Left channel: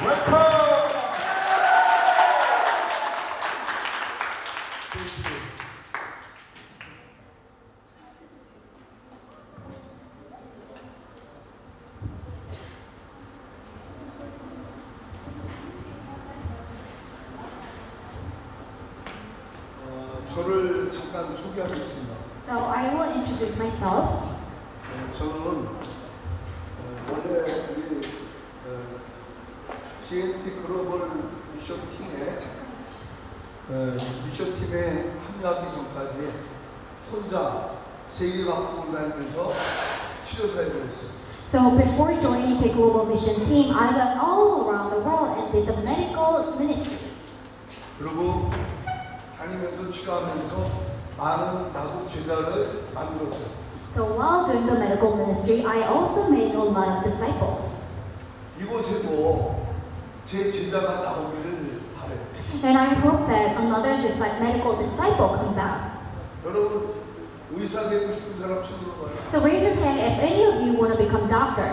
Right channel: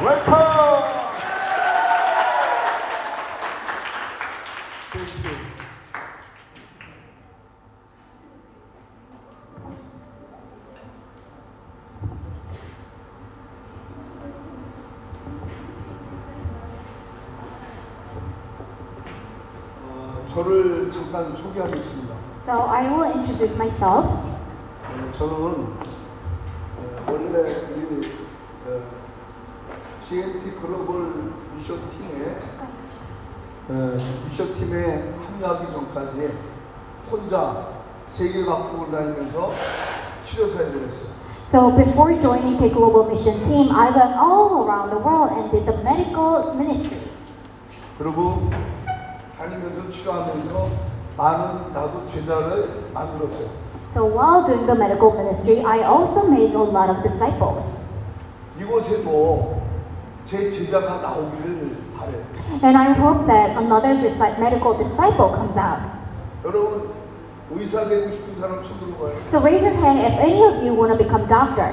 웰컴! Day3. 저를 잠깐 소개하겠습니다. So I will introduce myself. 저는 원래 우리 Day3 글로벌 미션팀에 합류하기 전까지 혼자 세계 각국을 다니면서 치료사에 다녔어요. So before joining the global mission team, I went all around the world and did the medical ministry. 그리고 다니면서 치료하면서 많은 나도 제자를 만들었어요. So while doing the medical ministry, I also made a lot of disciples. 이곳에도 제 제자가 나오기를 바래요. And I hope that another medical disciple comes out. 여러분 의사 되고 싶은 사람 손들어 봐요. So raise your hand if any of you want to become doctor.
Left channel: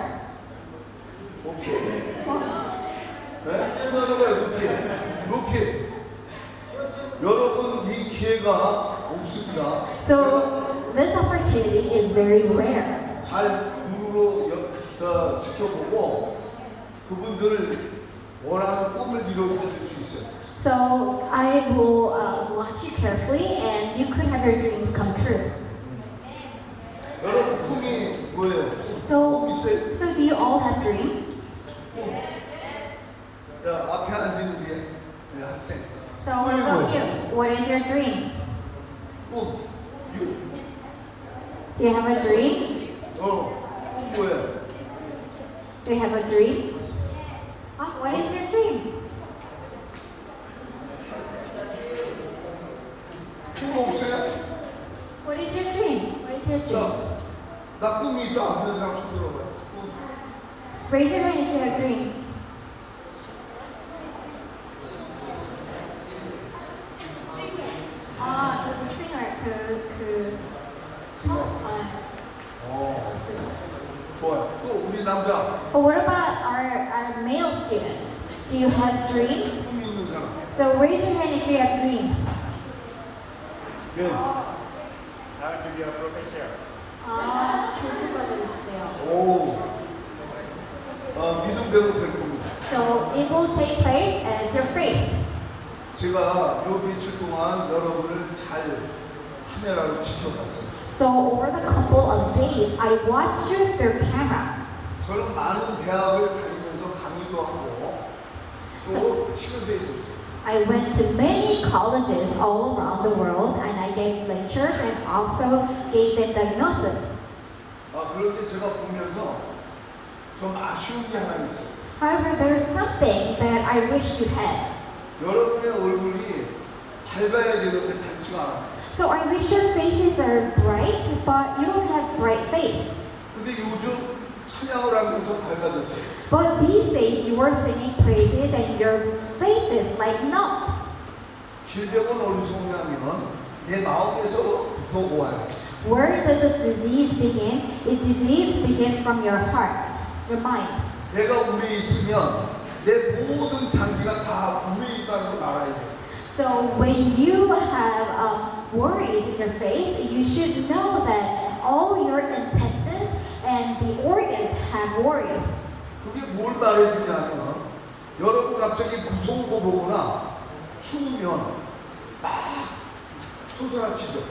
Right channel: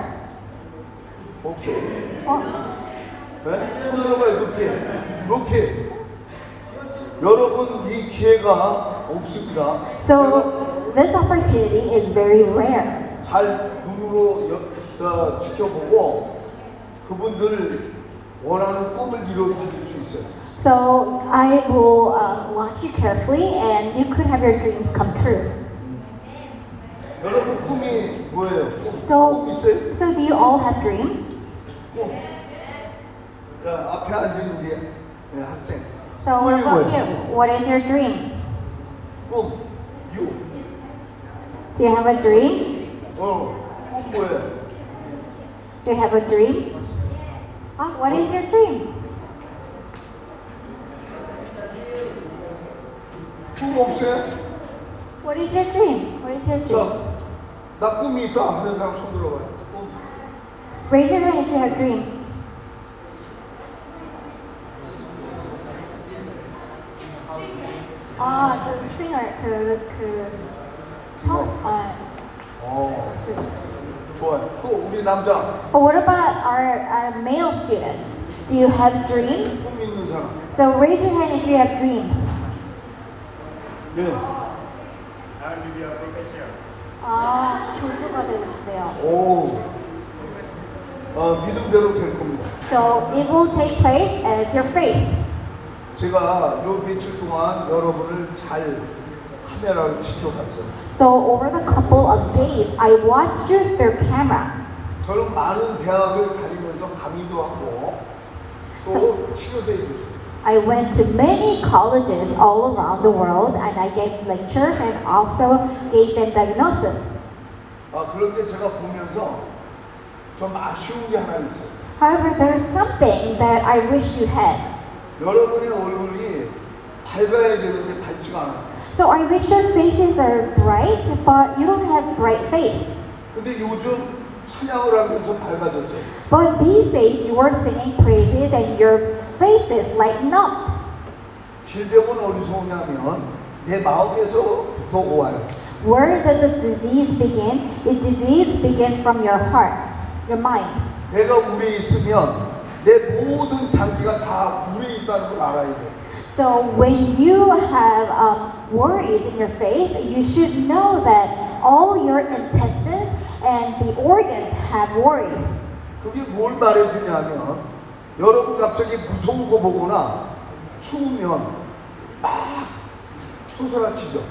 없어요. Oh, 네? 손들어 봐요. 높이. 여러분 이 기회가 없습니다. so this opportunity is very rare. 잘 눈으로 지켜보고 그분들 원하는 꿈을 이루어드릴 수 있어요. So I will watch you carefully, and you could have your dreams come true. 여러분 꿈이 뭐예요? 꿈 So, 있어요? so do you all have dreams? 꿈. 야 앞에 앉은 게 학생. So what about you? What is your dream? 꿈. 유. Do you have a dream? 꿈 뭐예요? Do you have a dream? What is your dream? 꿈 없어요? What is your dream? What is your dream? 자, 나 꿈이 있다 하는 사람 손 들어봐요. 꿈. Raise your hand if you have a dream. 그 singer, 좋아요. 또 우리 남자 But what about our male students? Do you have dreams? 꿈 있는 사람. So raise your hand if you have dreams. 네. 교수가 되고 싶어요. 오. 믿음대로 될 겁니다. So it will take place as your faith. 제가 요 며칠 동안 여러분을 잘 카메라로 지켜봤어요. So over the couple of days, I watched you through camera. 저는 많은 대학을 다니면서 강의도 하고 또 치료도 해줬어요. I went to many colleges all around the world, and I gave lectures and also gave them diagnosis. 그런데 제가 보면서 좀 아쉬운 게 하나 있어요. However, there's something that I wish you had. 여러분의 얼굴이 밝아야 되는데 밝지가 않아요. So I wish your faces are bright, but you don't have bright face. 근데 요즘 찬양을 하면서 밝아졌어요. But these days, you are singing praises and your faces lighten up. 질병은 어디서 오냐면 내 마음에서부터 와요. Where does the disease begin? The disease begins from your heart, your mind. 내가 우울해 있으면 내 모든 장기가 다 우울해 있다는 걸 알아야 돼요. So when you have worries in your face, you should know that all your intestines and the organs have worries. 그게 뭘 말해주냐면 여러분 갑자기 무서운 거 보거나 추우면 막 솟아나치죠.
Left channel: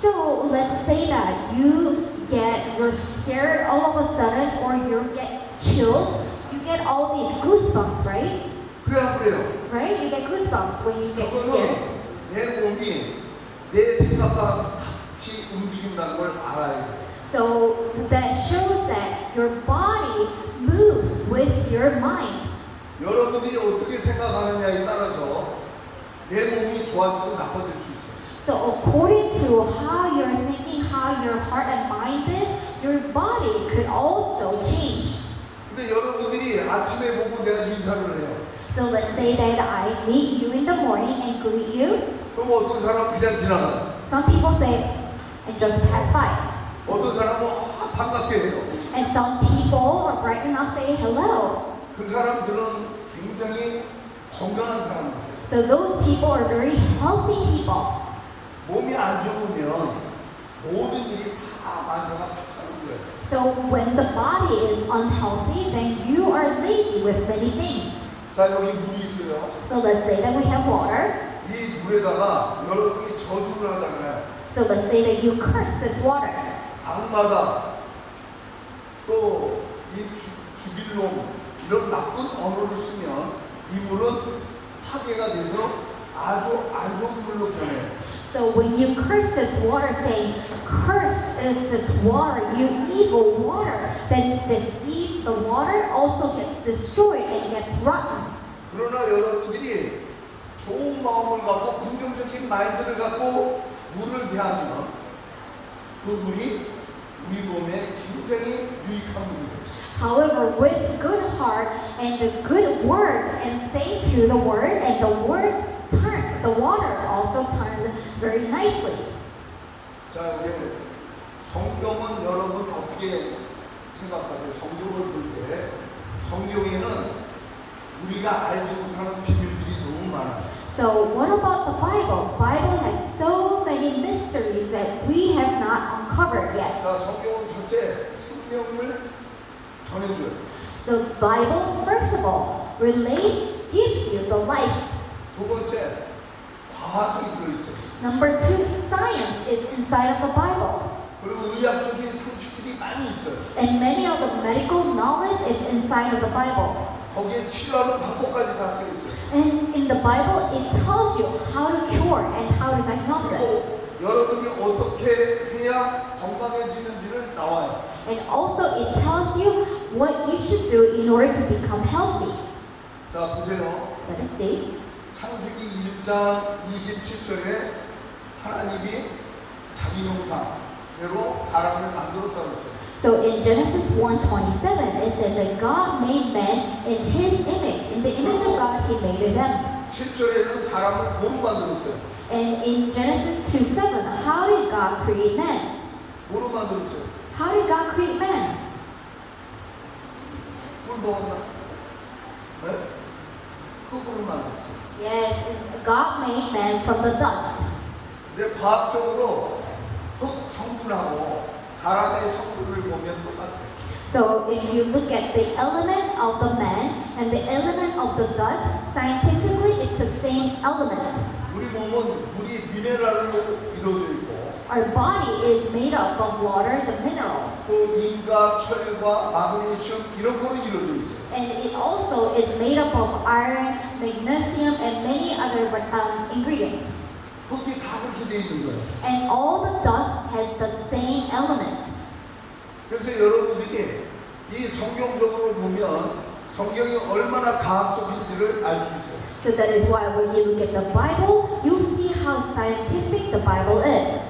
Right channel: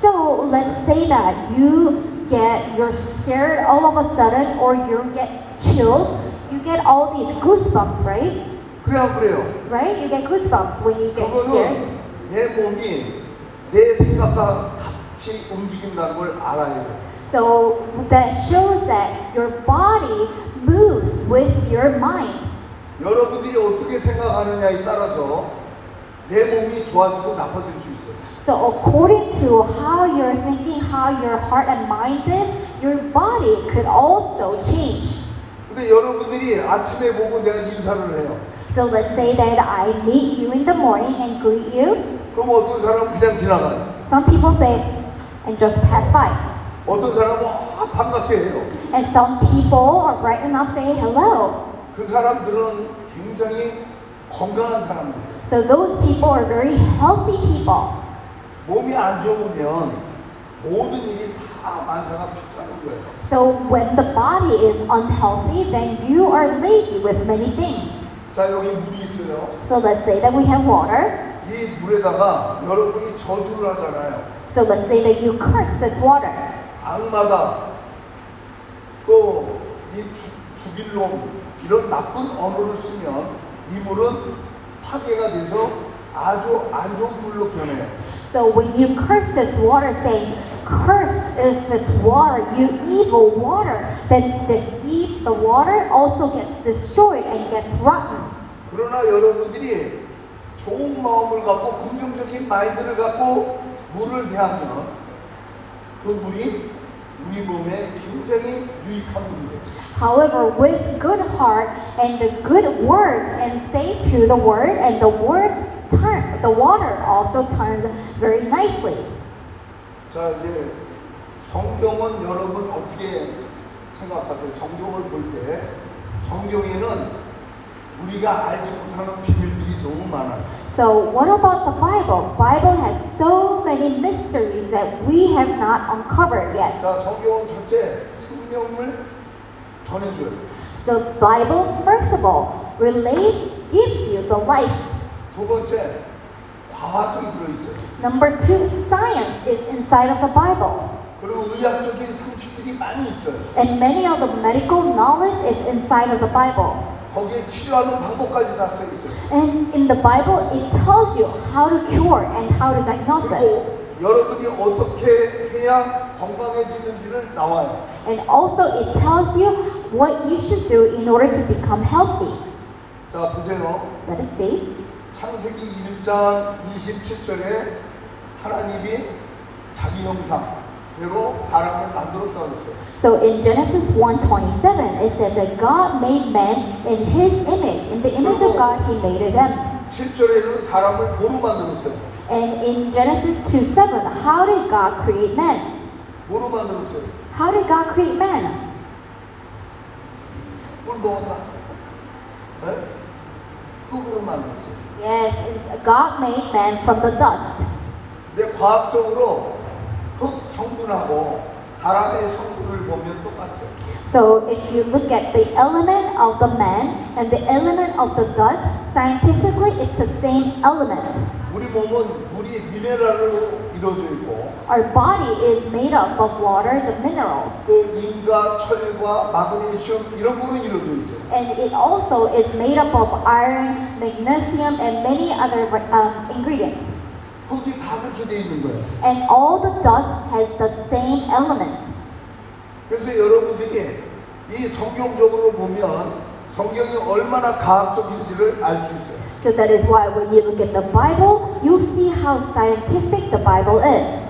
So let's say that you're scared all of a sudden, or you get chills, you get all these goosebumps, right? 그래 안 그래요? Right? You get goosebumps when you get scared. 그거는 내 몸이 내 생각과 같이 움직인다는 걸 알아야 돼요. So that shows that your body moves with your mind. 여러분들이 어떻게 생각하느냐에 따라서 내 몸이 좋아지고 나빠질 수 있어요. So according to how you're thinking, how your heart and mind is, your body could also change. 근데 여러분들이 아침에 보고 내가 인사를 해요. So let's say that I meet you in the morning and greet you. 그럼 어떤 사람은 그냥 지나가요. Some people say, and just pass by. 어떤 사람은 반갑게 해요. And some people are bright enough say hello. 그 사람들은 굉장히 건강한 사람들. So those people are very healthy people. 몸이 안 좋으면 모든 일이 다 만사가 귀찮은 거예요. So when the body is unhealthy, then you are lazy with many things. 자, 여기 물이 있어요. So let's say that we have water. 이 물에다가 여러분이 저주를 하잖아요. So let's say that you curse this water. 악마가 또 이 죽일 놈 이런 나쁜 언어를 쓰면 이 물은 파괴가 돼서 아주 안 좋은 물로 변해요. So when you curse this water, saying, "Curse is this water, you evil water," then the water also gets destroyed and gets rotten. 그러나 여러분들이 좋은 마음을 갖고 긍정적인 마인드를 갖고 물을 대하면 그 물이 우리 몸에 굉장히 유익한 물이에요. However, with good heart and the good words and say to the word, and the water also turns very nicely. 자, 이제 성경은 여러분 어떻게 생각하세요? 성경을 볼 때 성경에는 우리가 알지 못하는 비밀들이 너무 많아요. So what about the Bible? Bible has so many mysteries that we have not uncovered yet. 자, 성경은 첫째 생명을 전해줘요. So Bible, first of all, gives you the life. 두 번째 과학이 들어있어요. Number two, science is inside of the Bible. 그리고 의학적인 상식들이 많이 있어요. And many of the medical knowledge is inside of the Bible. 거기에 치료하는 방법까지 다 써 있어요. And in the Bible, it tells you how to cure and how to diagnose it. 그리고 여러분이 어떻게 해야 건강해지는지를 나와요. And also, it tells you what you should do in order to become healthy. 자, 보세요. Let us see. 창세기 1장 27절에 하나님이 자기 형상대로 사람을 만들었다고 했어요. So in Genesis 1:27, it says that God made man in His image. In the image of God, He made them. 7절에는 사람을 뭐로 만들었어요? And in Genesis 2:7, how did God create man? 뭐로 만들었어요? How did God create man? 물 먹었나? 네? 흙으로 만들었어요. Yes, God made man from the dust. 근데 과학적으로 흙 성분하고 사람의 성분을 보면 똑같아요. So if you look at the element of the man and the element of the dust, scientifically it's the same element. 우리 몸은 물이 미네랄로 이루어져 있고 Our body is made up of water, the minerals, 또 인과, 철과, 마그네슘 이런 거로 이루어져 있어요. and it also is made up of iron, magnesium, and many other ingredients. 흙이 다 그렇게 돼 있는 거예요. And all the dust has the same element. 그래서 여러분들이 이 성경적으로 보면 성경이 얼마나 과학적인지를 알 수 있어요. So that is why when you look at the Bible, you see how scientific the Bible is.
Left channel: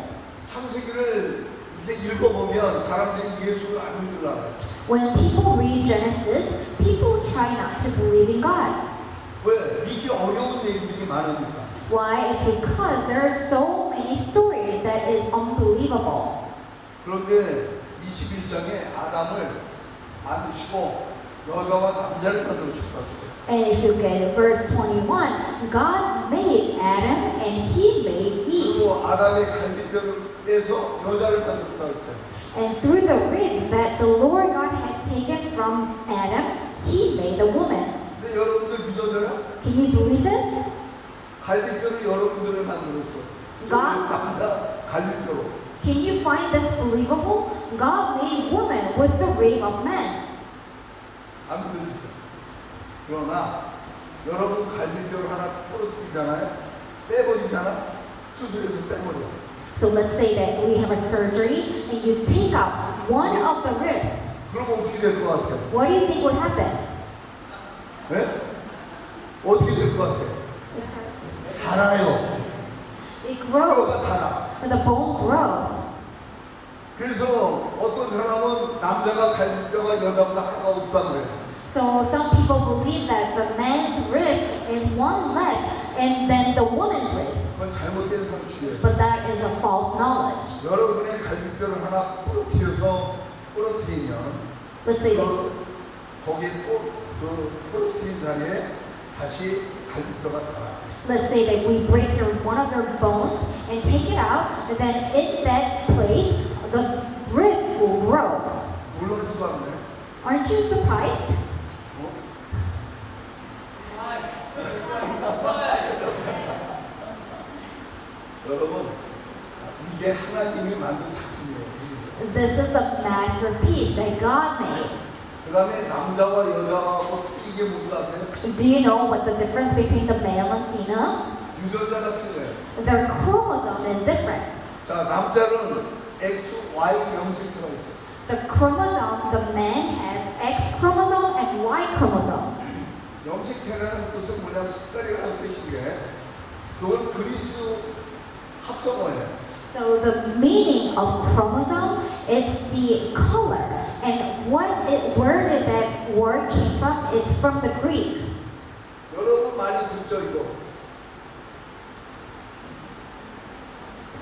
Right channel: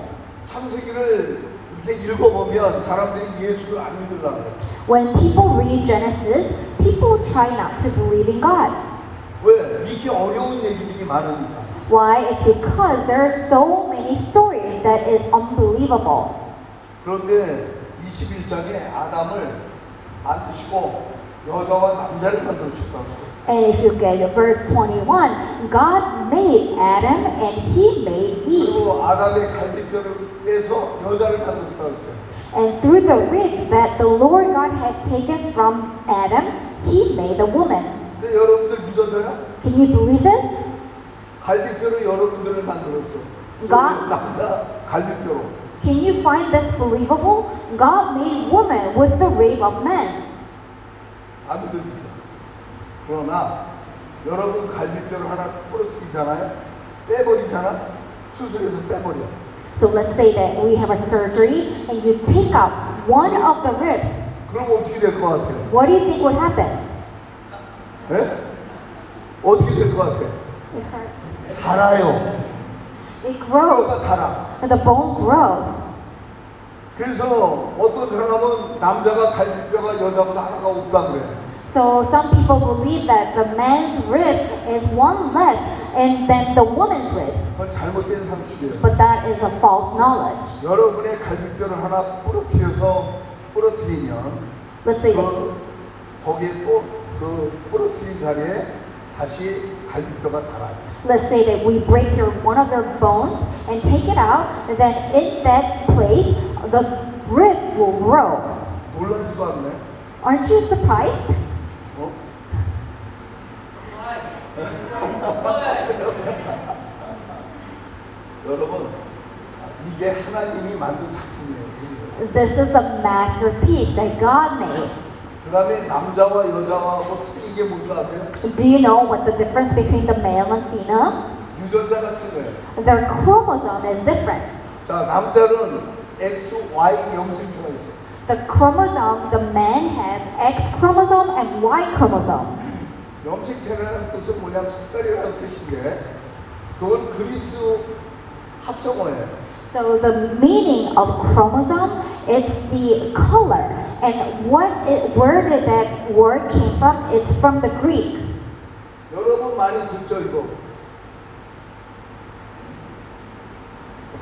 창세기를 이렇게 읽어보면 사람들이 예수를 안 믿으려고 해요. When people read Genesis, people try not to believe in God. 왜? 믿기 어려운 얘기들이 많으니까. Why? It's because there are so many stories that is unbelievable. 그런데 21장에 아담을 만드시고 여자와 남자를 만드셨다고 했어요. And if you get to verse 21, God made Adam and He made Eve. 그리고 아담의 갈비뼈를 떼서 여자를 만들었다고 했어요. And through the rib that the Lord God had taken from Adam, He made a woman. 근데 여러분들 믿어져요? Can you believe this? 갈비뼈로 여러분들을 만들었어. 가? 남자 갈비뼈로. Can you find this believable? God made woman with the rib of man. 안 믿어지죠. 그러나 여러분 갈비뼈를 하나 부러뜨리잖아요. 빼버리잖아. 수술해서 빼버려. So let's say that we have a surgery and you take out one of the ribs. 그럼 어떻게 될 것 같아요? What do you think would happen? 네? 어떻게 될 것 같아요? 자라요. It grows. 뼈가 자라. And the bone grows. 그래서 어떤 사람은 남자가 갈비뼈가 여자보다 하나가 없다 그래요. So some people believe that the man's ribs is one less and than the woman's ribs. 그건 잘못된 상식이에요. But that is a false knowledge. 여러분의 갈비뼈를 하나 부러뜨리면 Let's say that 거기에 또 그 부러뜨린 자리에 다시 갈비뼈가 자라요. Let's say that we break one of your bones and take it out, and then in that place, the rib will grow. 놀라지도 않네. Aren't you surprised? 어? 여러분, 이게 하나님이 만든 작품이에요. This is a masterpiece that God made. 그 다음에 남자와 여자와 어떻게 이게 뭔지 아세요? Do you know what the difference between the male and female? 유전자가 틀려요. Their chromosome is different. 자, 남자는 X, Y 염색체가 있어요. The chromosome, the man has X chromosome and Y chromosome. 염색체라는 뜻은 뭐냐면 색깔이라는 뜻인데 그건 그리스 합성어예요. So the meaning of chromosome is the color. And where did that word came from? It's from the Greek. 여러분 많이 듣죠 이거?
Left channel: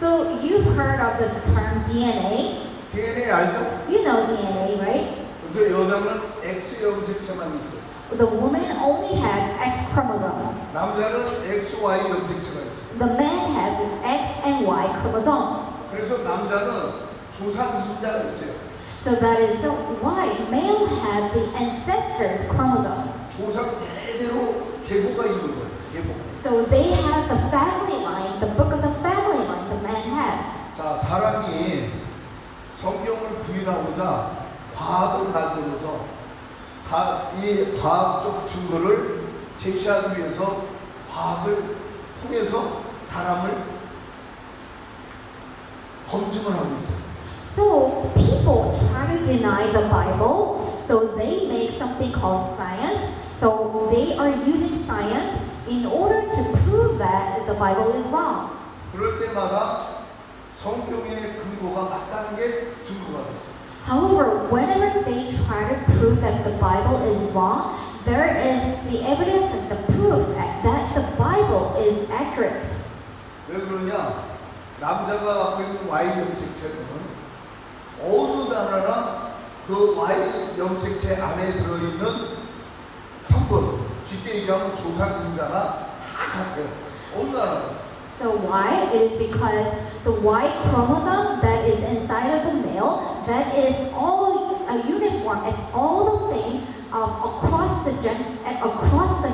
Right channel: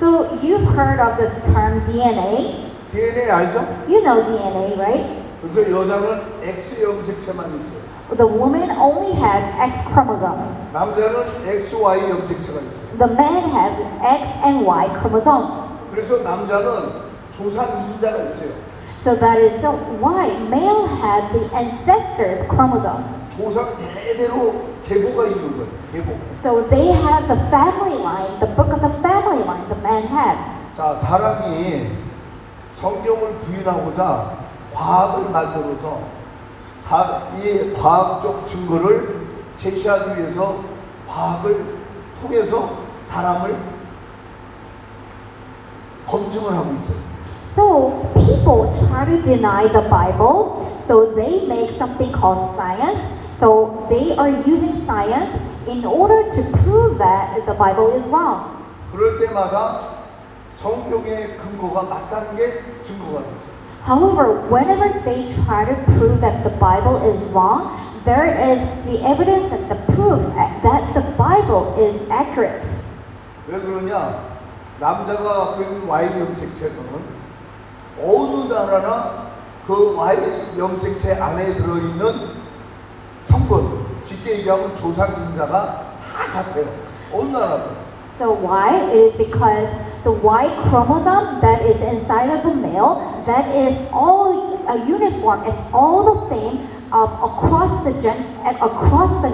So you've heard of this term DNA. DNA 알죠? You know DNA, right? 그래서 여자는 X 염색체만 있어요. The woman only has X chromosome. 남자는 XY 염색체가 있어요. The man has X and Y chromosome. 그래서 남자는 조상 인자가 있어요. So that is so why male has the ancestors chromosome. 조상 대대로 계보가 있는 거예요. 계보. So they have the family line, the book of the family line the man had. 자, 사람이 성경을 부인하고자 과학을 만들어서 이 과학적 증거를 제시하기 위해서 과학을 통해서 사람을 검증을 하고 있어요. So people try to deny the Bible, so they make something called science. So they are using science in order to prove that the Bible is wrong. 그럴 때마다 성경의 근거가 맞다는 게 증거가 됐어요. However, whenever they try to prove that the Bible is wrong, there is the evidence and the proof that the Bible is accurate. 왜 그러냐? 남자가 갖고 있는 Y 염색체는 어느 나라나 그 Y 염색체 안에 들어있는 성분, 쉽게 얘기하면 조상인자가 다 같아요. 어느 나라도. So why? It is because the Y chromosome that is inside of the male, that is all uniform. It's all the same across the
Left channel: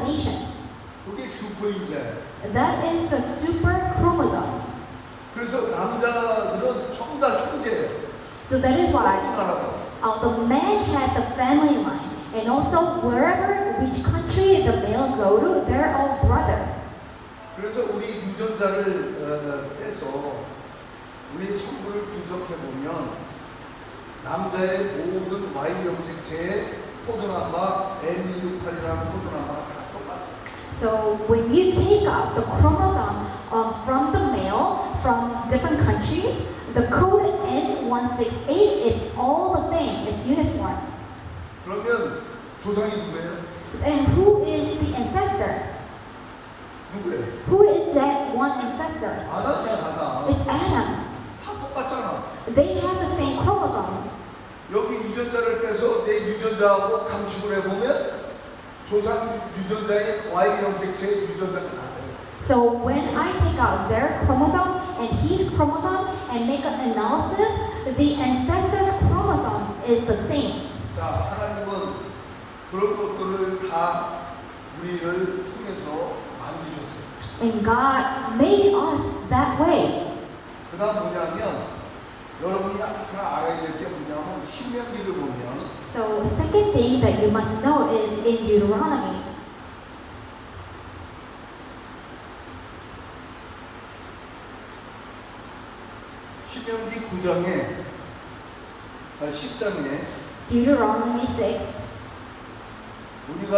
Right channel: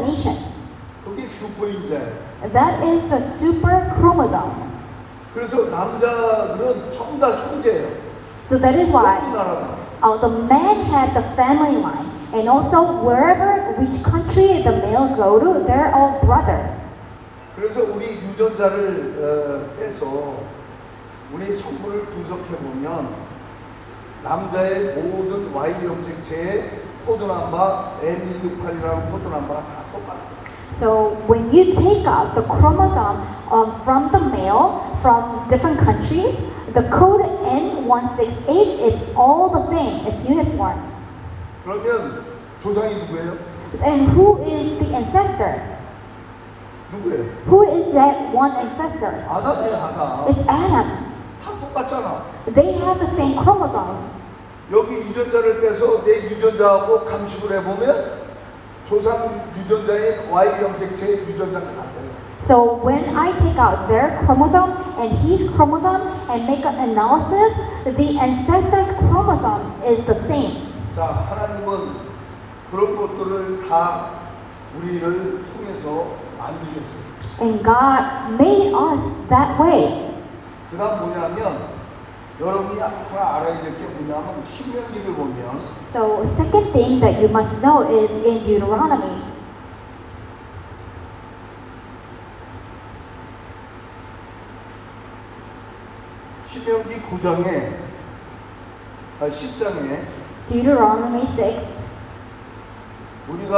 nation. 그게 슈퍼인자예요. That is the super chromosome. 그래서 남자들은 전부 다 형제예요. So that is why 어느 나라나. the man had the family line, and also wherever which country the male go to, they're all brothers. 그래서 우리 유전자를 빼서 우리 성분을 분석해 보면 남자의 모든 Y 염색체의 코드 넘버 M168이라는 코드 넘버가 다 똑같아요. So when you take out the chromosome from the male from different countries, the code N168 is all the same. It's uniform. 그러면 조상이 누구예요? And who is the ancestor? 누구예요? Who is that one ancestor? 아담이야, 아담. It's Adam. 다 똑같잖아. They have the same chromosome. 여기 유전자를 빼서 내 유전자하고 감식을 해보면 조상 유전자의 Y 염색체의 유전자가 같아요. So when I take out their chromosome and his chromosome and make an analysis, the ancestor's chromosome is the same. 자, 하나님은 그런 것들을 다 우리를 통해서 만드셨어요. And God made us that way. 그 다음 뭐냐면 여러분이 하나 알아야 될 게 뭐냐면 신명기를 보면 So second thing that you must know is in Deuteronomy. 신명기 9장에 10장에 Deuteronomy 6. 우리가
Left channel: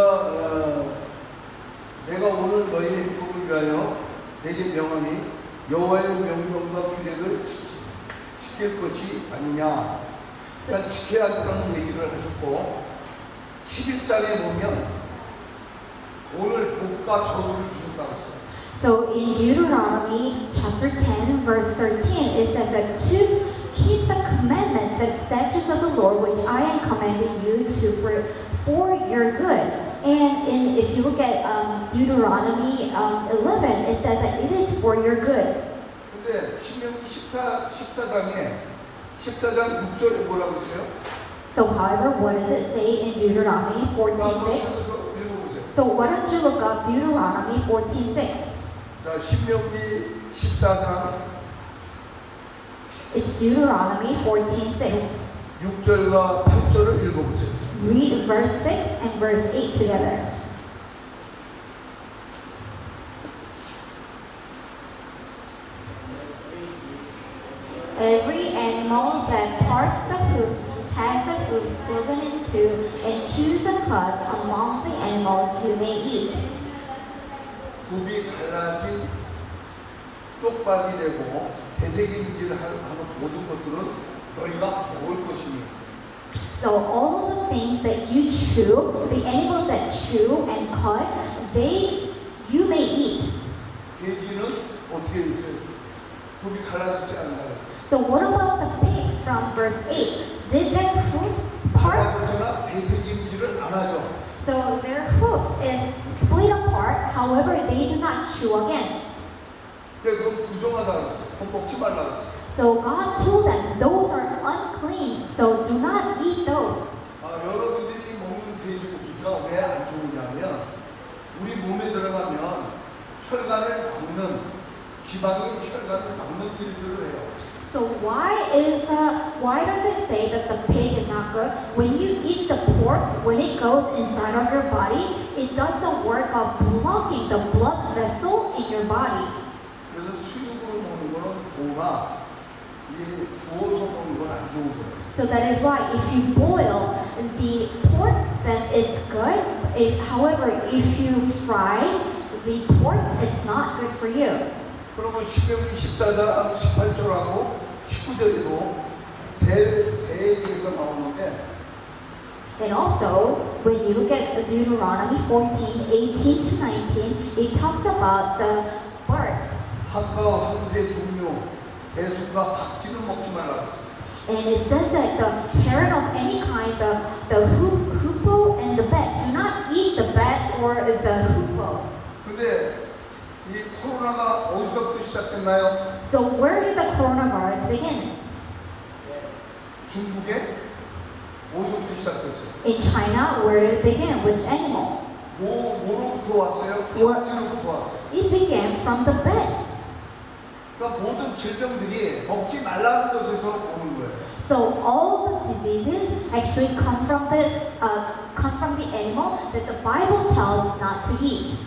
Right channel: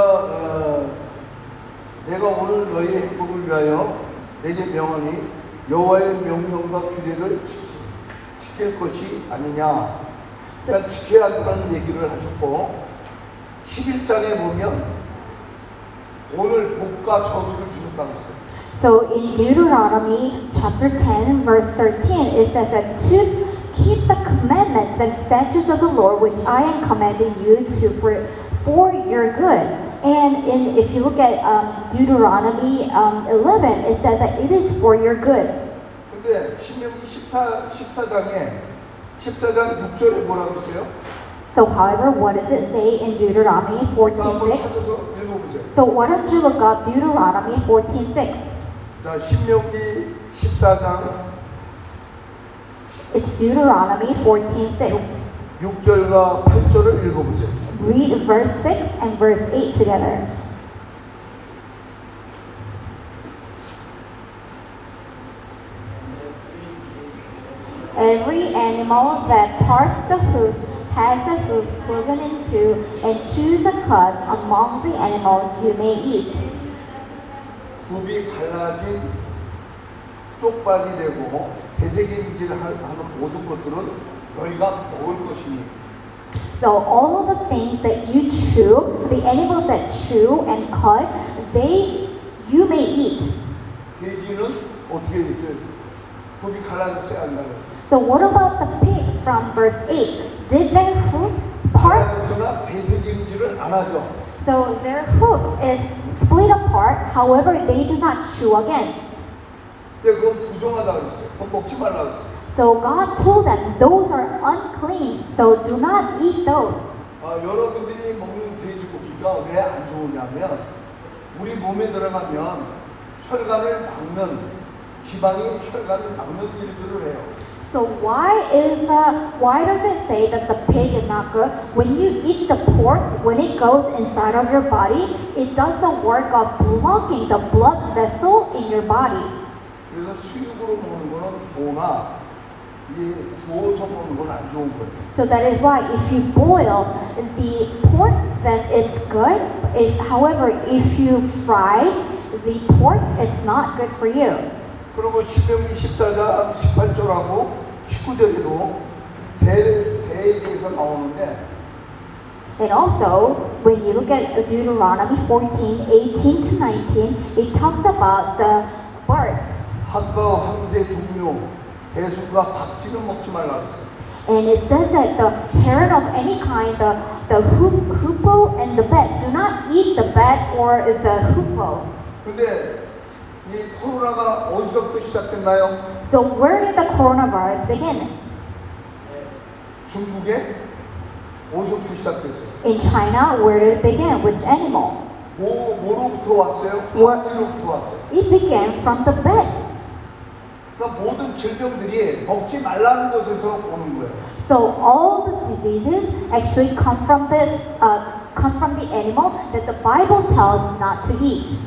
내가 오늘 너희의 행복을 위하여 내게 명하니 여호와의 명령과 규례를 지킬 것이 아니냐. 그러니까 지켜야 한다는 얘기를 하셨고 11장에 보면 오늘 복과 저주를 주셨다고 했어요. So in Deuteronomy chapter 10 verse 13 it says that to keep the commandments and statutes of the Lord which I am commanding you to for your good. If you look at Deuteronomy 11, it says that it is for your good. 근데 신명기 14장에 14장 6절에 뭐라고 있어요? So, however, what does it say in Deuteronomy 한번 14:6? 찾아서 읽어보세요. So, why don't you look up Deuteronomy 14:6? 자, 신명기 14장 It's Deuteronomy 14:6. 6절과 8절을 읽어보세요. Read verse 6 and verse 8 together. Every animal that parts the hoof has a hoof cloven in two, and choose a cud among the animals you may eat. 굽이 갈라진 쪽박이 되고 대세경질을 하는 모든 것들은 너희가 먹을 것이니. So all of the things that you chew, the animals that chew and cut, you may eat. 돼지는 어떻게 있어요? 굽이 갈라졌어요, 안 갈라졌어요? So what about the pig from verse 8? Did their hoof part? 갈라졌으나 대세경질을 안 하죠. So their hoof is split apart, however they do not chew again. 근데 그건 부정하다 그랬어요. 그건 먹지 말라 그랬어요. So God told them those are unclean, so do not eat those. 여러분들이 먹는 돼지고기가 왜 안 좋으냐면 우리 몸에 들어가면 혈관을 막는 지방이 혈관을 막는 일들을 해요. So why does it say that the pig is not good? When you eat the pork, when it goes inside of your body, it does the work of blocking the blood vessel in your body. 그래서 수육으로 먹는 거는 좋으나 이게 구워서 먹는 건 안 좋은 거예요. So that is why if you boil the pork, then it's good. However, if you fry the pork, it's not good for you. 그러면 신명기 14장 18절하고 19절에도 새에 대해서 나오는데 And also, when you look at Deuteronomy 14:18 to 19, it talks about the birds. 학과 황새 중류 배수가 박쥐는 먹지 말라고 했어요. And it says that the parrot of any kind, the hoopoe and the bat, do not eat the bat or the hoopoe. 근데 이 코로나가 어디서부터 시작됐나요? So where did the coronavirus begin? 중국에 어디서부터 시작됐어요? In China, where did it begin? Which animal? 뭐로부터 왔어요? What? 박쥐로부터 왔어요. It began from the bat. 그러니까 모든 질병들이 먹지 말라는 것에서 오는 거예요. So all the diseases actually come from the animal that the Bible tells not to eat.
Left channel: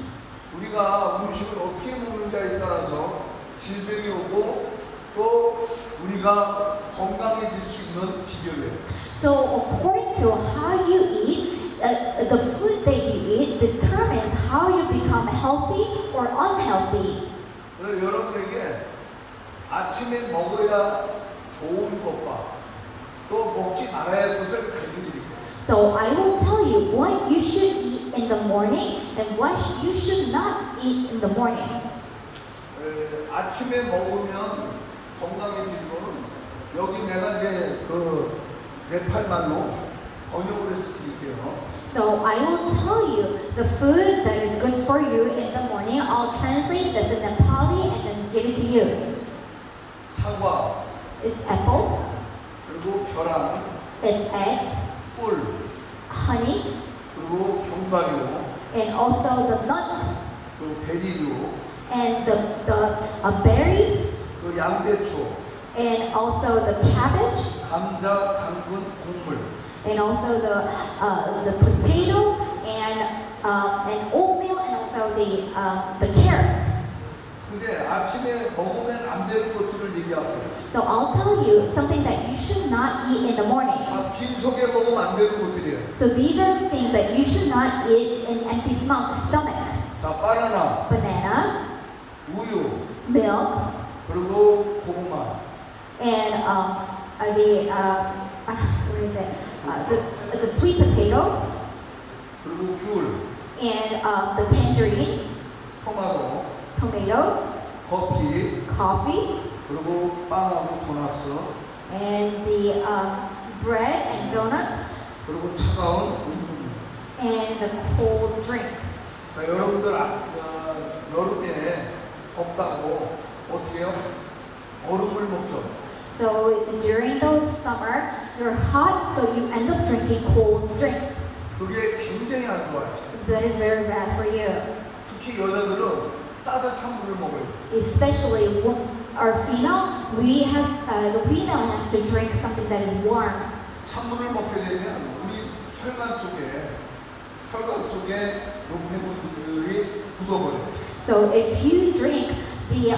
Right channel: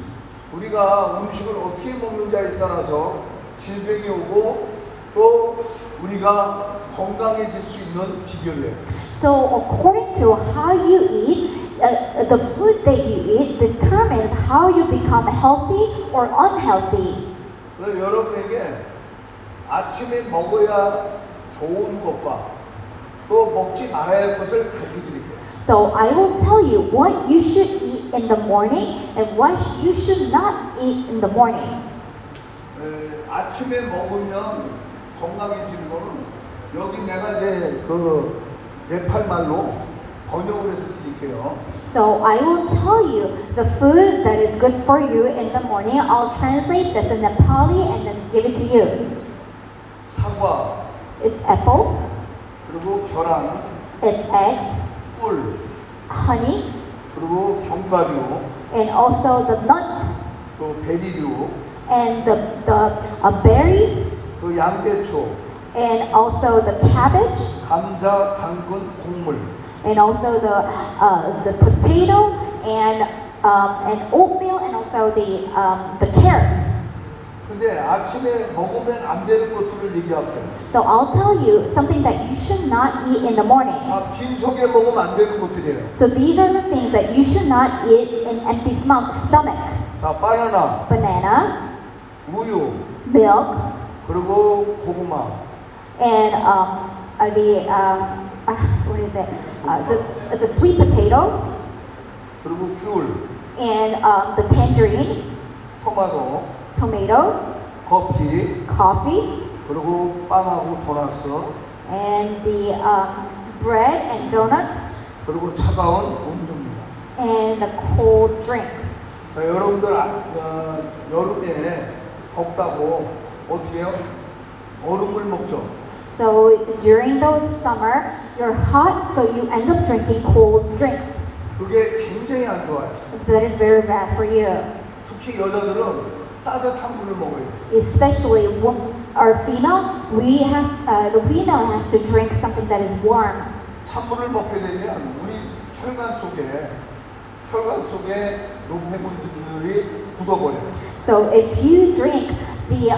우리가 음식을 어떻게 먹느냐에 따라서 질병이 오고 또 우리가 건강해질 수 있는 비결이에요. So according to how you eat, the food that you eat determines how you become healthy or unhealthy. 그래서 여러분에게 아침에 먹어야 좋은 것과 또 먹지 말아야 할 것을 가르쳐드릴게요. So I will tell you what you should eat in the morning and what you should not eat in the morning. 아침에 먹으면 건강해지는 거는 여기 내가 이제 그 네팔 말로 번역을 해서 드릴게요. So I will tell you the food that is good for you in the morning. I'll translate this in Nepali and then give it to you. 사과, It's apple, 그리고 계란, it's eggs, 꿀, honey, 그리고 견과류, and also the nuts 또 베리류, and the berries, 그 양배추, and also the cabbage, 감자, 당근, 곡물. and also the potato and oatmeal, and also the carrots. 근데 아침에 먹으면 안 되는 것들을 얘기할게요. So I'll tell you something that you should not eat in the morning. 빈속에 먹으면 안 되는 것들이에요. So these are the things that you should not eat in empty stomach. 자, 바나나, Banana, 우유, milk, 그리고 고구마, and what is it? The sweet potato, 그리고 귤, and the tangerine, 토마토, tomato, 커피, coffee, 그리고 빵하고 도넛스, and the bread and donuts, 그리고 차가운 음료입니다. and the cold drink. 여러분들 여름에 덥다고 어떻게 해요? 얼음물 먹죠. So during the summer, you're hot, so you end up drinking cold drinks. 그게 굉장히 안 좋아요. That is very bad for you. 특히 여자들은 따뜻한 물을 먹어야 돼요. Especially our female, the female has to drink something that is warm. 찬물을 먹게 되면 우리 혈관 속에 노폐물들이 굳어버려요. So if you drink the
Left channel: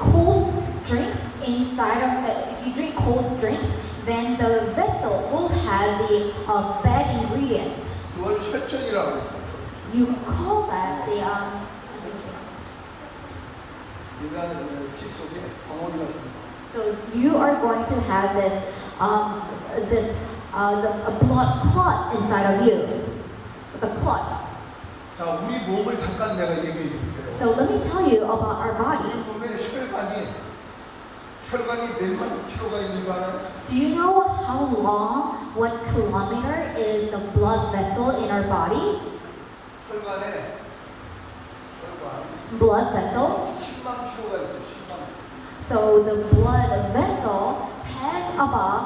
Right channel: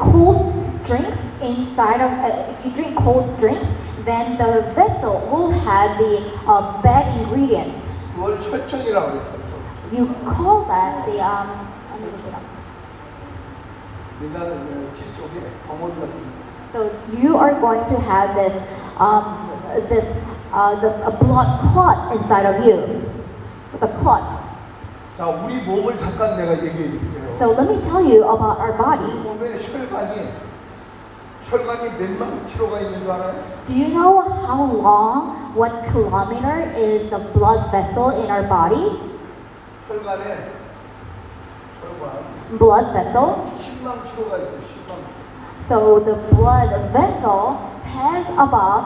cold drinks inside of, if you drink cold drinks, then the vessel will have the bad ingredients. 그걸 혈전이라고 해요. You call that the 여자는 피 속에 덩어리가 생깁니다. So you are going to have a blood clot inside of you, the clot. 자, 우리 몸을 잠깐 내가 얘기해 드릴게요. So let me tell you about our 우리 body. 몸에 혈관이 몇만 킬로가 있는 줄 알아요? Do you know how long 1 kilometer is the blood vessel in our body? 혈관 Blood vessel. 10만 킬로가 있어요. 10만 킬로. So the blood vessel has about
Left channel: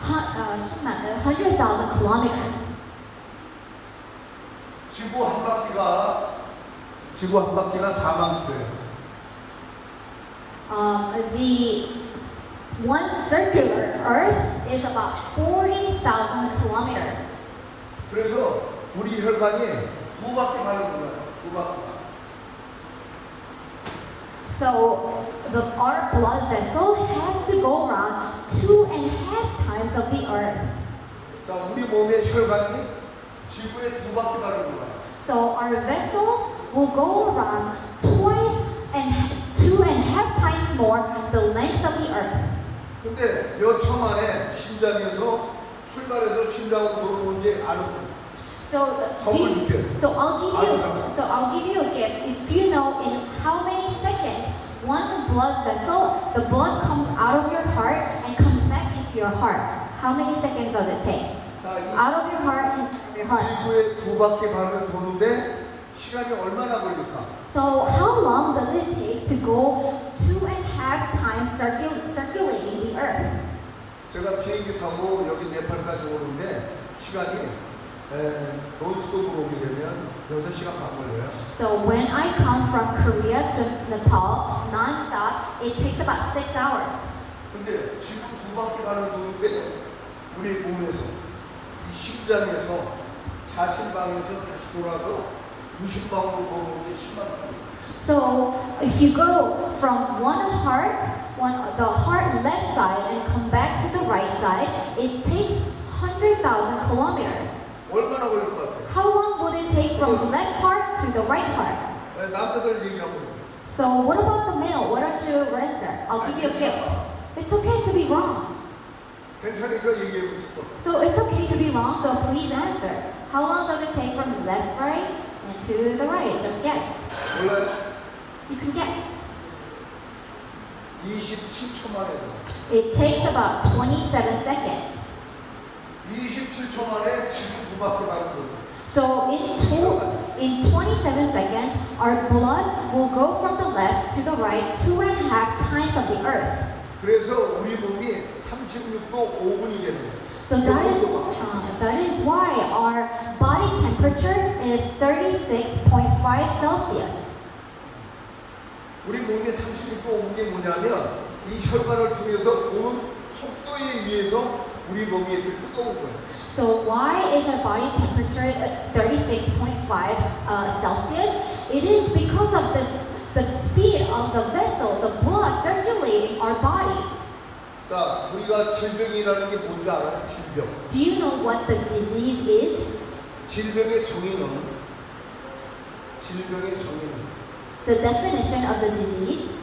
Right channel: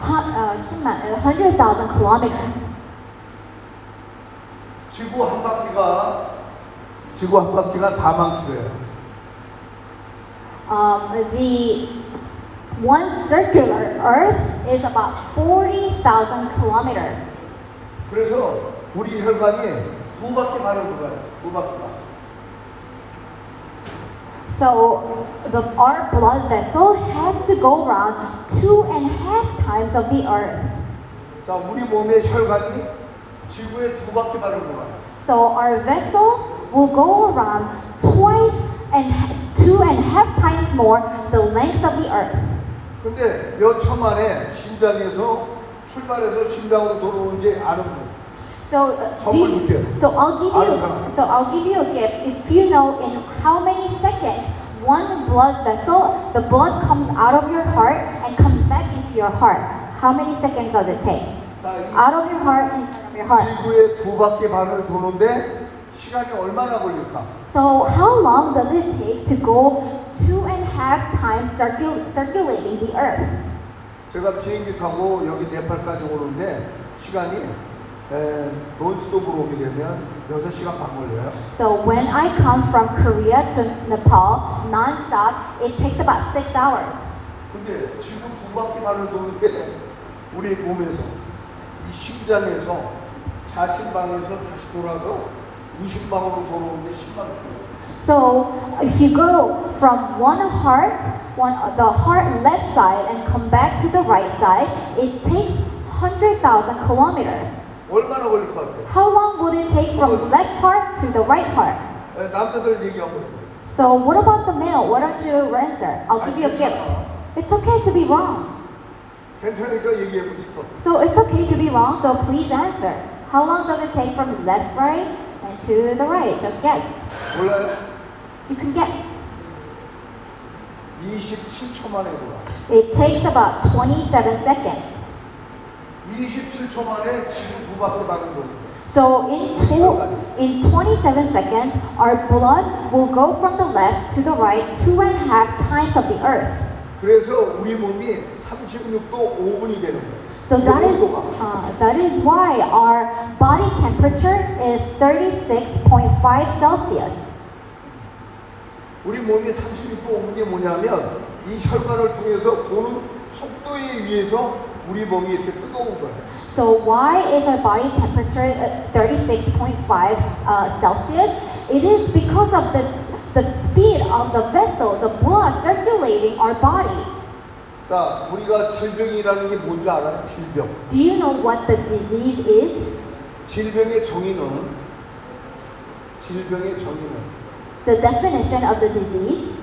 100,000 kilometers. 지구 한 바퀴가 4만 킬로예요. The one circular Earth is about 40,000 kilometers. 그래서 우리 혈관이 두 바퀴 반을 돌아요. 두 바퀴. So our blood vessel has to go around 2.5 times of the Earth. 자, 우리 몸의 혈관이 지구의 두 바퀴 반을 돌아요. So our vessel will go around 2.5 times more the length of the Earth. 근데 몇 초 만에 심장에서 출발해서 심장으로 돌아오는지 아는 분. So I'll give you a gift. If you know in how many seconds one blood vessel, the blood comes out of your heart and comes back into your heart. How many seconds does it take? 자, 이 Out of your heart into your heart. 지구의 두 바퀴 반을 도는데 시간이 얼마나 걸릴까? So how long does it take to go 2.5 times circulating the Earth? 제가 비행기 타고 여기 네팔까지 오는데 시간이 논스톱으로 오게 되면 6시간 반 걸려요. So when I come from Korea to Nepal non-stop, it takes about 6 hours. 근데 지구 두 바퀴 반을 도는데 우리 몸에서 이 심장에서 자신방에서 다시 돌아서 무심방으로 돌아오는데 10만 킬로. So if you go from the heart left side and come back to the right side, it takes 100,000 kilometers. 얼마나 걸릴 것 같아요? How long would it take from the left heart to the right heart? 남자들 얘기하고. So what about the male? Why don't you answer? I'll give you a gift. It's okay to be wrong. 괜찮으니까 얘기해 보세요. So it's okay to be wrong, so please answer. How long does it take from left, right, and to the right? Just guess. 몰라요? You can guess. 27초 만에 돌아. It takes about 27 seconds. 27초 만에 지구 두 바퀴 반을 돌아. So in 27 seconds, our blood will go from the left to the right 2.5 times of the Earth. 그래서 우리 몸이 36도 5분이 되는 거예요. So that is why our body temperature is 36.5 Celsius. 우리 몸이 36도 5분이 뭐냐면 이 혈관을 통해서 도는 속도에 의해서 우리 몸이 이렇게 뜨거운 거예요. So why is our body temperature at 36.5 Celsius? It is because of the speed of the vessel, the blood circulating our body. 자, 우리가 질병이라는 게 뭔지 알아요? 질병. Do you know what the disease is? 질병의 정의는 The definition of the disease?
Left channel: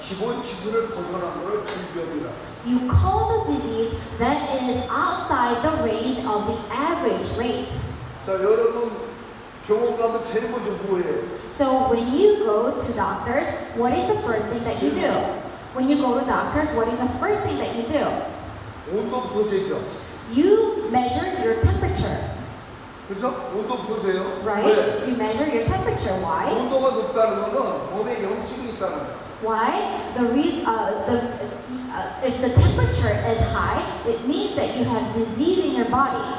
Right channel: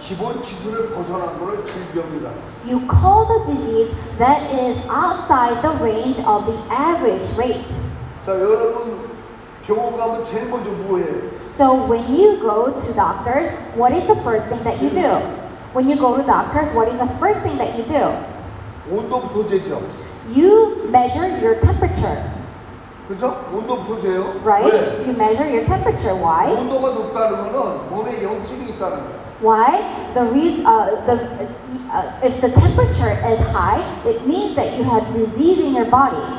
기본 지수를 벗어난 거를 질병이라. You call the disease that is outside the range of the average rate. 자, 여러분 병원 가면 제일 먼저 뭐예요? So when you go to doctors, what is the first thing that you do? When you go to doctors, what is the first thing that you do? 온도부터 재죠. you measure your temperature, 그죠? 온도부터 재요. right? 왜? You measure your temperature. Why? 온도가 높다는 거는 몸에 염증이 있다는 거야. Why? If the temperature is high, it means that you have disease in your body.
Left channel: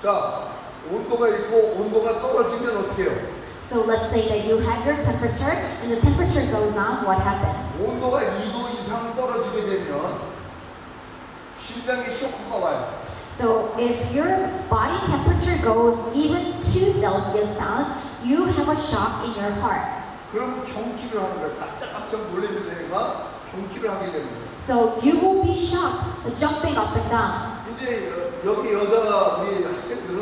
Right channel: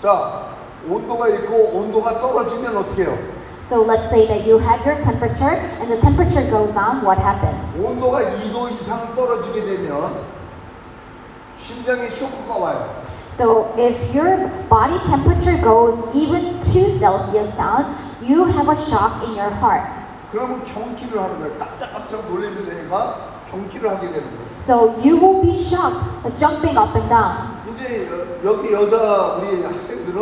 자, 온도가 있고 온도가 떨어지면 어떻게 해요? So let's say that you have your temperature and the temperature goes down, what happens? 온도가 2도 이상 떨어지게 되면 심장에 쇼크가 와요. So if your body temperature goes even 2 Celsius down, you have a shock in your heart. 그러면 경기를 하는 거예요. 깜짝깜짝 놀라면서 얘가 경기를 하게 되는 거예요. So you will be shocked, jumping up and down. 이제 여기 여자 우리 학생들은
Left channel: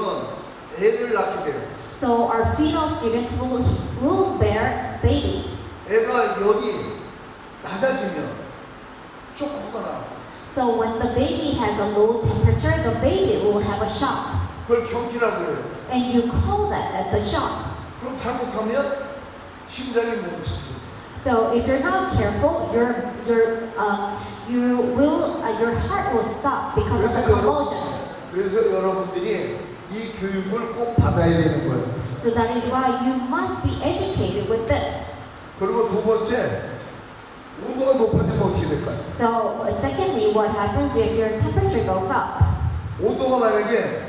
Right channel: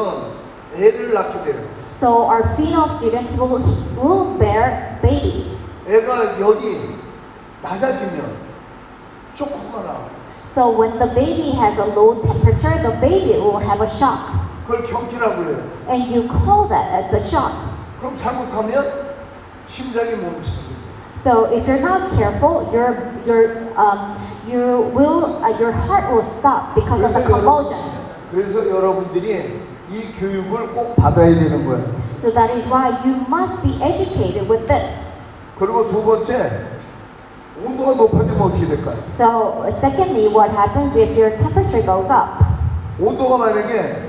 애를 낳게 돼요. So our female students will bear baby. 애가 열이 낮아지면 쇼크가 나와요. So when the baby has a low temperature, the baby will have a shock. 그걸 경기라고 해요. And you call that the shock. 그럼 잘못하면 심장이 멈추지. So if you're not careful, your heart will stop because of the convulsion. 그래서 여러분들이 이 교육을 꼭 받아야 되는 거예요. So that is why you must be educated with this. 그리고 두 번째, 온도가 높아지면 어떻게 될까요? So secondly, what happens if your temperature goes up? 온도가 만약에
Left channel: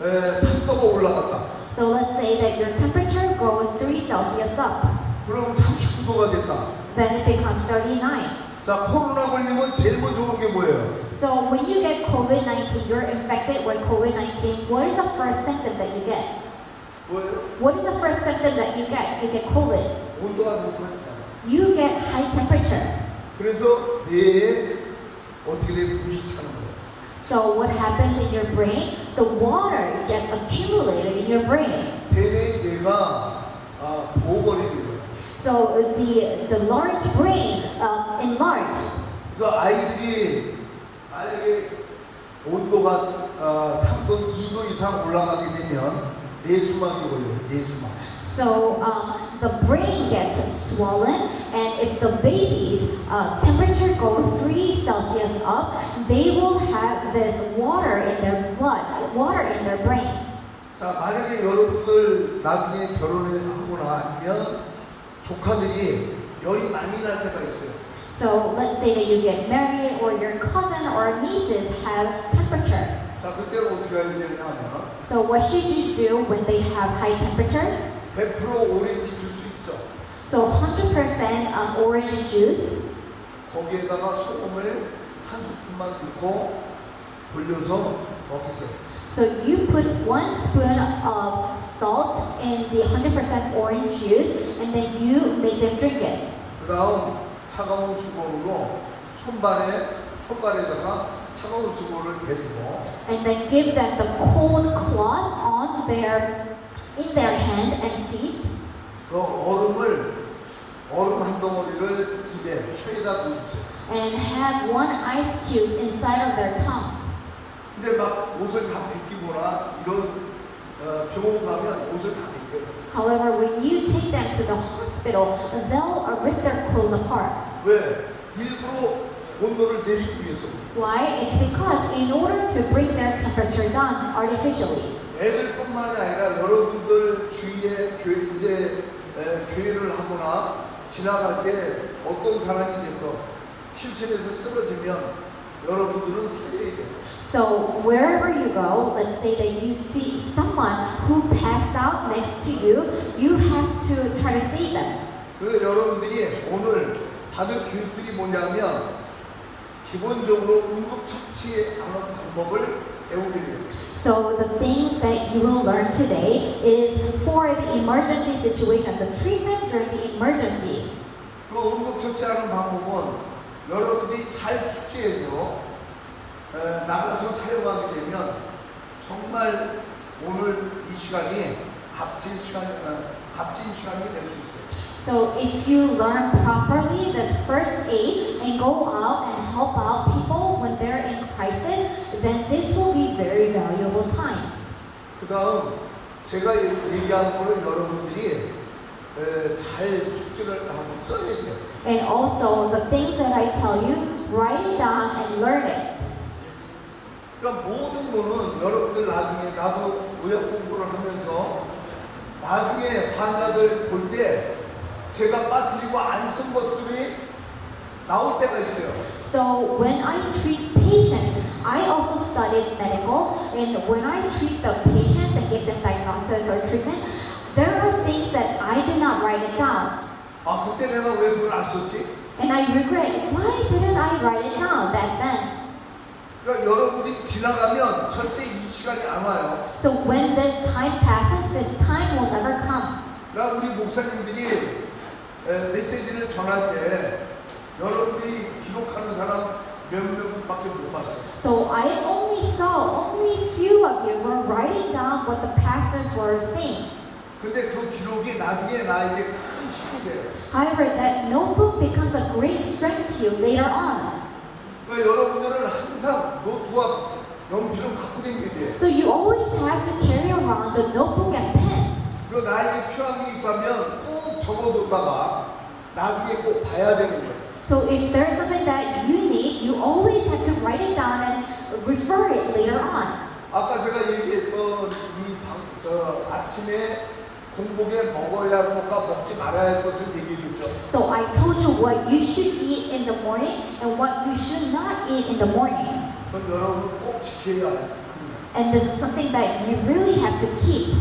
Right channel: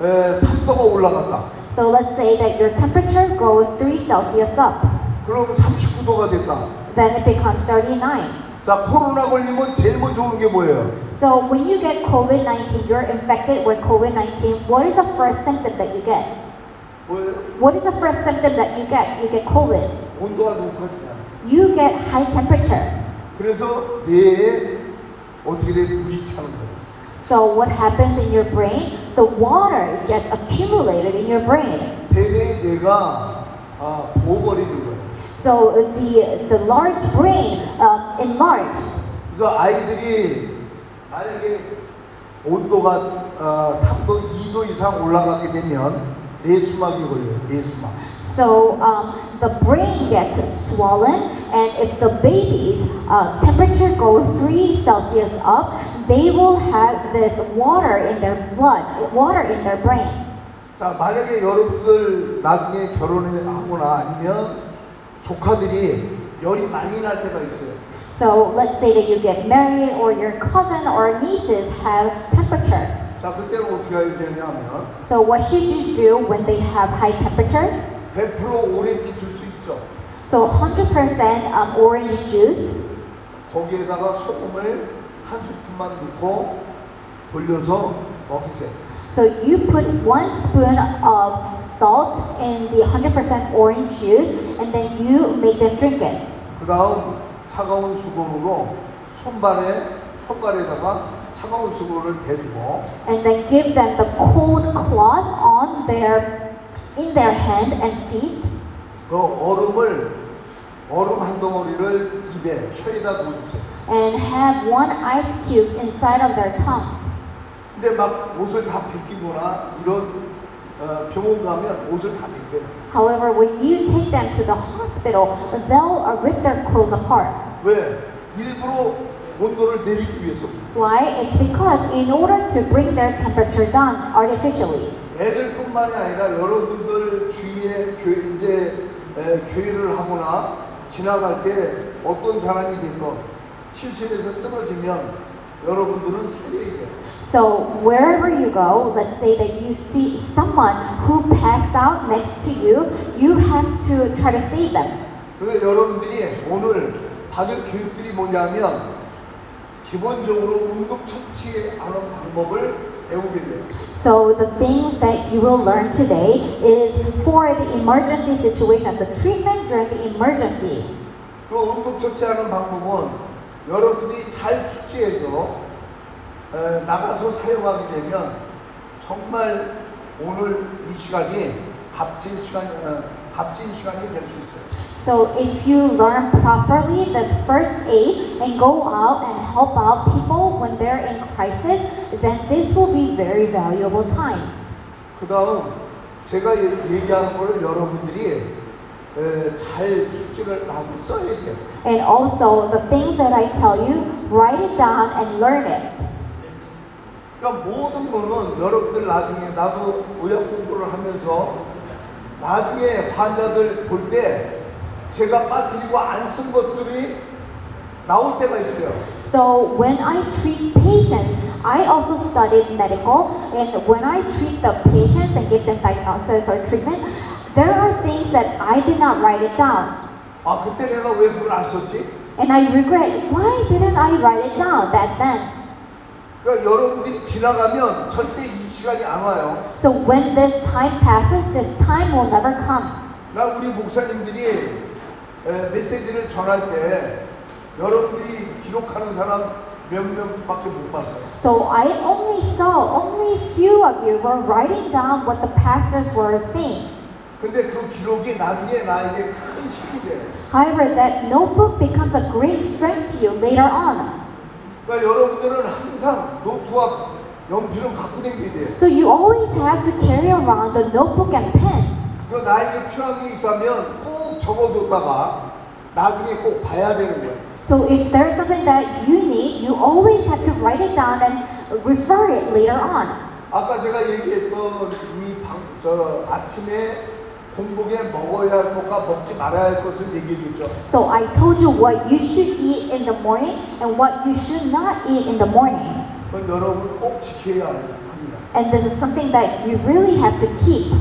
3도가 올라갔다. So let's say that your temperature goes 3 Celsius up. 그럼 39도가 됐다. Then it becomes 39. 자, 코로나 걸리면 제일 먼저 오는 게 뭐예요? So when you get COVID-19, you're infected with COVID-19, what is the first symptom that you get? 뭐예요? What is the first symptom that you get? You get COVID. 온도가 높아지잖아. You get high temperature. 그래서 뇌에 어떻게 돼? 불이 차는 거예요. So what happens in your brain? The water gets accumulated in your brain. 대뇌의 뇌가 부어버리는 거예요. So the large brain enlarged. 그래서 아이들이 만약에 온도가 3도, 2도 이상 올라가게 되면 뇌수막이 걸려요. 뇌수막. So the brain gets swollen, and if the baby's temperature goes 3 Celsius up, they will have this water in their blood, water in their brain. 자, 만약에 여러분들 나중에 결혼을 하거나 아니면 조카들이 열이 많이 날 때가 있어요. So let's say that you get married, or your cousin or nieces have temperature. 자, 그때는 어떻게 해야 되냐면 So what should you do when they have high temperature? 100% 오렌지 주스 있죠. So 100% orange juice. 거기에다가 소금을 한 스푼만 넣고 돌려서 먹으세요. So you put 1 spoon of salt in the 100% orange juice, and then you make them drink it. 그 다음 차가운 수건으로 손발에다가 차가운 수건을 대주고 And then give them the cold cloth in their hand and feet. 그 얼음 한 덩어리를 입에 혀에다 넣어주세요. And have 1 ice cube inside of their tongue. 근데 막 옷을 다 벗기거나 이런 병원 가면 옷을 다 벗겨요. However, when you take them to the hospital, they'll rip their clothes apart. 왜? 일부러 온도를 내리기 위해서. Why? It's because in order to bring their temperature down artificially. 애들뿐만이 아니라 여러분들 주위에 교회를 하거나 지나갈 때 어떤 사람이 됐건 실신에서 쓰러지면 여러분들은 살려야 돼요. So wherever you go, let's say that you see someone who passed out next to you, you have to try to save them. 그래서 여러분들이 오늘 받을 교육들이 뭐냐면 기본적으로 응급처치하는 방법을 배우게 돼요. So the things that you will learn today is for the emergency situation, the treatment during the emergency. 그 응급처치하는 방법은 여러분들이 잘 숙지해서 나가서 사용하게 되면 정말 오늘 이 시간이 값진 시간이 될 수 있어요. So if you learn properly this first aid and go out and help out people when they're in crisis, then this will be very valuable time. 그 다음 제가 얘기한 거를 여러분들이 잘 숙지를 하고 써야 돼요. And also the things that I tell you, write it down and learn it. 그러니까 모든 거는 여러분들 나중에 나도 의학 공부를 하면서 나중에 환자들 볼 때 제가 빠뜨리고 안 쓴 것들이 나올 때가 있어요. So when I treat patients, I also studied medical, and when I treat the patients and give them diagnosis or treatment, there are things that I did not write it down. 아 그때 내가 왜 그걸 안 썼지? And I regret, why didn't I write it down back then? 그러니까 여러분들이 지나가면 절대 이 시간이 안 와요. So when this time passes, this time will never come. 나 우리 목사님들이 메시지를 전할 때 여러분들이 기록하는 사람 몇 명밖에 못 봤어요. So I only saw, only few of you were writing down what the pastors were saying. 근데 그 기록이 나중에 나에게 큰 힘이 돼요. However, that notebook becomes a great strength to you later on. 그러니까 여러분들은 항상 노트와 연필을 갖고 다니게 돼요. So you always have to carry around a notebook and pen. 그리고 나에게 필요한 게 있다면 꼭 적어뒀다가 나중에 꼭 봐야 되는 거예요. So if there's something that you need, you always have to write it down and refer it later on. 아까 제가 얘기했던 저 아침에 공복에 먹어야 할 것과 먹지 말아야 할 것을 얘기해 줬죠. So I told you what you should eat in the morning and what you should not eat in the morning. 그건 여러분 꼭 지켜야 합니다. And this is something that you really have to keep.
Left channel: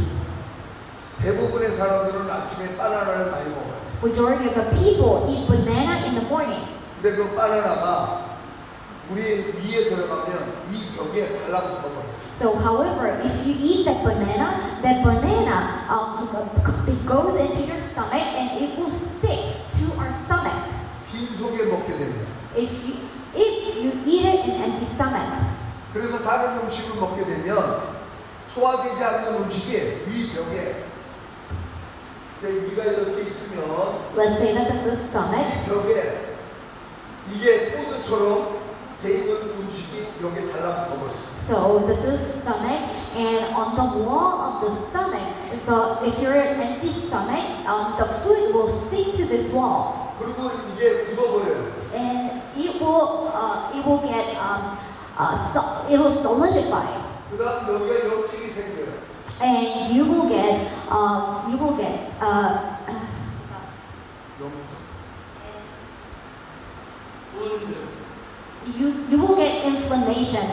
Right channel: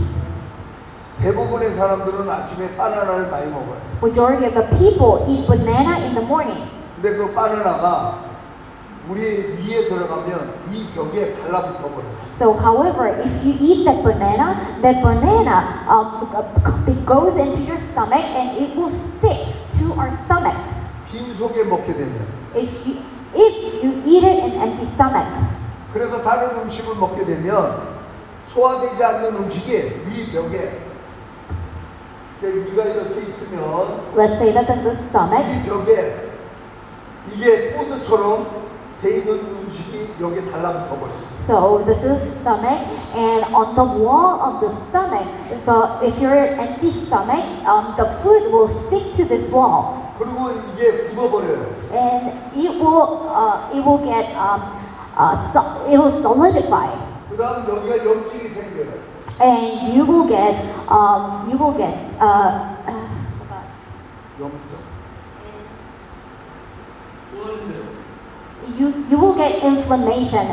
대부분의 사람들은 아침에 바나나를 많이 먹어요. Majority of the people eat banana in the morning. 근데 그 바나나가 우리 위에 들어가면 이 벽에 달라붙어 버려요. So, however, if you eat that banana it goes into your stomach and it will stick to our stomach. 빈속에 먹게 되면. If you eat it in empty stomach. 그래서 다른 음식을 먹게 되면 소화되지 않는 음식이 이 벽에 위가 이렇게 있으면 Let's say that this is stomach. 이 벽에 이게 코드처럼 돼 있는 음식이 여기에 달라붙어 버려요. So this is stomach, and on the wall of the stomach, if you're an empty stomach, the food will stick to this wall, 그리고 이게 굳어버려요. and it will get it will solidify, 그다음 여기가 염증이 생겨요. and you will get 염증. you will get inflammation.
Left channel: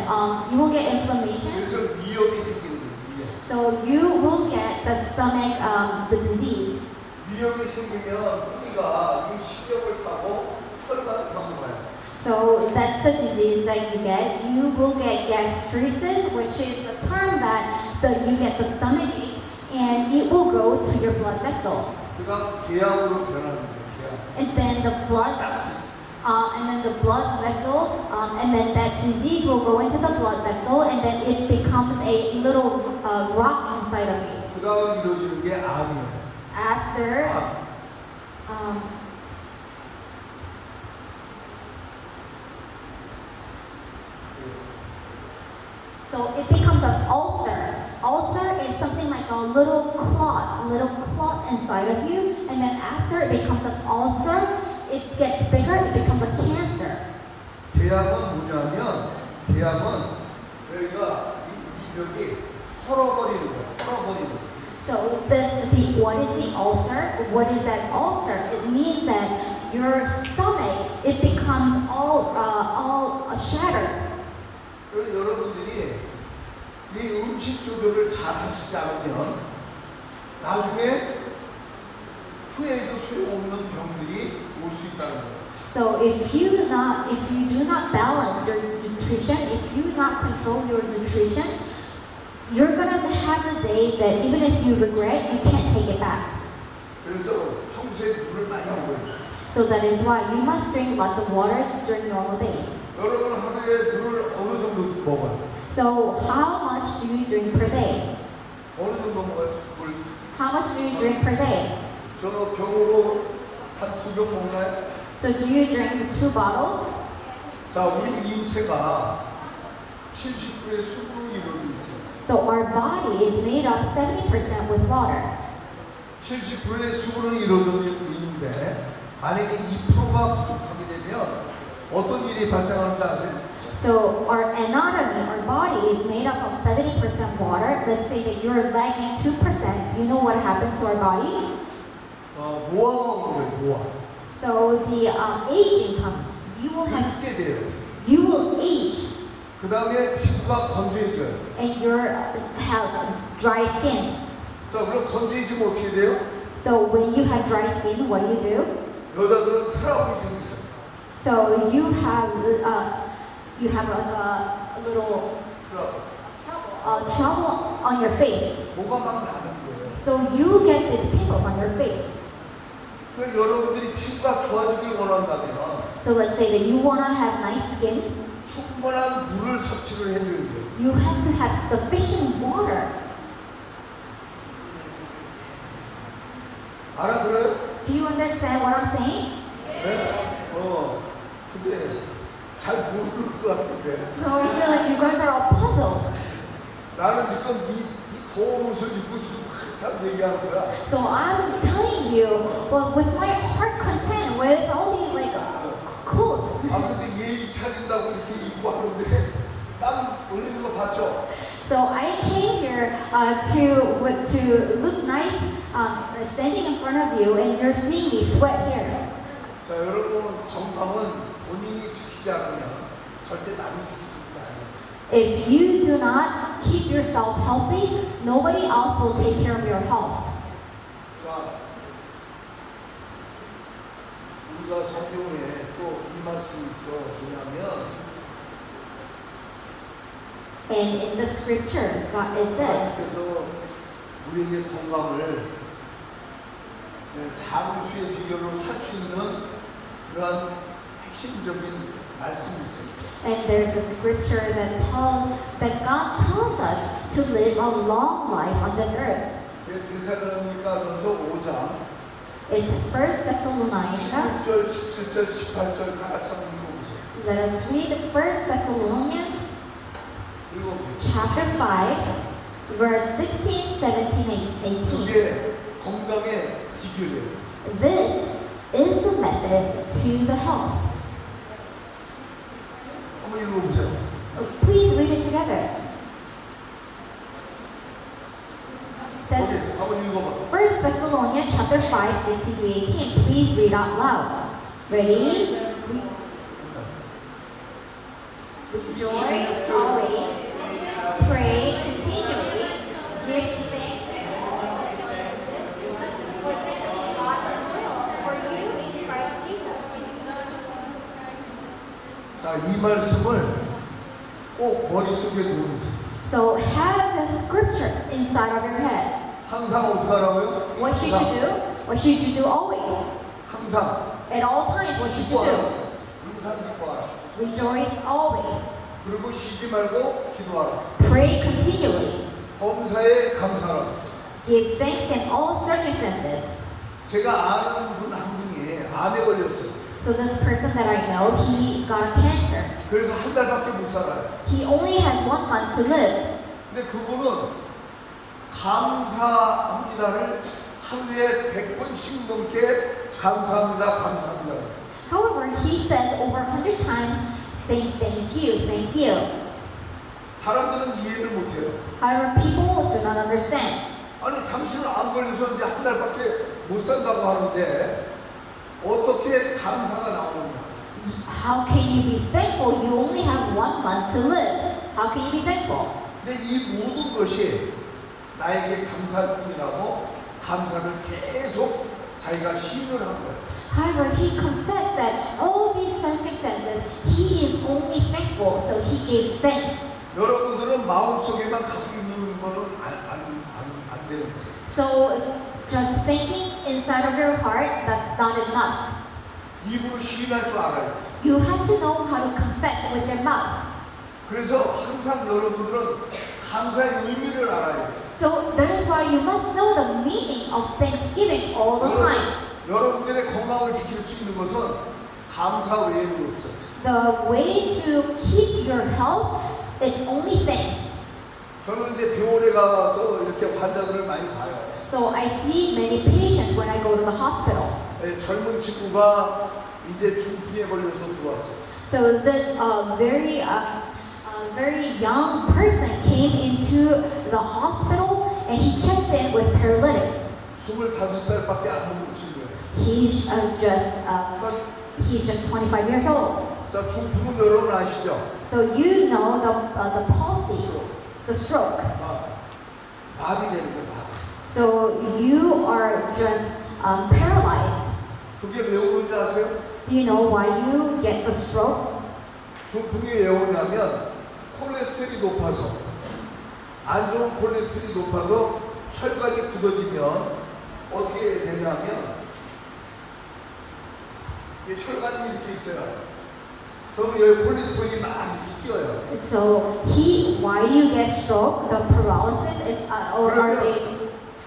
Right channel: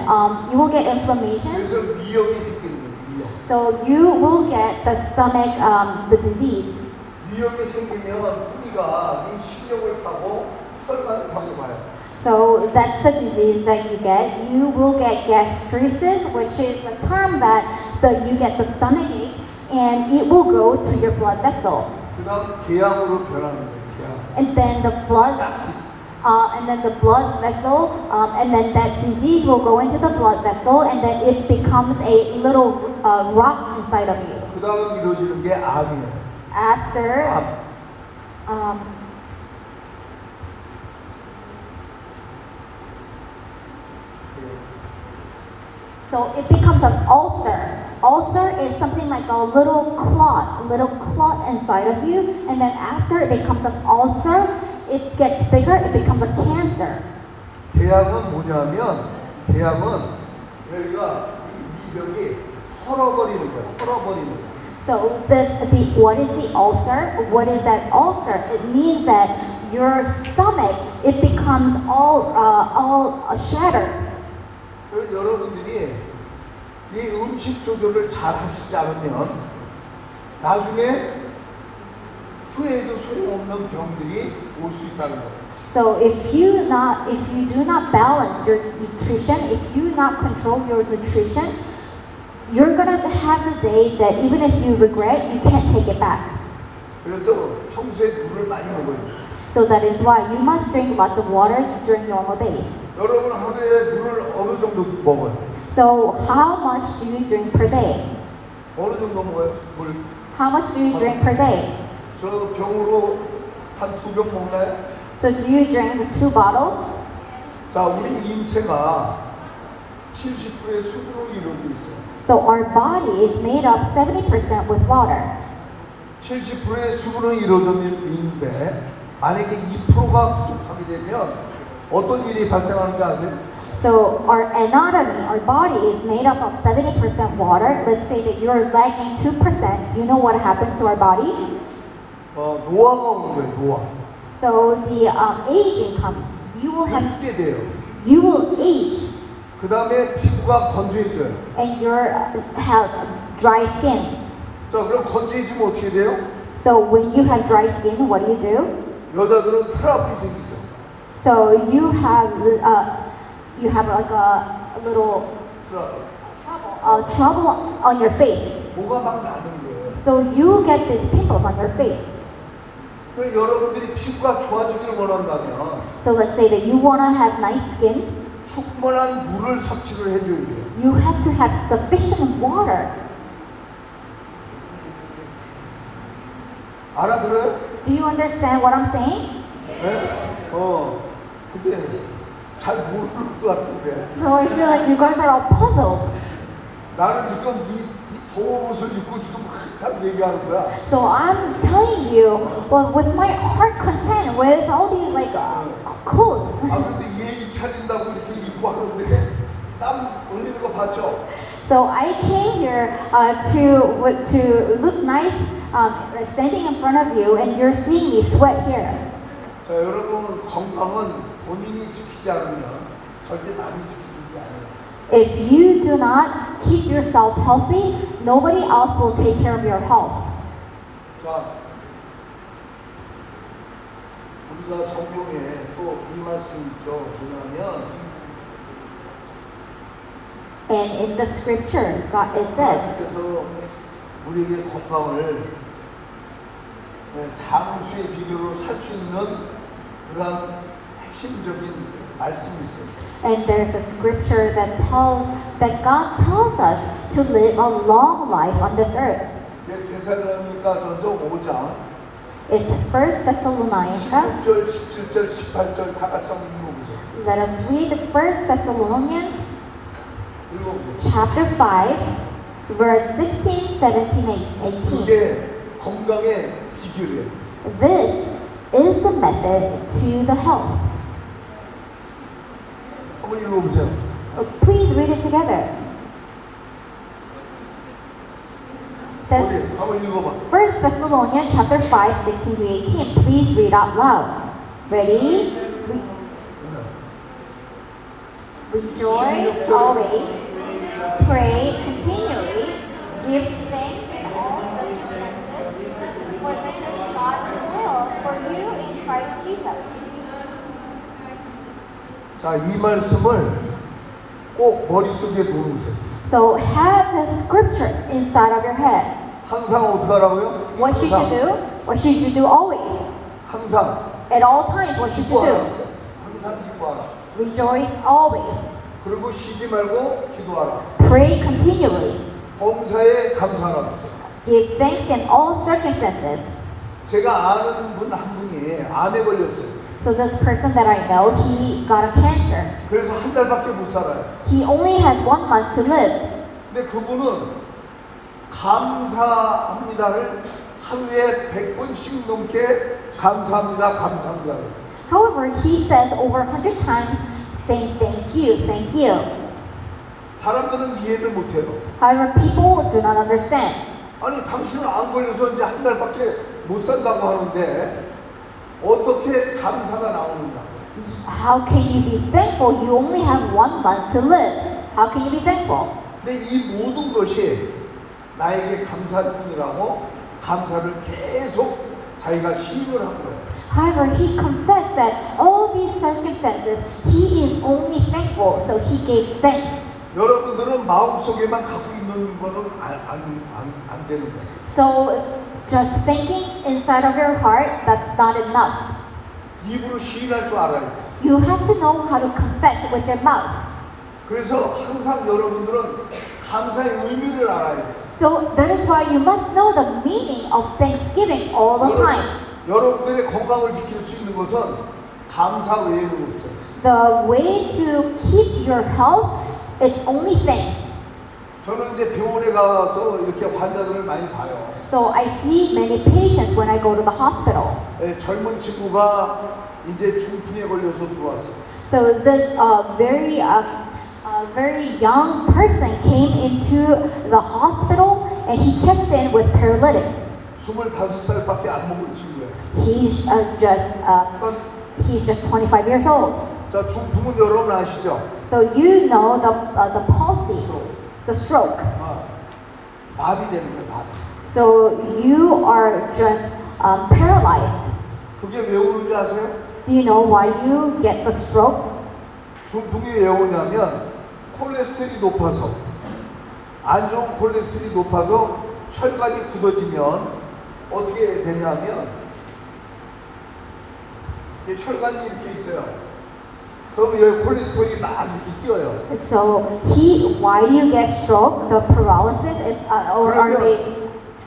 You will get inflammation. 그래서 미역이 생기는 거예요. 미역. So you will get the stomach, the disease. 미역이 생기면 뿌리가 이 신경을 타고 혈관을 타고 가요. So that's the disease that you get. You will get gastritis, which is a term that you get the stomach ache, and it will go to your blood vessel. 그다음 궤양으로 변하는 거예요. 궤양. And then the blood vessel, and then that disease will go into the blood vessel, and then it becomes a little rock inside of you. 그다음 이루어지는 게 암이에요. After, so it becomes an ulcer. Ulcer is something like a little clot inside of you, and then after it becomes an ulcer, it gets bigger, it becomes a cancer. 궤양은 뭐냐면 궤양은 여기가 이 벽이 헐어버리는 거예요. 헐어버리는 거예요. So what is the ulcer? What is that ulcer? It means that your stomach, it becomes all shattered. 그래서 여러분들이 이 음식 조절을 잘 하시지 않으면 나중에 후에도 소용없는 병들이 올 수 있다는 거예요. So if you do not balance your nutrition, if you do not control your nutrition, you're gonna have the days that even if you regret, you can't take it back. 그래서 평소에 물을 많이 먹어야 돼요. So that is why you must drink lots of water during normal days. 여러분 하루에 물을 어느 정도 먹어요? So how much do you drink per day? 어느 정도 먹어요? 물. How much do you drink per day? 저 병으로 한 2병 먹나요? So do you drink 2 bottles? 자, 우리 인체가 70%의 수분으로 이루어져 있어요. So our body is made up 70% with water. 70%의 수분으로 이루어져 있는데 만약에 2%가 부족하게 되면 어떤 일이 발생하는지 아세요? So our anatomy, our body is made up of 70% water. Let's say that you're lacking 2%. You know what happens to our body? 노화가 오는 거예요, 노화. So the aging comes. You will have, 늙게 돼요. you will age, 그 다음에 피부가 건조해져요. and you have dry skin. 자, 그럼 건조해지면 어떻게 돼요? So when you have dry skin, what do? 여자들은 트러블이 생기죠. So you have like a little 트러블. trouble on your face. 뭐가 막 나는 거예요. So you get these pimples on your face. 그래서 여러분들이 피부가 좋아지기를 원한다면 So let's say that you want to have nice skin. 충분한 물을 섭취를 해줘야 돼요. You have to have sufficient water. 알아들어요? Do you understand what I'm saying? 네? 근데 잘 모르는 것 같은데. So I feel like you guys are all puzzled. 나는 지금 이 더운 옷을 입고 지금 한참 얘기하는 거야. So I'm telling you, well, with my heart content, with all these like clothes. 아, 근데 예의 차린다고 이렇게 입고 하는데 땀 올리는 거 봤죠? So I came here to look nice, standing in front of you, and you're seeing me sweat here. 자, 여러분 건강은 본인이 지키지 않으면 절대 남이 지키지 않아요. If you do not keep yourself healthy, nobody else will take care of your health. 자, 우리가 성경에 또 이 말씀이 있죠. 뭐냐면 And in the scripture, it says, 하나님께서 우리에게 건강을 자무수의 비결로 살 수 있는 그러한 핵심적인 말씀이 있어요. and there's a scripture that God tells us to live a long life on this earth. 데살로니가전서 5장 It's 1 Thessalonians. 16절, 17절, 18절 다 같이 한번 읽어보세요. Let us read 1 Thessalonians 읽어보세요. chapter 5, verse 16, 17, 18. 그게 건강의 비결이에요. This is the method to the health. 한번 읽어보세요. Please read it together. 어디? 한번 읽어봐. 1 Thessalonians chapter 5, 16 to 18. Please read out loud. Ready? Rejoice always. Pray continually. Give thanks in all circumstances. For this is God's will for you in Christ Jesus. 자, 이 말씀을 꼭 머릿속에 놓으세요. So have the scripture inside of your head. 항상 어떻게 하라고요? What should you do? What should you do always? 항상 At all times, what should you 기뻐하라. do? 항상 기뻐하라. Rejoice always. 그리고 쉬지 말고 기도하라. Pray continually. 범사에 감사하라. Give thanks in all circumstances. 제가 아는 분 한 분이 암에 걸렸어요. So this person that I know, he got a cancer. 그래서 한 달밖에 못 살아요. He only has 1 month to live. 근데 그분은 감사합니다를 하루에 100번씩 넘게 감사합니다, 감사합니다. However, he says over 100 times, saying thank you, thank you. 사람들은 이해를 못해요. However, people do not understand. 아니, 당신은 안 걸려서 이제 한 달밖에 못 산다고 하는데 어떻게 감사가 나오느냐? How can you be thankful? You only have 1 month to live. How can you be thankful? 근데 이 모든 것이 나에게 감사할 뿐이라고 감사를 계속 자기가 시인을 한 거예요. However, he confessed that all these circumstances, he is only thankful, so he gave thanks. 여러분들은 마음속에만 갖고 있는 거는 안 되는 거예요. So, just thinking inside of your heart, that's not enough. 입으로 시인할 줄 알아요. You have to know how to confess with your mouth. 그래서 항상 여러분들은 감사의 의미를 알아야 돼요. So, that is why you must know the meaning of thanksgiving all the time. 여러분들의 건강을 지킬 수 있는 것은 감사 외에는 없어요. The way to keep your health, it's only thanks. 저는 이제 병원에 가서 이렇게 환자들을 많이 봐요. So I see many patients when I go to the hospital. 젊은 친구가 이제 중풍에 걸려서 들어왔어요. So this very young person came into the hospital and he checked in with paralytics. 25살밖에 안 먹은 친구예요. He's just 25 years old. 자, 중풍은 여러분 아시죠? So you know the palsy, the stroke. 마비되는 거예요, 마비. So you are just paralyzed. 그게 왜 오는지 아세요? Do you know why you get a stroke? 중풍이 왜 오냐면 콜레스테롤이 높아서, 안 좋은 콜레스테롤이 높아서 혈관이 굳어지면 어떻게 되냐면 혈관이 이렇게 있어요. 그럼 여기 콜레스테롤이 막 이렇게 뛰어요. So why do you get stroke? The paralysis, or are they?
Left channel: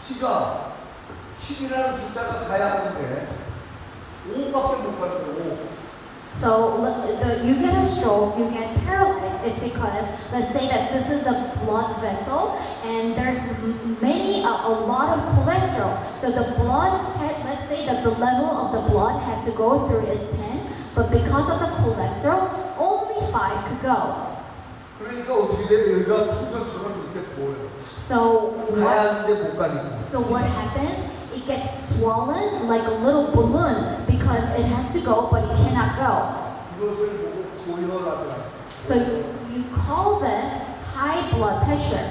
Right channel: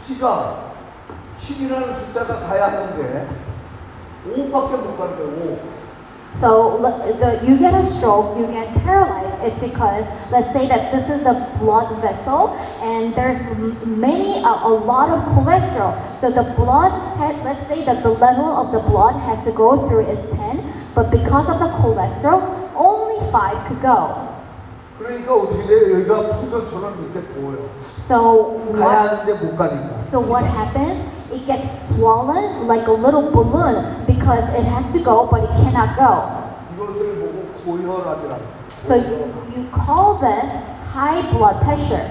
피가 10이라는 숫자가 가야 하는데 5밖에 못 가는 거예요. 5. So you get a stroke, you get paralyzed. It's because let's say that this is a blood vessel, and there's a lot of cholesterol. So the blood, let's say that the level of the blood has to go through is 10, but because of the cholesterol, only 5 could go. 그러니까 어떻게 돼? 여기가 풍선처럼 이렇게 보여요. So 가야 하는데 못 가니까. So what happens? It gets swollen like a little balloon because it has to go, but it cannot go. 이것을 보고 고혈압이라고. So you call this high blood pressure.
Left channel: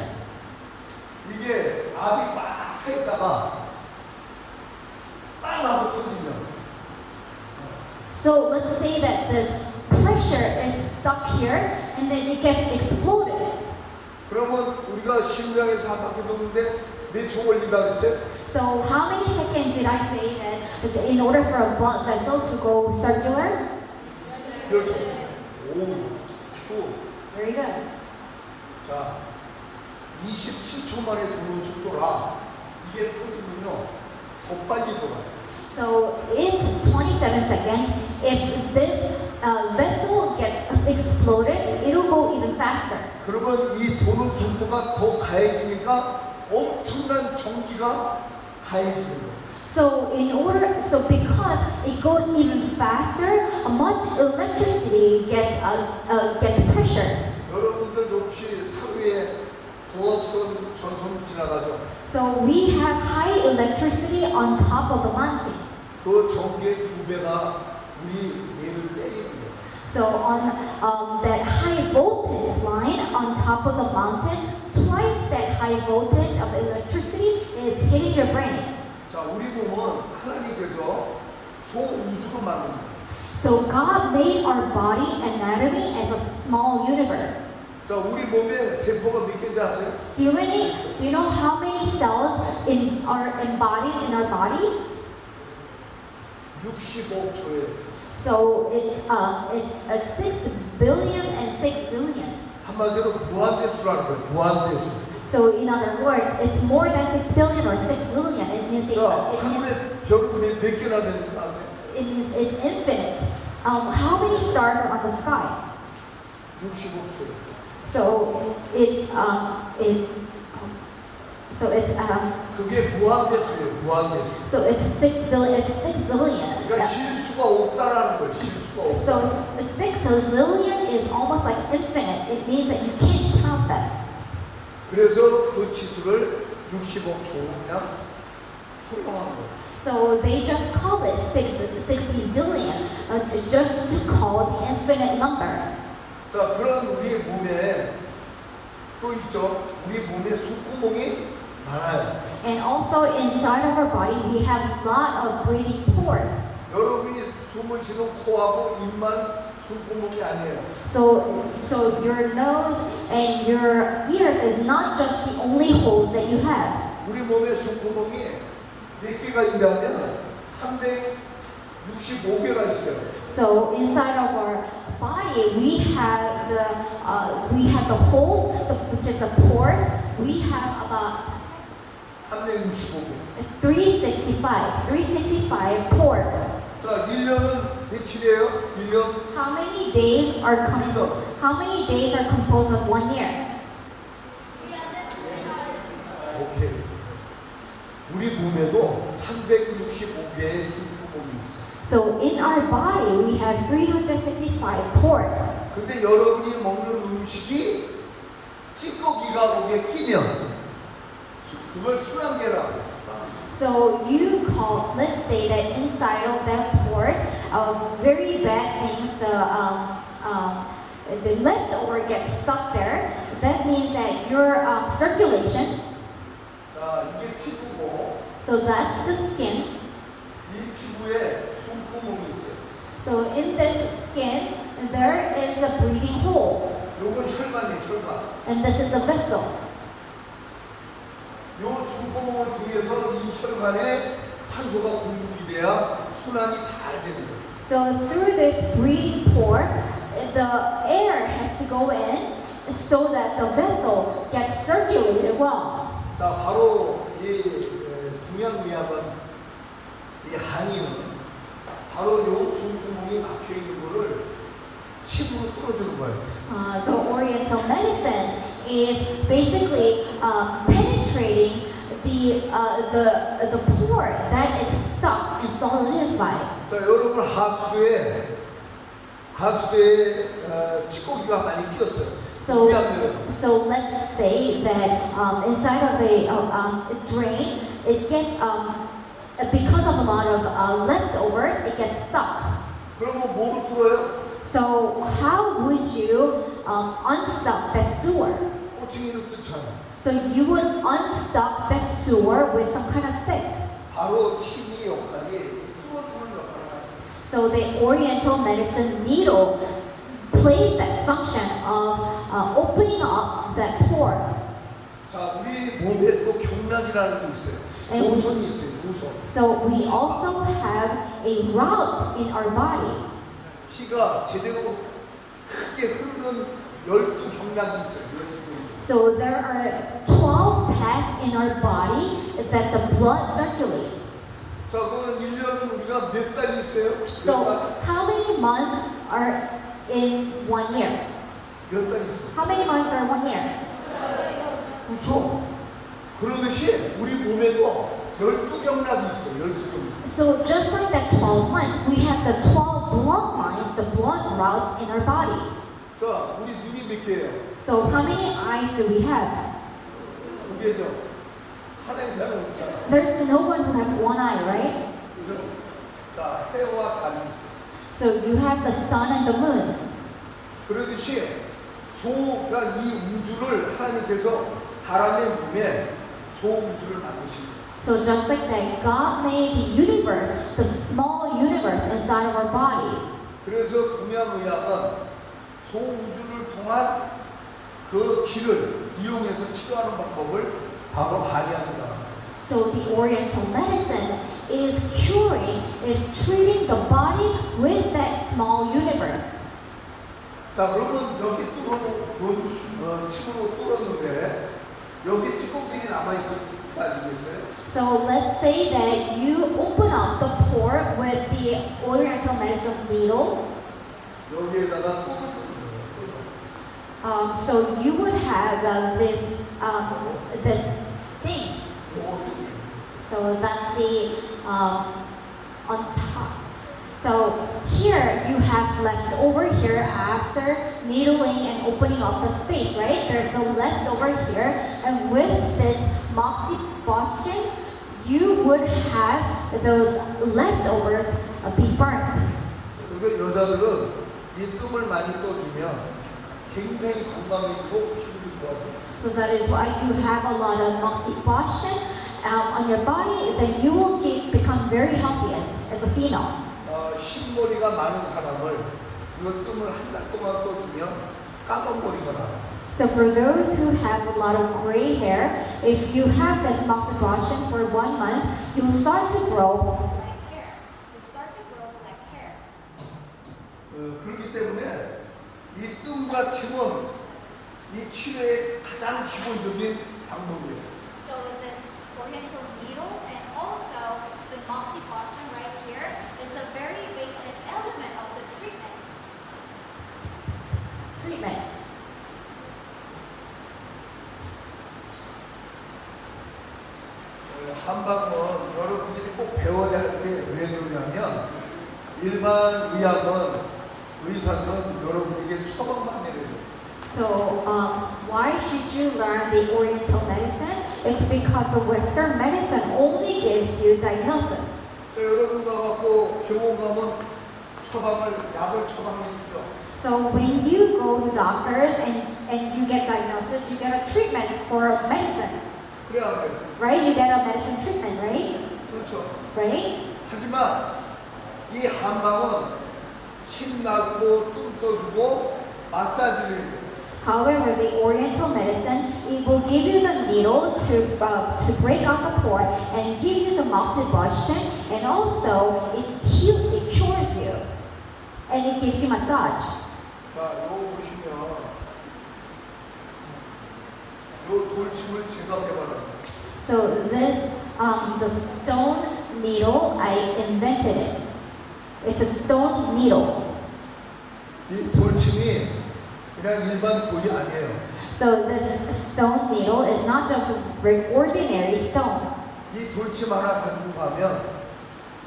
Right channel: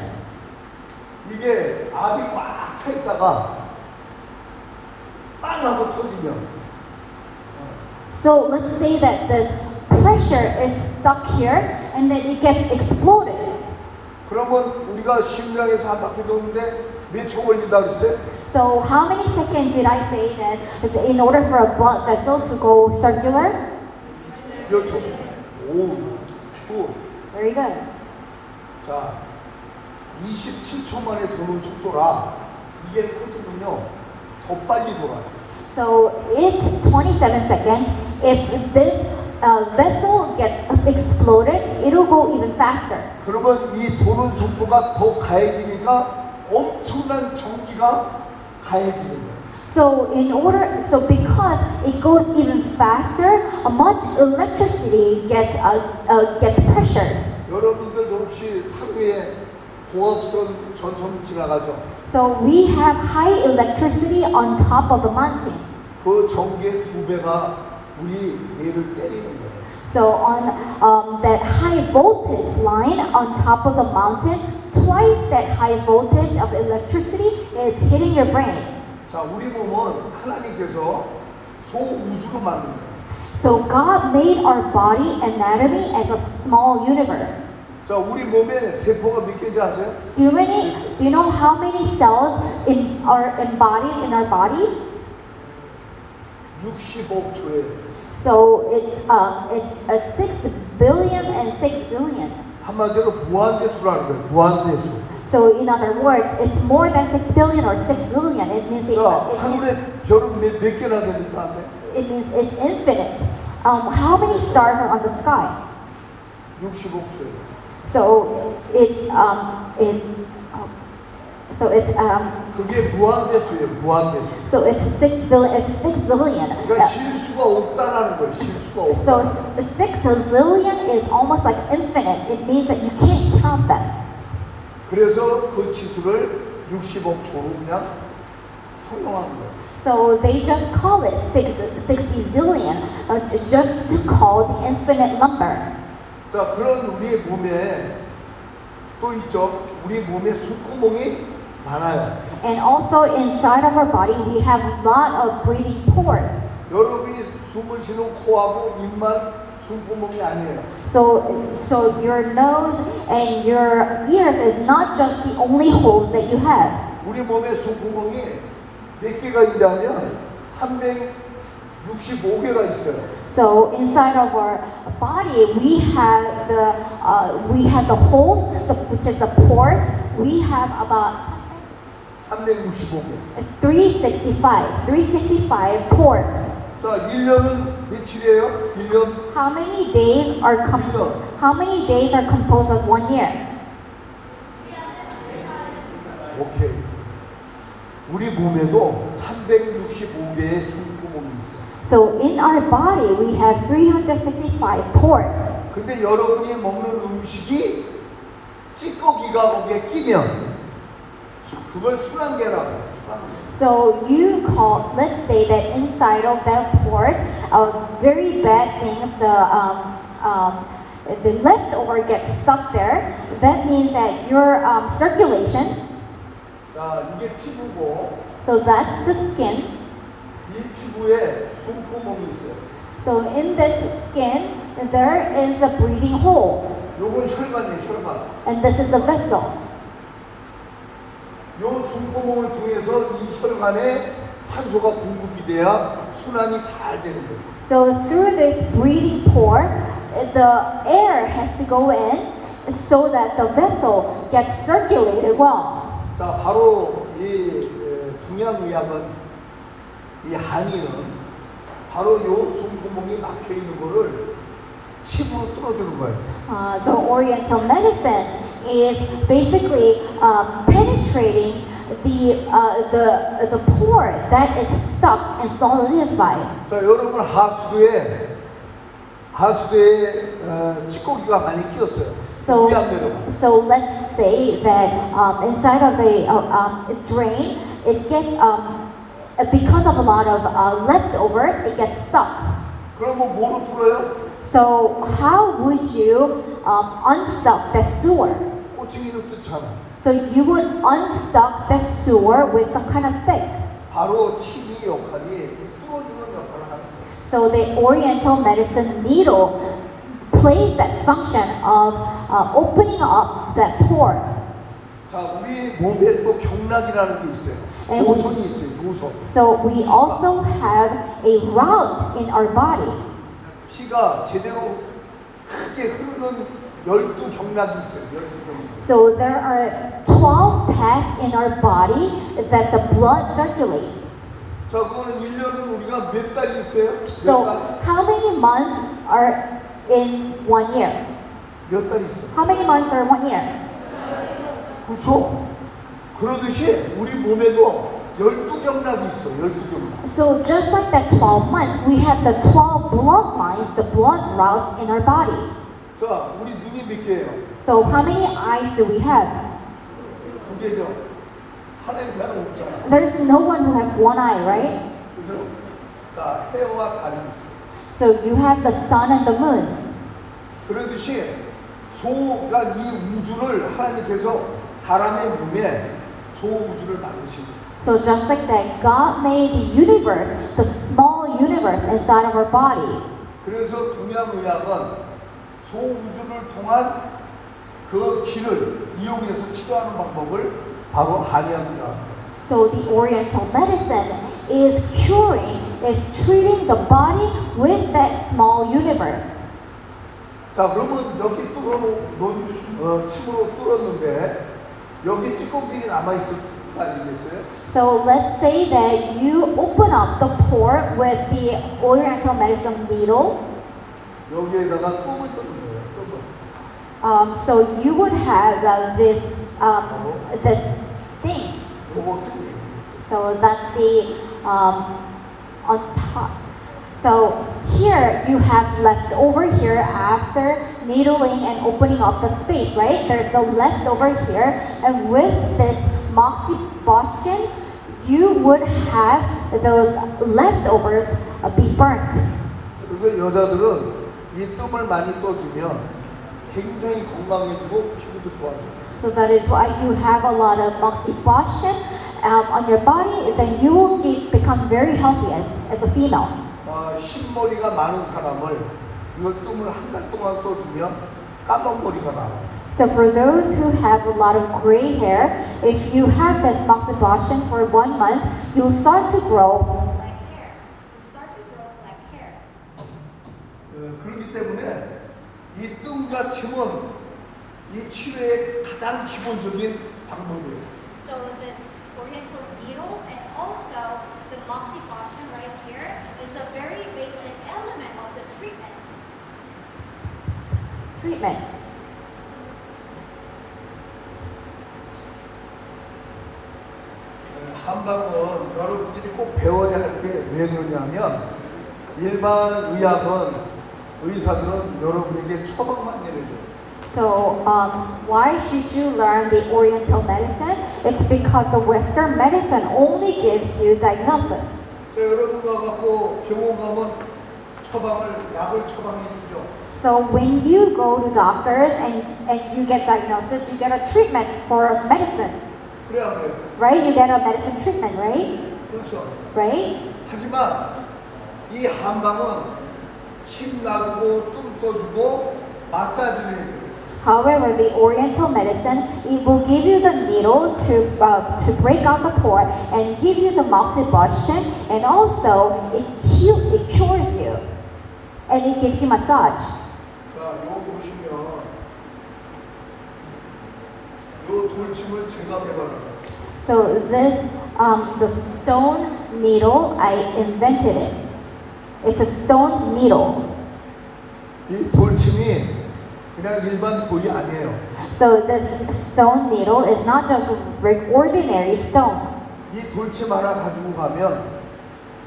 이게 압이 꽉 차 있다가 빵 하고 터지면. So let's say that this pressure is stuck here and then it gets exploded. 그러면 우리가 심장에서 한 바퀴 도는데 몇 초 걸린다 그랬어요? So how many seconds did I say that in order for a blood vessel to go circular? 몇 초? 5, 9. Very good. 자, 27초 만에 도는 속도라 이게 터지면요 더 빨리 돌아요. So it's 27 seconds. If this vessel gets exploded, it will go even faster. 그러면 이 도는 속도가 더 가해지니까 엄청난 전기가 가해지는 거예요. So because it goes even faster, much electricity gets pressured. 여러분들 혹시 상위에 고압선 전선 지나가죠? So we have high electricity on top of the mountain. 그 전기의 2배가 우리 뇌를 때리는 거예요. So on that high voltage line on top of the mountain, twice that high voltage of electricity is hitting your brain. 자, 우리 몸은 하나님께서 소우주로 만든 거예요. So God made our body anatomy as a small universe. 자, 우리 몸에 세포가 몇 개인지 아세요? Do you know how many cells are embodied in our body? 65초예요. So it's a 6 billion and 6 zillion. 한마디로 무한대수라는 거예요. 무한대수. So in other words, it's more than 6 billion or 6 zillion. It means 자, 하늘에 별은 몇 개나 되는지 아세요? it means it's infinite. How many stars are on the sky? 65초예요. So it's 그게 무한대수예요. 무한대수. so it's 6 billion. It's 6 zillion. 그러니까 쉴 수가 없다라는 거예요. 쉴 수가 없다. So 6 zillion is almost like infinite. It means that you can't count them. 그래서 그 치수를 60억 그냥 통용한 거예요. So they just call it 60 zillion, just to call the infinite number. 자, 그런 우리의 몸에 또 있죠. 우리 몸에 숨구멍이 많아요. And also inside of our body, we have a lot of breathing pores. 여러분이 숨을 쉬는 코하고 입만 숨구멍이 아니에요. So your nose and your ears is not just the only holes that you have. 우리 몸에 숨구멍이 몇 개가 있냐면 365개가 있어요. So inside of our body, we have the holes, which is the pores. We have about 365개. 365 pores. 자, 1년은 며칠이에요? 1년? How many days are composed of 1 year? 오케이. 우리 몸에도 365개의 숨구멍이 있어요. So in our body, we have 365 pores. 근데 여러분이 먹는 음식이 찌꺼기가 거기에 끼면 그걸 순환계라고 해요. So you call, let's say that inside of that pores, very bad things, the leftover gets stuck there. That means that your circulation, 자, 이게 피부고 so that's the skin. 이 피부에 숨구멍이 있어요. So in this skin, there is a breathing hole, 요건 혈관이에요, 혈관. and this is a vessel. 요 숨구멍을 통해서 이 혈관에 산소가 공급이 돼야 순환이 잘 되는 거예요. So through this breathing pore, the air has to go in so that the vessel gets circulated well. 자, 바로 이 동양의학은 이 한의는 바로 요 숨구멍이 막혀 있는 거를 침으로 뚫어주는 거예요. The Oriental medicine is basically penetrating the pore that is stuck and solidified. 자, 여러분 하수도에 찌꺼기가 많이 끼었어요. So, 물이 안 내려가요. so let's say that inside of a drain, it gets because of a lot of leftovers, it gets stuck. 그러면 뭐로 풀어요? So how would you unstuck the sewer? 꼬챙이로 뜯잖아. So you would unstuck the sewer with some kind of stick. 바로 침이 역할이 뚫어주는 역할을 하는 거예요. So the Oriental medicine needle plays that function of opening up that pore. 자, 우리 몸에 또 경락이라는 게 있어요. 노선이 있어요, 노선. So we also have a route in our body. 피가 제대로 크게 흐르는 12경락이 있어요, 12경락. So there are 12 paths in our body that the blood circulates. 자, 그거는 1년은 우리가 몇 달이 있어요? 몇 So 달? how many months are in 1 year? 몇 달이 있어요? How many months are 1 year? 그렇죠? 그러듯이 우리 몸에도 12경락이 있어요, 12경락. So just like that 12 months, we have the 12 blood lines, the blood routes in our body. 자, 우리 눈이 몇 개예요? So how many eyes do we have? 2개죠. 하나의 사람 없잖아. There's no one who has one eye, right? 그죠? 자, 해와 달이 있어요. So you have the sun and the moon. 그러듯이 소가 이 우주를 하나님께서 사람의 몸에 소우주를 만드신 So just like that, God made the universe, the small universe inside of our body. 그래서 동양의학은 소우주를 통한 그 길을 이용해서 치료하는 방법을 바로 한의학입니다. So the Oriental medicine is treating the body with that small universe. 자, 그러면 여기 침으로 뚫었는데 여기 찌꺼기들이 남아있을 거 아니겠어요? So let's say that you open up the pore with the Oriental medicine needle. 여기에다가 똥을 뜯는 거예요. 똥을. So you would have this thing. 그거 똥이. So that's the on top. So here you have left over here after needling and opening up the space, right? There's the leftover here, and with this moxibustion, you would have those leftovers be burnt. 그래서 여자들은 이 뜸을 많이 떠주면 굉장히 건강해지고 피부도 좋아져요. So that is why you have a lot of moxibustion on your body, then you will become very healthy as a female. 흰머리가 많은 사람을 이걸 뜸을 한 달 동안 떠주면 까만 머리가 나와요. So for those who have a lot of gray hair, if you have this moxibustion for 1 month, you'll start to grow black hair. You'll start to grow black hair. 그렇기 때문에 이 뜸과 침은 이 치료의 가장 기본적인 방법이에요. So this Oriental needle and also the moxibustion right here is a very basic element of the treatment. 한방은 여러분들이 꼭 배워야 할 게 왜 뭐냐면 일반 의학은 의사들은 여러분에게 처방만 내려줘요. So, why should you learn the Oriental medicine? It's because the Western medicine only gives you diagnosis. 여러분 가갖고 병원 가면 약을 처방해 주죠. So when you go to doctors and you get diagnosis, you get a treatment for medicine, 그래 안 그래? right? You get a medicine treatment, right? 그렇죠. Right? 하지만 이 한방은 침 놔주고 뚱 떠주고 마사지를 해줘요. However, the Oriental medicine, it will give you the needle to break out the pore and give you the moxibustion, and also it cures you, and it gives you massage. 자, 이거 보시면 이 돌침을 제가 개발한 So this, the stone needle, I invented it. It's a stone needle. 이 돌침이 그냥 일반 돌이 아니에요. So this stone needle is not just an ordinary stone. 이 돌침 하나 가지고 가면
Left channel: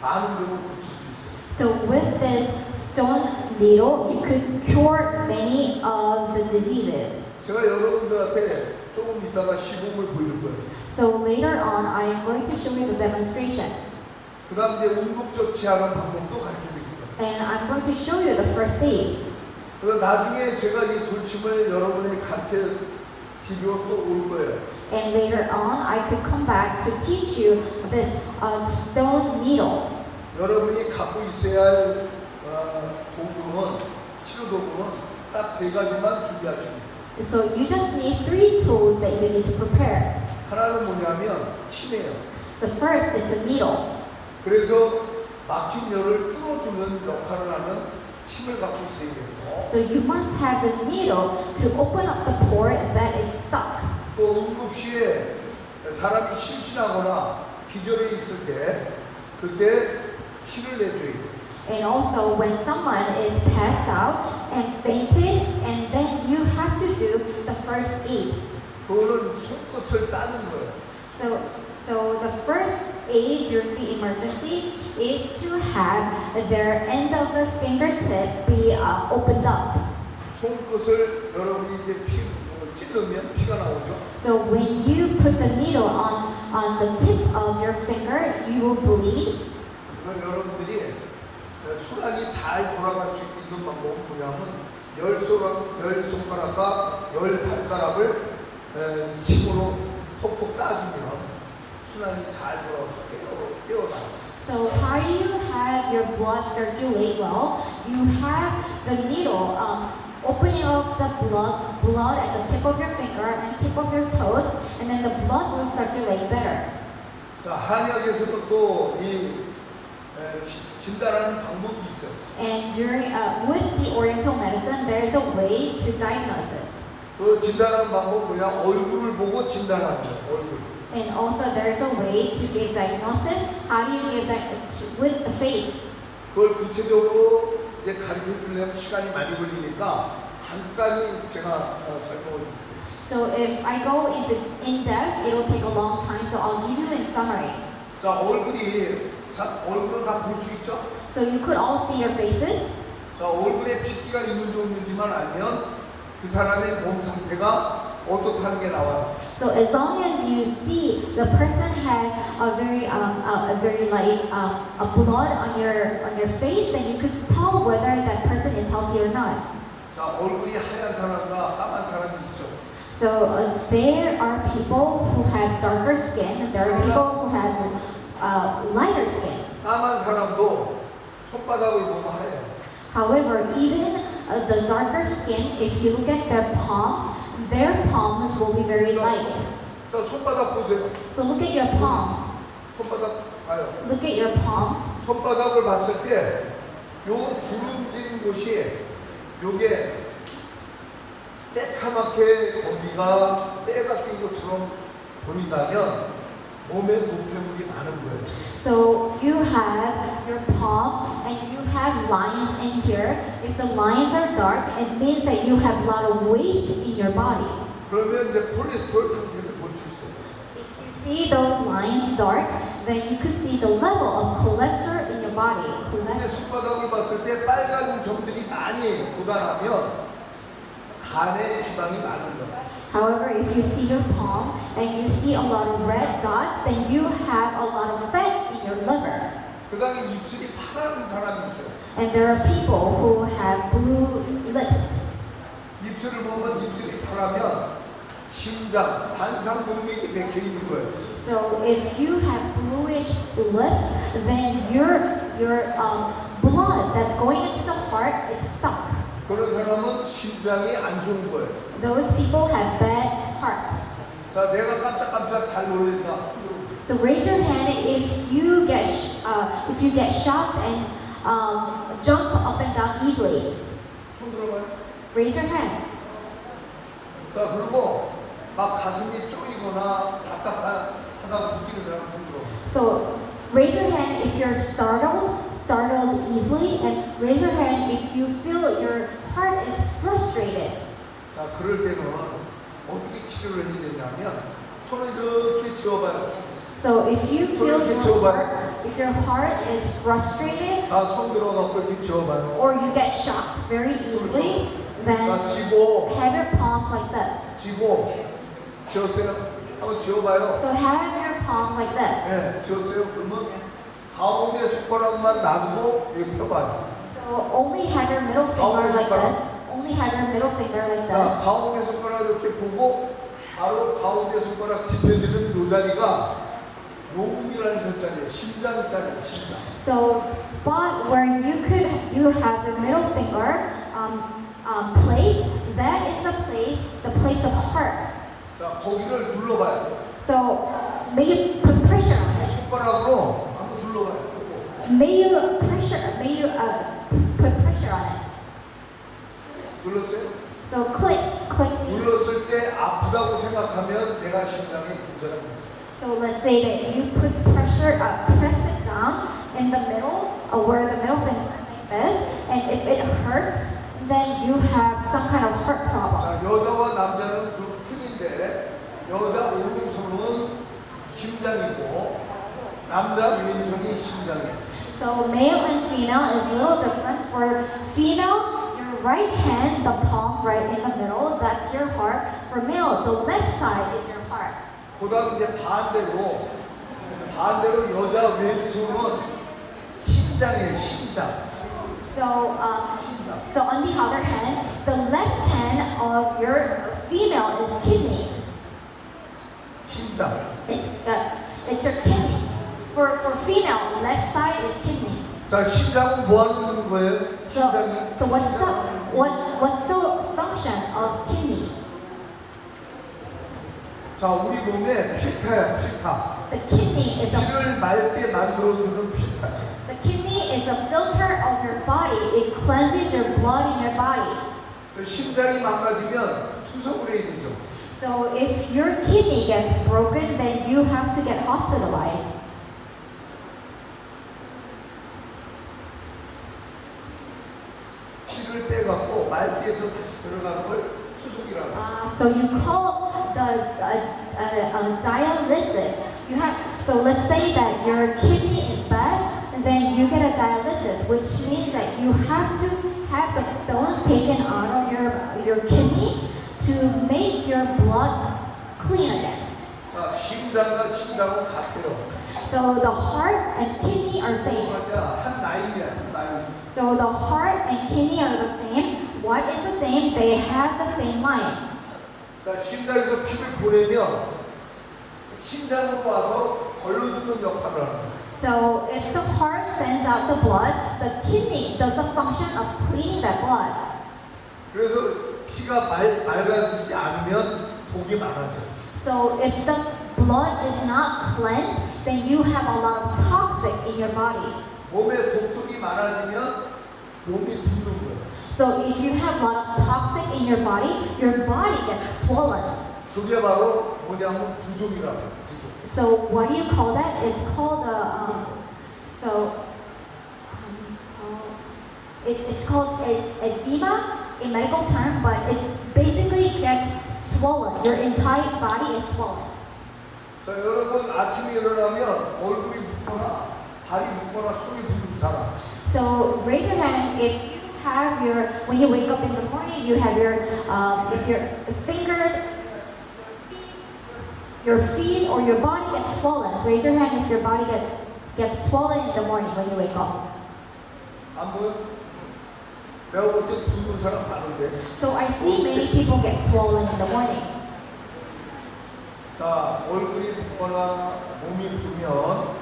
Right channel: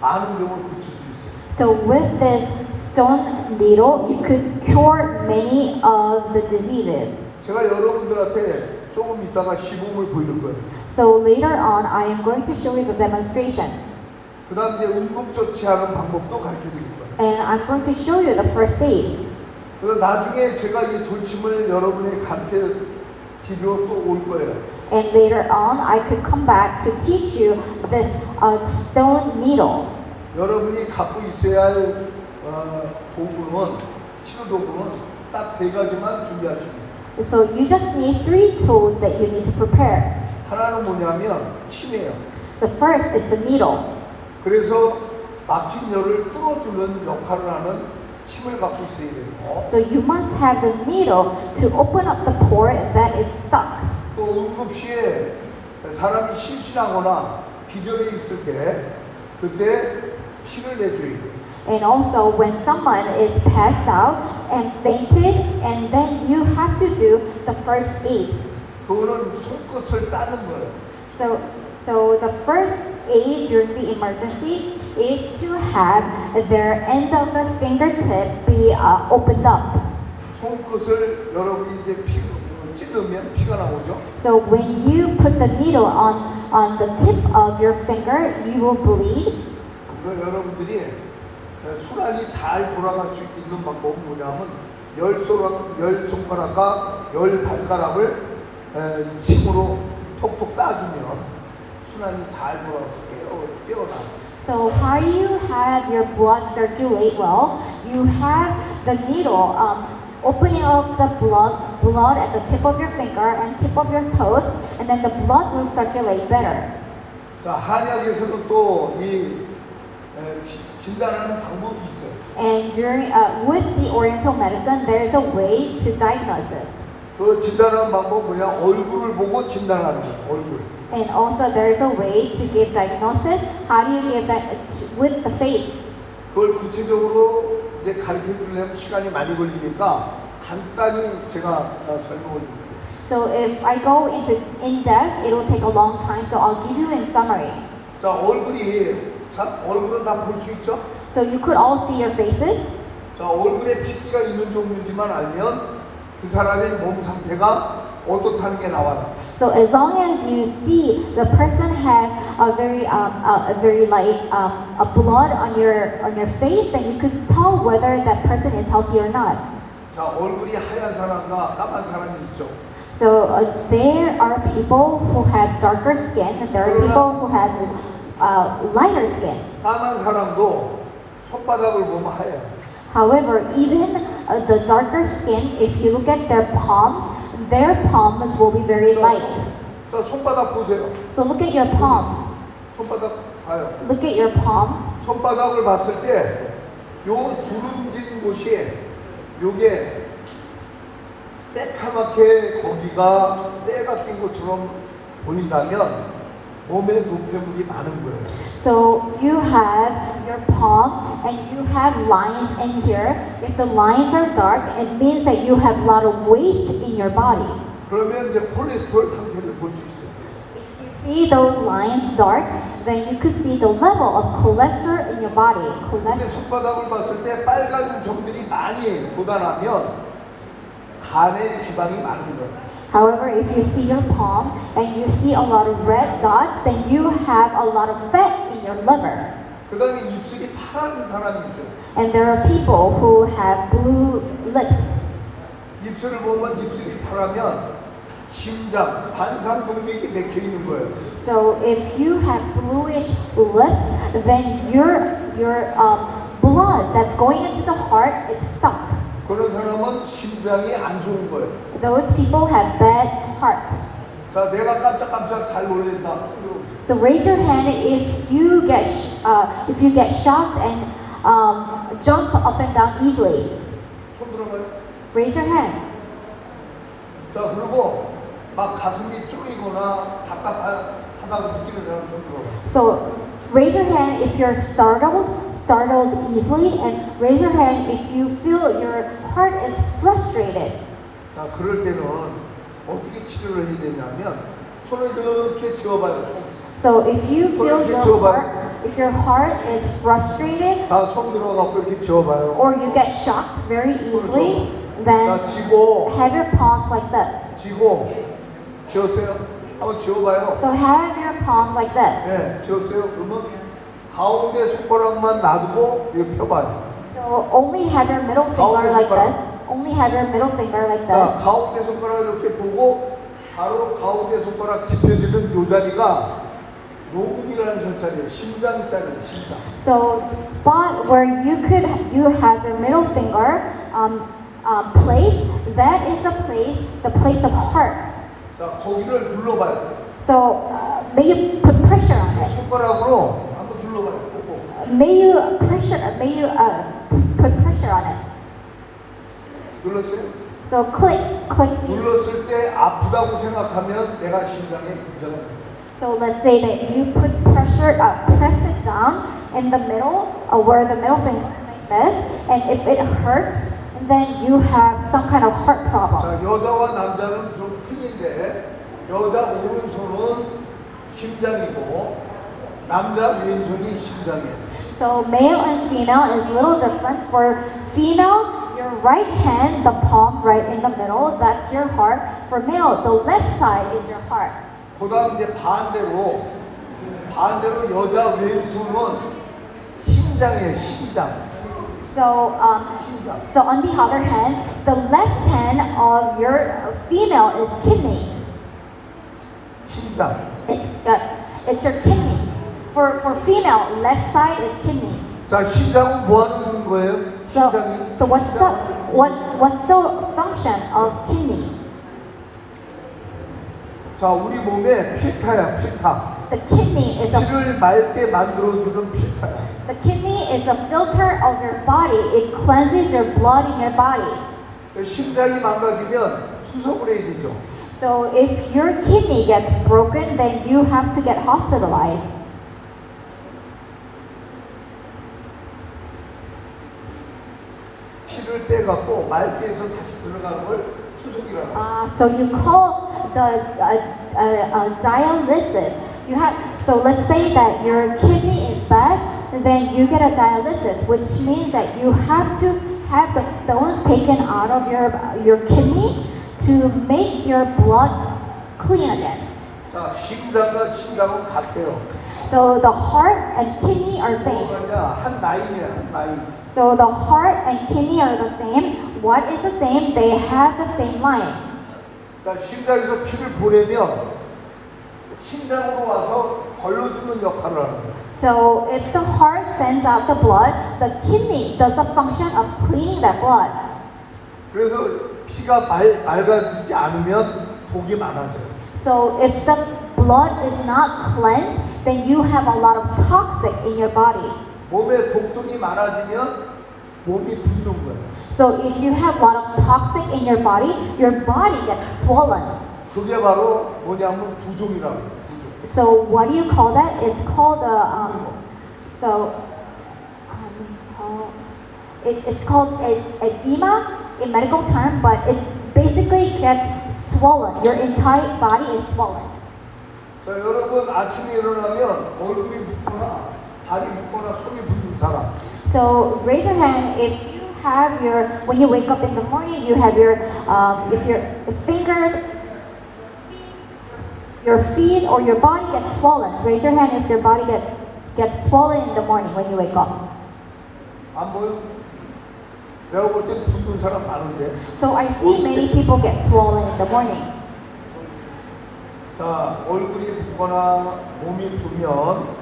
많은 병을 고칠 수 있어요. So with this stone needle, you could cure many of the diseases. 제가 여러분들한테 조금 이따가 시범을 보일 거예요. So later on, I am going to show you the demonstration. 그 다음 이제 응급처치하는 방법도 가르쳐 드릴 거예요. And I'm going to show you the first aid. 그래서 나중에 제가 이 돌침을 여러분에게 가르쳐 드리러 또 올 거예요. And later on, I could come back to teach you this stone needle. 여러분이 갖고 있어야 할 도구는 치료 도구는 딱 세 가지만 준비하십니다. So you just need 3 tools that you need to prepare. 하나는 뭐냐면 침이에요. The first is the needle. 그래서 막힌 열을 뚫어주는 역할을 하는 침을 갖고 있어야 돼요. So you must have the needle to open up the pore that is stuck. 또 응급시에 사람이 실신하거나 기절해 있을 때 그때 피를 내줘야 돼요. And also when someone is passed out and fainted, and then you have to do the first aid. 그거는 손끝을 따는 거예요. So the first aid during the emergency is to have their end of the fingertip be opened up. 손끝을 여러분이 이제 찌르면 피가 나오죠. So when you put the needle on the tip of your finger, you will bleed. 그럼 여러분들이 순환이 잘 돌아갈 수 있는 방법은 뭐냐면 열 손가락과 열 발가락을 침으로 톡톡 따주면 순환이 잘 돌아가서 깨어나. So how do you have your blood circulate well? You have the needle opening up the blood at the tip of your finger and tip of your toes, and then the blood will circulate better. 자, 한약에서는 또 이 진단하는 방법이 있어요. And during with the Oriental medicine, there is a way to diagnose this. 그 진단하는 방법 뭐냐? 얼굴을 보고 진단하는 거예요. 얼굴. And also there is a way to give diagnosis. How do you give that with the face? 그걸 구체적으로 이제 가르쳐 주려면 시간이 많이 걸리니까 간단히 제가 설명을 드릴게요. So if I go into in depth, it will take a long time. So I'll give you in summary. 자, 얼굴은 다 볼 수 있죠? So you could all see your faces. 자, 얼굴에 핏기가 있는 종류지만 알면 그 사람의 몸 상태가 어떻다는 게 나와요. So as long as you see the person has a very light a blood on your face, then you could tell whether that person is healthy or not. 자, 얼굴이 하얀 사람과 까만 사람이 있죠. So there are people who have darker skin, and there are people who have lighter skin. 까만 사람도 손바닥을 보면 하얘요. However, even the darker skin, if you look at their palms will be very light. 자, 손바닥 보세요. So look at your palms. 손바닥 봐요. Look at your palms. 손바닥을 봤을 때 요 주름진 곳이 요게 새카맣게 거기가 때가 낀 것처럼 보인다면 몸에 노폐물이 많은 거예요. So you have your palm and you have lines in here. If the lines are dark, it means that you have a lot of waste in your body. 그러면 이제 콜레스테롤 상태를 볼 수 있어요. If you see those lines dark, then you could see the level of cholesterol in your body. 근데 손바닥을 봤을 때 빨간 점들이 많이 돋아나면 간에 지방이 많은 거야. However, if you see your palm and you see a lot of red dots, then you have a lot of fat in your liver. 그 다음에 입술이 파란 사람이 있어요. And there are people who have blue lips. 입술을 보면 입술이 파라면 심장, 관상동맥이 맥혀 있는 거예요. So if you have bluish lips, then your blood that's going into the heart is stuck. 그런 사람은 심장이 안 좋은 거예요. Those people have bad heart. 자, 내가 깜짝깜짝 잘 놀린다. So raise your hand if you get shocked and jump up and down easily. 손 들어봐요. Raise your hand. 자, 그리고 막 가슴이 쪼이거나 답답하다고 느끼는 사람 손 들어. So raise your hand if you're startled easily, and raise your hand if you feel your heart is frustrated. 자, 그럴 때는 어떻게 치료를 해야 되냐면 손을 이렇게 쥐어봐요. So if you feel if your heart is frustrated 자, 손 들어갖고 이렇게 쥐어봐요. or you get shocked very easily, 자, then 쥐고, have your palms like this. 쥐고, 쥐었어요. 한번 쥐어봐요. So have your palm like this. 네, 쥐었어요. 그러면 가운데 손가락만 놔두고 이렇게 펴봐요. So only have your middle finger like this. Only have your middle finger like 자, this. 가운데 손가락 이렇게 보고 바로 가운데 손가락 짚혀지는 요 자리가 노금이라는 저 자리예요. 심장자리예요. 심장. So spot where you have your middle finger place. That is the place of heart. 자, 거기를 눌러봐요. So may you put pressure on it. 손가락으로 한번 눌러봐요. 꼭. May you put pressure on it. 눌렀어요? So click. 눌렀을 때 아프다고 생각하면 내가 심장에 문제가 있는 So let's say that you put press it down in the middle, where the middle finger is, and if it hurts, then you have some kind of heart problem. 자, 여자와 남자는 좀 틀린데 여자 오른손은 심장이고 남자 왼손이 심장이에요. So male and female is a little different. For female, your right hand, the palm right in the middle, that's your heart. For male, the left side is your heart. 그다음 이제 반대로 여자 왼손은 심장이에요. 심장. So on the other hand, the left hand of your female is kidney. 심장. It's your kidney. For female, left side is kidney. 자, 심장은 뭐 하는 거예요? So 심장이. what's the function of kidney? 자, 우리 몸에 필터야, 필터. The kidney is a 피를 맑게 만들어주는 필터야. The kidney is a filter of your body. It cleanses your blood in your body. 심장이 망가지면 투석을 해야 되죠. So if your kidney gets broken, then you have to get hospitalized. 피를 빼갖고 맑게 해서 다시 들어가는 걸 투석이라고 해요. So you call the dialysis. So let's say that your kidney is bad, and then you get a dialysis, which means that you have to have the stones taken out of your kidney to make your blood clean again. 자, 심장과 심장은 같대요. So the heart and kidney are same. 뭐냐, 한 라인이야, 한 라인. So the heart and kidney are the same. What is the same? They have the same line. 자, 심장에서 피를 보내면 심장으로 와서 걸러주는 역할을 하는 거예요. So if the heart sends out the blood, the kidney does the function of cleaning that blood. 그래서 피가 맑아지지 않으면 독이 많아져요. So if the blood is not cleansed, then you have a lot of toxic in your body. 몸에 독성이 많아지면 몸이 붓는 거예요. So if you have a lot of toxic in your body gets swollen. 그게 바로 뭐냐면 부종이라고 해요. 부종. So what do you call that? It's called it's called edema in medical term, but it basically gets swollen. Your entire body is swollen. 자, 여러분 아침에 일어나면 얼굴이 붓거나 발이 붓거나 손이 붓는 사람. So raise your hand if you have your, when you wake up in the morning, you have your, if your fingers, your feet or your body gets swollen. So raise your hand if your body gets swollen in the morning when you wake up. 안 보여? 내가 볼 때 붓는 사람 많은데. So I see many people get swollen in the morning. 자, 얼굴이 붓거나 몸이 부면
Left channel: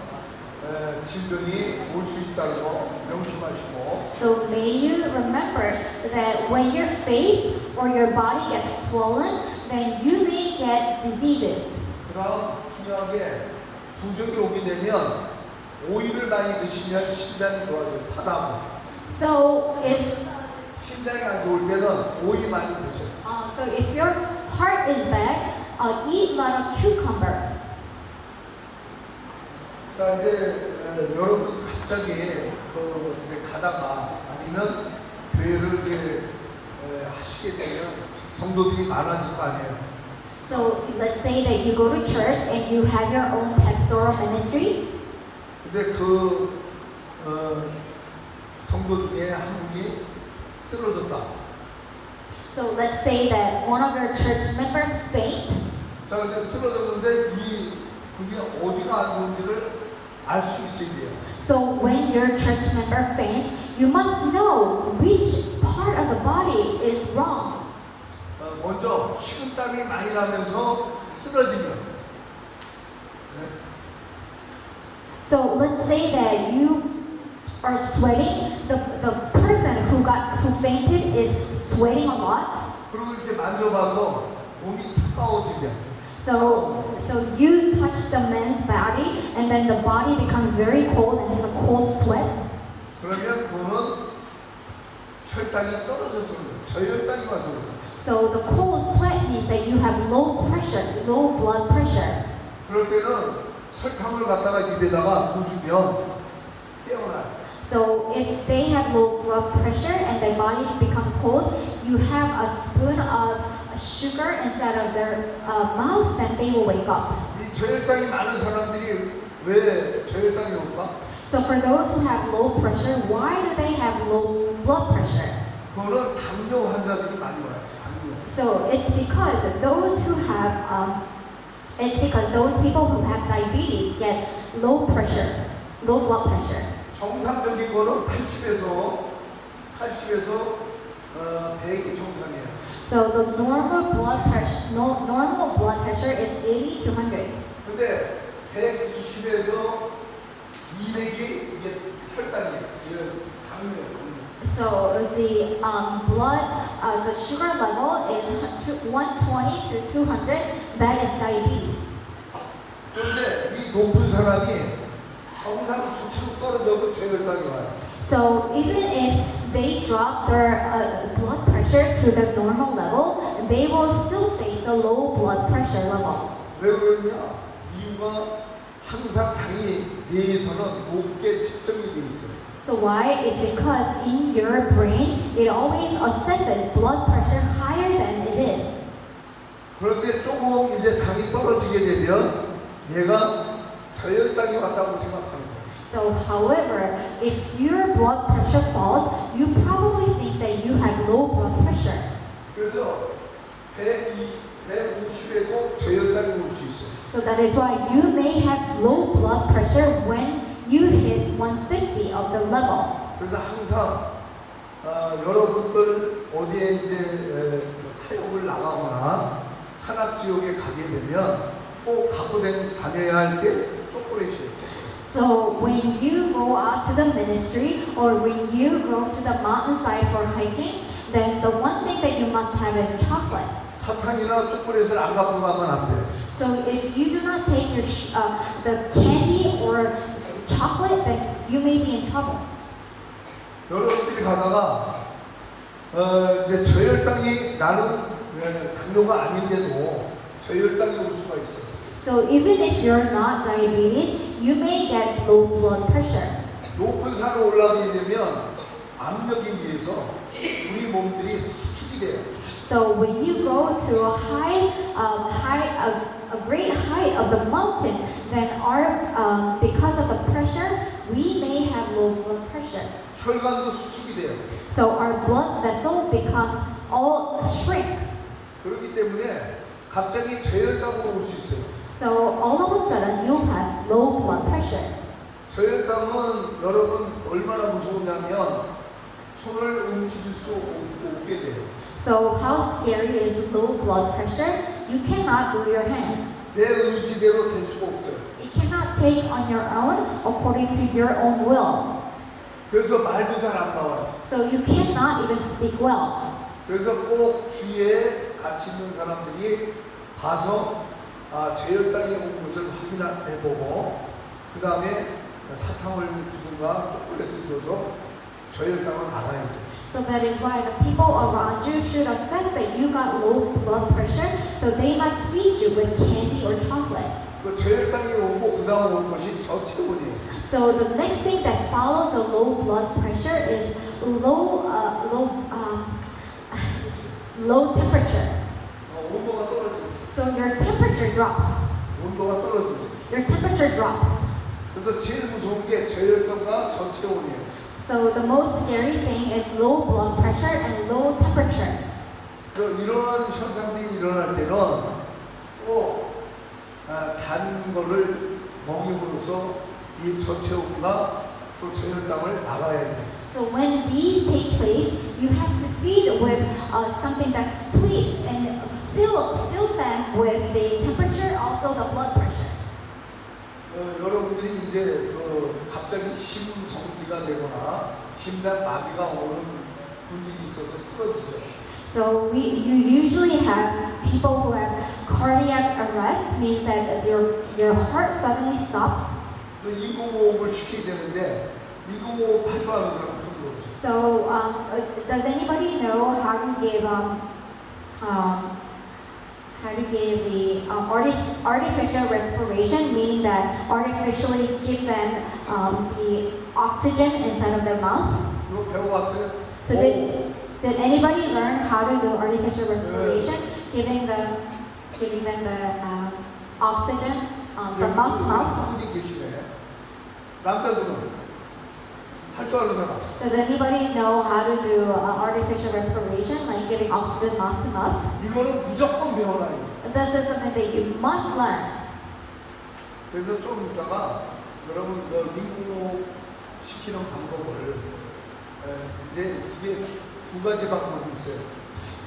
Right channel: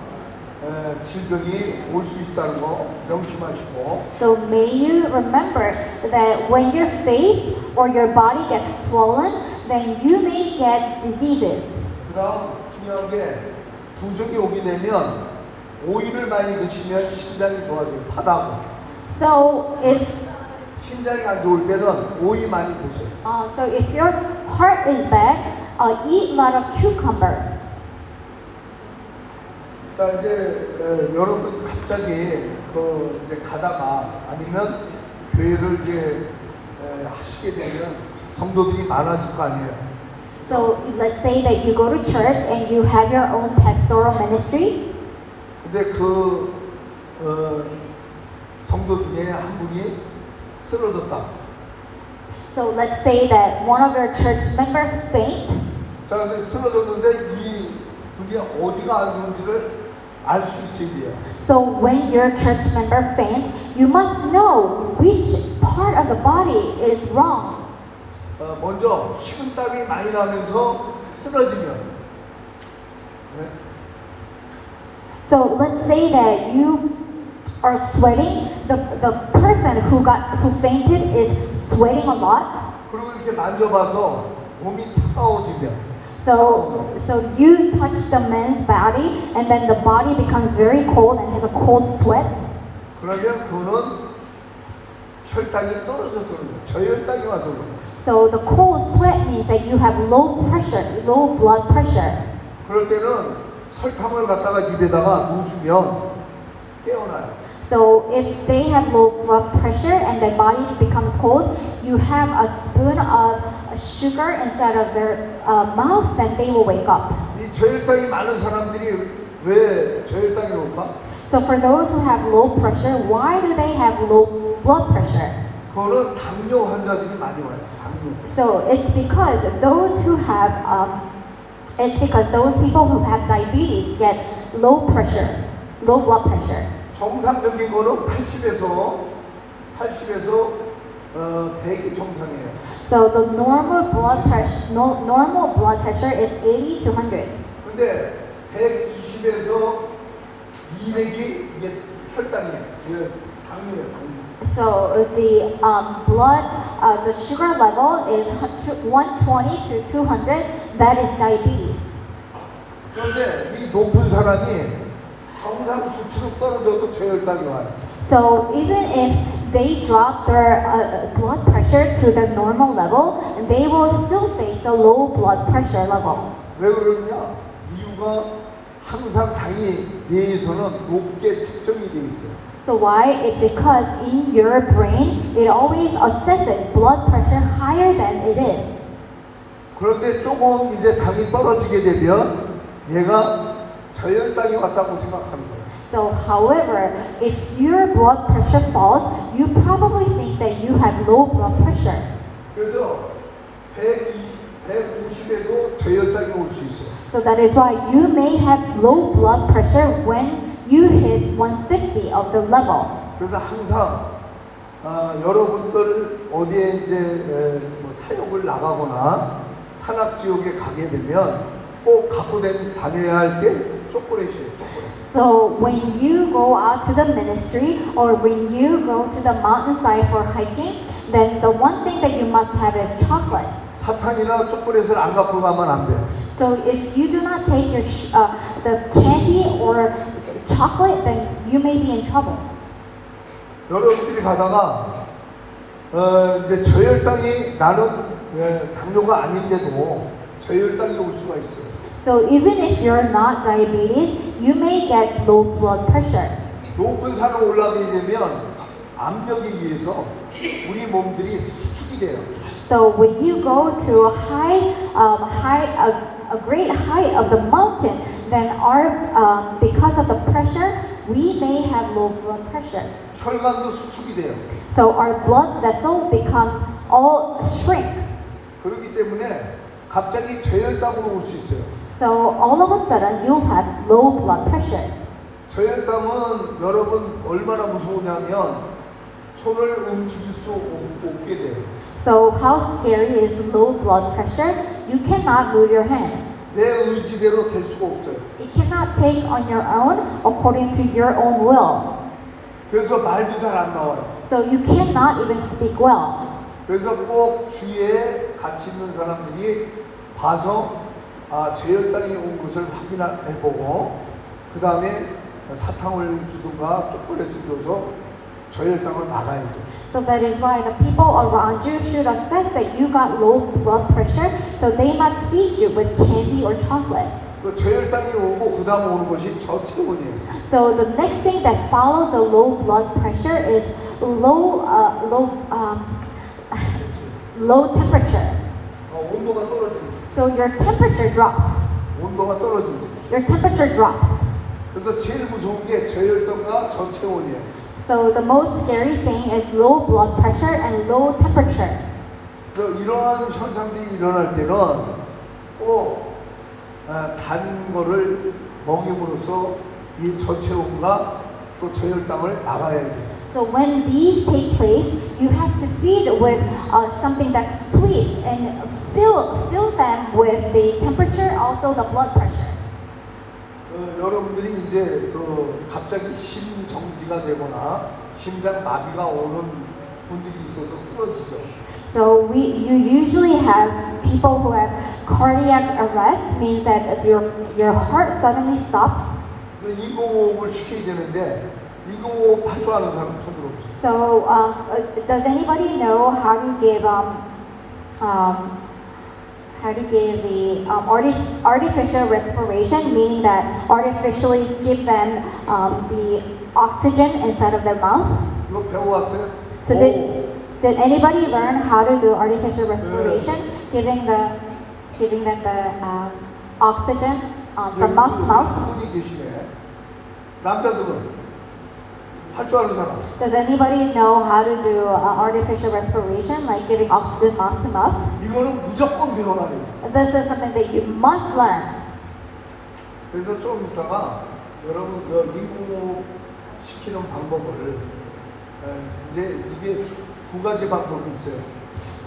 질병이 올 수 있다는 거 명심하시고. So may you remember that when your face or your body gets swollen, then you may get diseases. 그다음 중요한 게 부종이 오게 되면 오이를 많이 드시면 심장이 좋아져요. 파당. So if 심장이 안 좋을 때는 오이 많이 드세요. so if your heart is bad, eat a lot of cucumbers. 자 이제 여러분이 갑자기 이제 가다가 아니면 교회를 이제 하시게 되면 성도들이 많아질 거 아니에요. So let's say that you go to church and you have your own pastoral ministry. 근데 성도 중에 한 분이 쓰러졌다. So let's say that one of your church members faint. 자 근데 쓰러졌는데 이 분이 어디가 안 좋은지를 알 수 있어야 돼요. So when your church member faints, you must know which part of the body is wrong. 먼저 식은땀이 많이 나면서 쓰러지면. 네. So let's say that you are sweating. The person who fainted is sweating a lot. 그리고 이렇게 만져봐서 몸이 차가워지면. So you touch the man's body, and then the body becomes very cold and has a cold sweat. 그러면 그는 혈당이 떨어져서 그래요. 저혈당이 와서 그래요. So the cold sweat means that you have low pressure, low blood pressure. 그럴 때는 설탕을 갖다가 입에다가 누우시면 깨어나요. So if they have low blood pressure and their body becomes cold, you have a spoon of sugar inside of their mouth, then they will wake up. 이 저혈당이 많은 사람들이 왜 저혈당이 올까? So for those who have low pressure, why do they have low blood pressure? 그거는 당뇨 환자들이 많이 와요. 당뇨. So it's because those people who have diabetes get low pressure, low blood pressure. 정상적인 거는 80에서 100이 정상이에요. So the normal blood pressure is 80 to 100. 근데 120에서 200이 이게 혈당이야. 이게 당뇨예요. So the sugar level is 120 to 200. That is diabetes. 그런데 이 높은 사람이 정상 수치로 떨어져도 저혈당이 와요. So even if they drop their blood pressure to the normal level, they will still face a low blood pressure level. 왜 그러냐? 이유가 항상 당이 뇌에서는 높게 측정이 돼 있어요. So why? It's because in your brain, it always assesses blood pressure higher than it is. 그런데 조금 이제 당이 떨어지게 되면 얘가 저혈당이 왔다고 생각하는 거예요. So however, if your blood pressure falls, you probably think that you have low blood pressure. 그래서 150에도 저혈당이 올 수 있어요. So that is why you may have low blood pressure when you hit 150 of the level. 그래서 항상 여러분들 어디에 이제 뭐 사역을 나가거나 산악지역에 가게 되면 꼭 갖고 다녀야 할 게 초콜릿이에요. 초콜릿. So when you go out to the ministry or when you go to the mountainside for hiking, then the one thing that you must have is chocolate. 사탕이나 초콜릿을 안 갖고 가면 안 돼요. So if you do not take your the candy or chocolate, then you may be in trouble. 여러분들이 가다가 이제 저혈당이 나는 당뇨가 아닌데도 저혈당이 올 수가 있어요. So even if you're not diabetes, you may get low blood pressure. 높은 산을 올라가게 되면 압력에 의해서 우리 몸들이 수축이 돼요. So when you go to a great height of the mountain, then because of the pressure, we may have low blood pressure. 혈관도 수축이 돼요. So our blood vessel becomes all shrink. 그렇기 때문에 갑자기 저혈당으로 올 수 있어요. So all of a sudden you have low blood pressure. 저혈당은 여러분 얼마나 무서우냐면 손을 움직일 수 없게 돼요. So how scary is low blood pressure? You cannot move your hand. 내 의지대로 될 수가 없어요. You cannot take on your own according to your own will. 그래서 말도 잘 안 나와요. So you cannot even speak well. 그래서 꼭 주위에 같이 있는 사람들이 봐서 저혈당이 온 것을 확인해보고 그 다음에 사탕을 주든가 초콜릿을 줘서 저혈당을 막아야 돼요. So that is why the people around you should assess that you got low blood pressure, so they must feed you with candy or chocolate. 그 저혈당이 오고 그 다음 오는 것이 저체온이에요. So the next thing that follows the low blood pressure is low temperature. 온도가 떨어지죠. So your temperature drops. 온도가 떨어지죠. Your temperature drops. 그래서 제일 무서운 게 저혈당과 저체온이에요. So the most scary thing is low blood pressure and low temperature. 이러한 현상들이 일어날 때는 꼭 단 거를 먹임으로써 이 저체온과 또 저혈당을 막아야 돼요. So when these take place, you have to feed with something that's sweet and fill them with the temperature, also the blood pressure. 여러분들이 이제 갑자기 심정지가 되거나 심장 마비가 오는 분들이 있어서 쓰러지죠. So you usually have people who have cardiac arrest, means that your heart suddenly stops. 그래서 이공호흡을 시켜야 되는데 이공호흡 할 줄 아는 사람 손 들어보세요. So does anybody know how to give the artificial respiration, meaning that artificially give them the oxygen inside of their mouth? 이거 배워왔어요? So did anybody learn how to do artificial respiration, giving them the oxygen from mouth to mouth? 분이 계시네. 남자들은 할 줄 아는 사람. Does anybody know how to do artificial respiration, like giving oxygen mouth to mouth? 이거는 무조건 배워놔야 돼. This is something that you must learn. 그래서 좀 이따가 여러분 인공호흡 시키는 방법을 이제 이게 두 가지 방법이 있어요.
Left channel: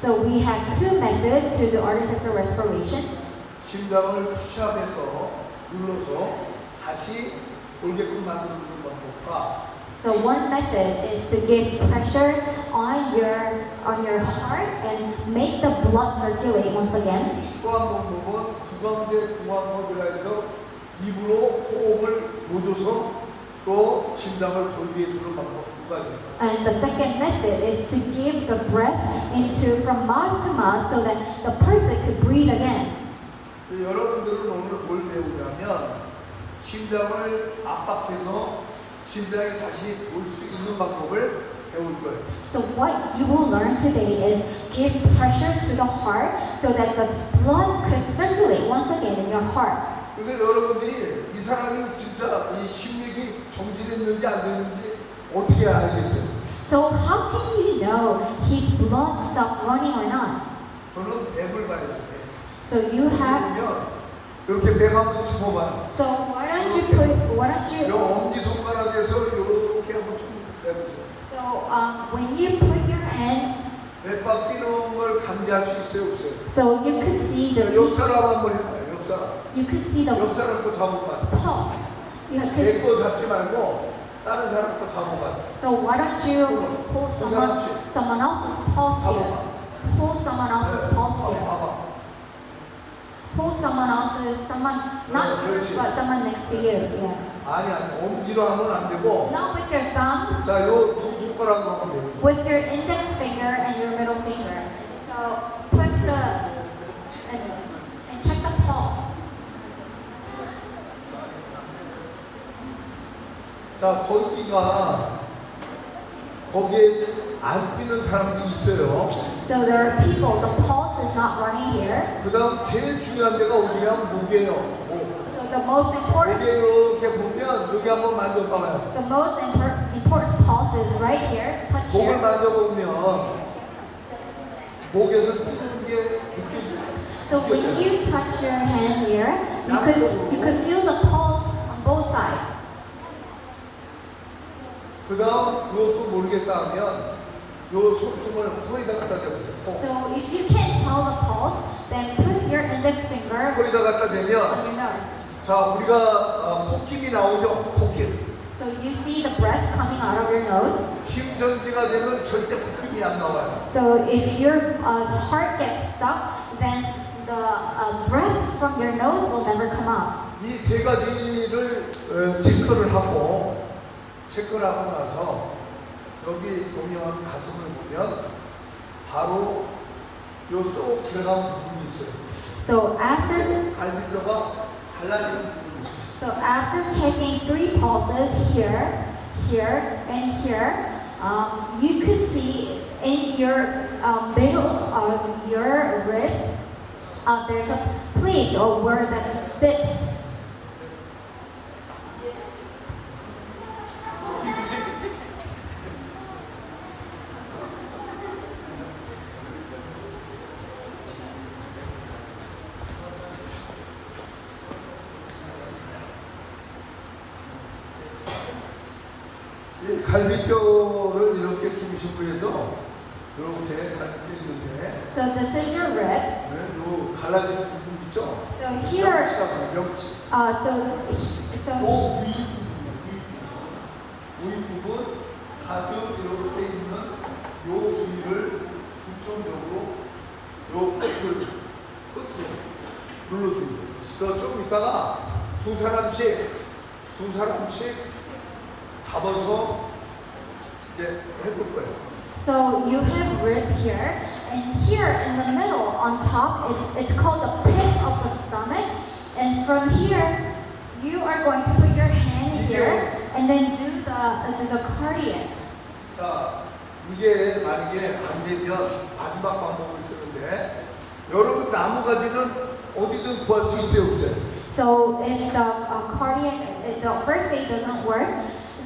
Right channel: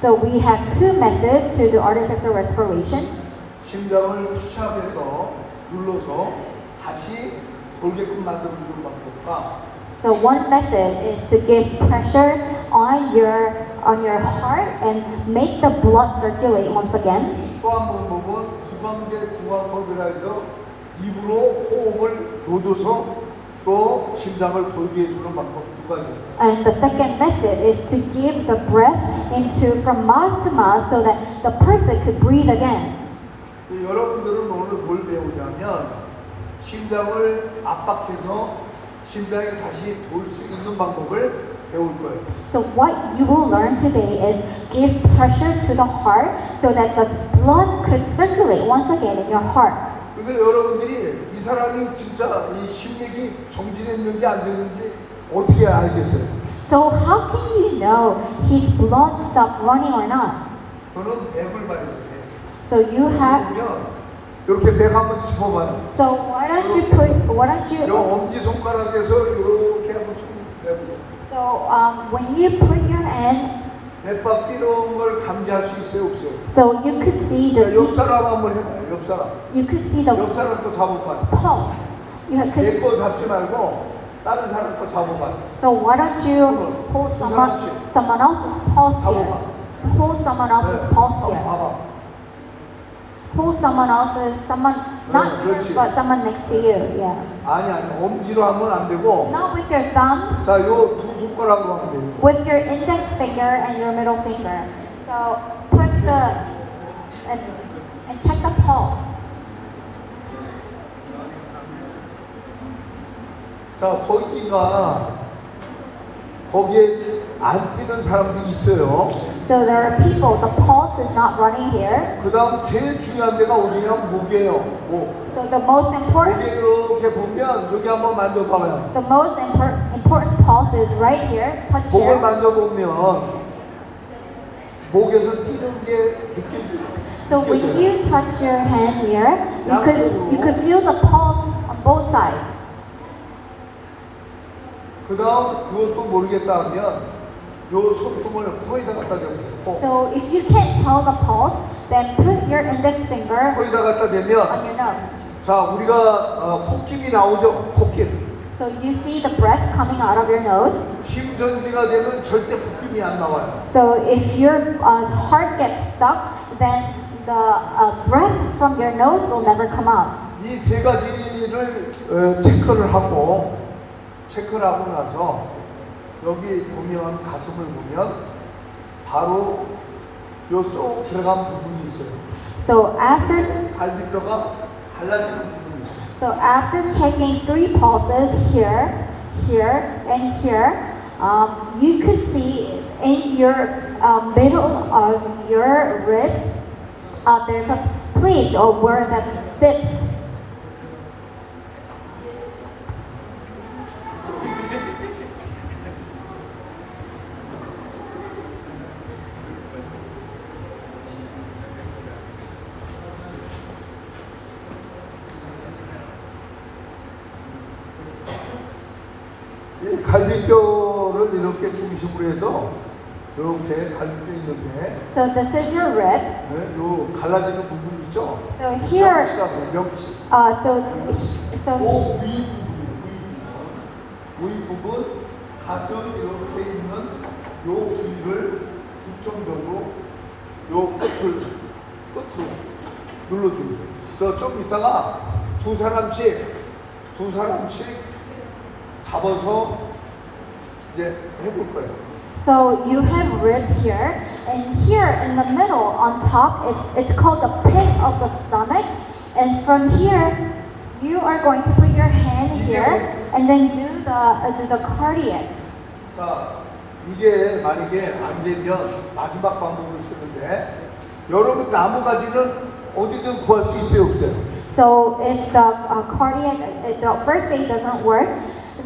So we have two methods to do artificial respiration. 심장을 푸시업해서 눌러서 다시 돌게끔 만들어주는 방법과 So one method is to give pressure on your heart and make the blood circulate once again. 또 한 방법은 구강제 구강법이라 해서 입으로 호흡을 놓줘서 또 심장을 돌게 해주는 방법 두 가지예요. And the second method is to give the breath into from mouth to mouth so that the person could breathe again. 여러분들은 오늘 뭘 배우냐면 심장을 압박해서 심장이 다시 돌 수 있는 방법을 배울 거예요. So what you will learn today is give pressure to the heart so that the blood could circulate once again in your heart. 그래서 여러분들이 이 사람이 진짜 이 심맥이 정지됐는지 안 됐는지 어떻게 알겠어요? So how can you know his blood stopped running or not? 저는 맥을 많이 줘요. So you have. 그러면 이렇게 맥 한번 짚어봐요. So why don't 이 you? 엄지 손가락에서 이렇게 한번 손 내보세요. So when you put your hand, 맥박 뛰는 걸 감지할 수 있어요, 없어요? so you could see 자, 옆 the. 사람 한번 해봐요. 옆 사람. You could see the 옆 사람 거 잡아봐요. pulse. You could. 내 거 잡지 말고 다른 사람 거 잡아봐요. So why don't you pull someone else's pulse here? Pull someone else's pulse 한번 here. 봐봐. Pull someone else's, not yours, but someone next to you. Yeah. 아니 엄지로 하면 안 되고 Not with your thumb, 자, 요 두 손가락으로 하면 돼요. with your index finger and your middle finger. So put and check the pulse. 자, 거기에 안 뛰는 사람도 있어요. So there are people, the pulse is not running here. 그 다음 제일 중요한 데가 어디냐면 목이에요. 목. So the most important, 목에 이렇게 보면 여기 한번 만져봐요. the most important pulse is right here. Touch 목을 here. 만져보면 목에서 뛰는 게 느껴져요. So when you touch your hand here, you could feel the pulse on both sides. 그 다음 그것도 모르겠다 하면 요 손톱을 코에다 갖다 대보세요. So if you can't tell the pulse, then put your index finger 코에다 갖다 on 대면 your nose. 자 우리가 콧김이 나오죠. 콧김. So you see the breath coming out of your nose. 심전지가 되면 절대 콧김이 안 나와요. So if your heart gets stuck, then the breath from your nose will never come out. 이 세 가지를 체크를 하고 나서 여기 보면 가슴을 보면 바로 요 쏙 들어간 부분이 있어요. So after 갈비뼈가 갈라지는 부분이 있어요. So after checking 3 pulses here, here, and here, you could see in your middle of your ribs, there's a place or where that fits. 이 갈비뼈를 이렇게 중심으로 해서 이렇게 갈비뼈 있는데 So this is your rib. 네, 요 갈라지는 부분 있죠? So here, 명치가 명치. so 오 위 부분, 위 부분, 가슴 이렇게 있는 요 부위를 중점적으로 요 끝으로 눌러줍니다. 그래서 좀 이따가 두 사람씩 잡아서 이제 해볼 거예요. So you have rib here, and here in the middle, on top, it's called the pit of the stomach. And from here, you are going to put your hand here, and then do the cardiac. 자, 이게 만약에 안 되면 마지막 방법을 쓰는데 여러분 나무가지는 어디든 구할 수 있어요, 없어요? So if the cardiac, if the first aid doesn't work,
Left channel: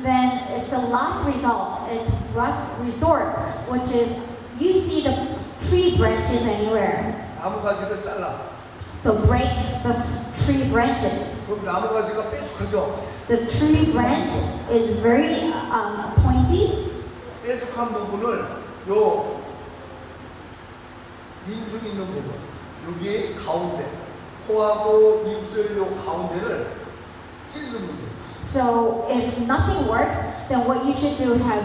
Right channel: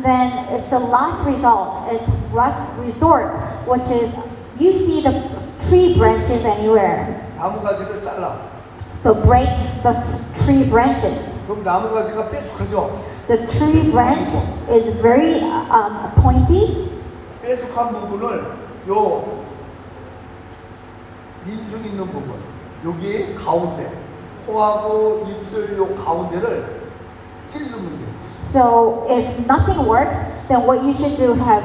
then it's the last result. It's last resort, which is you see the tree branches anywhere. 나무가지를 잘라. So break the tree branches. 그럼 나무가지가 뾰족하죠? The tree branch is very pointy. 뾰족한 부분을 요 인중 있는 부분, 여기 가운데, 코하고 입술 요 가운데를 찌르는 거예요. So if nothing works, then what you should do is to have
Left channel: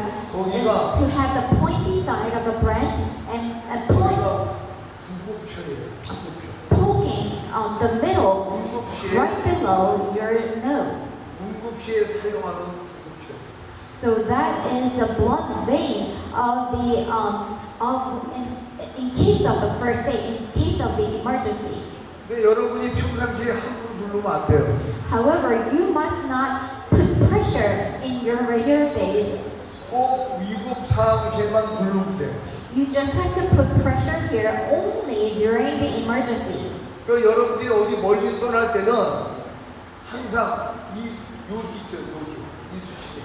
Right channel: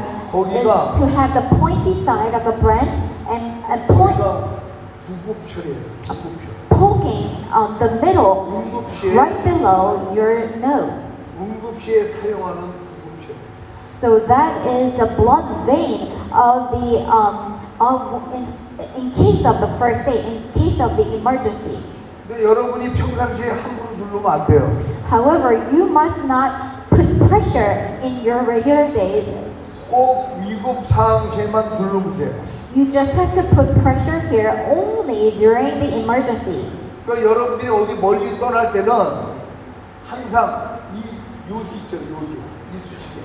the pointy side of the branch and point, 거기가 구급표예요. 구급표. poking the middle right below your nose. 응급시에 사용하는 구급표. So that is the blood vein of the in case of the first aid, in case of the emergency. 근데 여러분이 평상시에 함부로 누르면 안 돼요. However, you must not put pressure in your regular days. 꼭 위급 상황에만 누르면 돼요. You just have to put pressure here only during the emergency. 그러니까 여러분들이 어디 멀리 떠날 때는 항상 이 요지 있죠, 요지. 이 수치죠.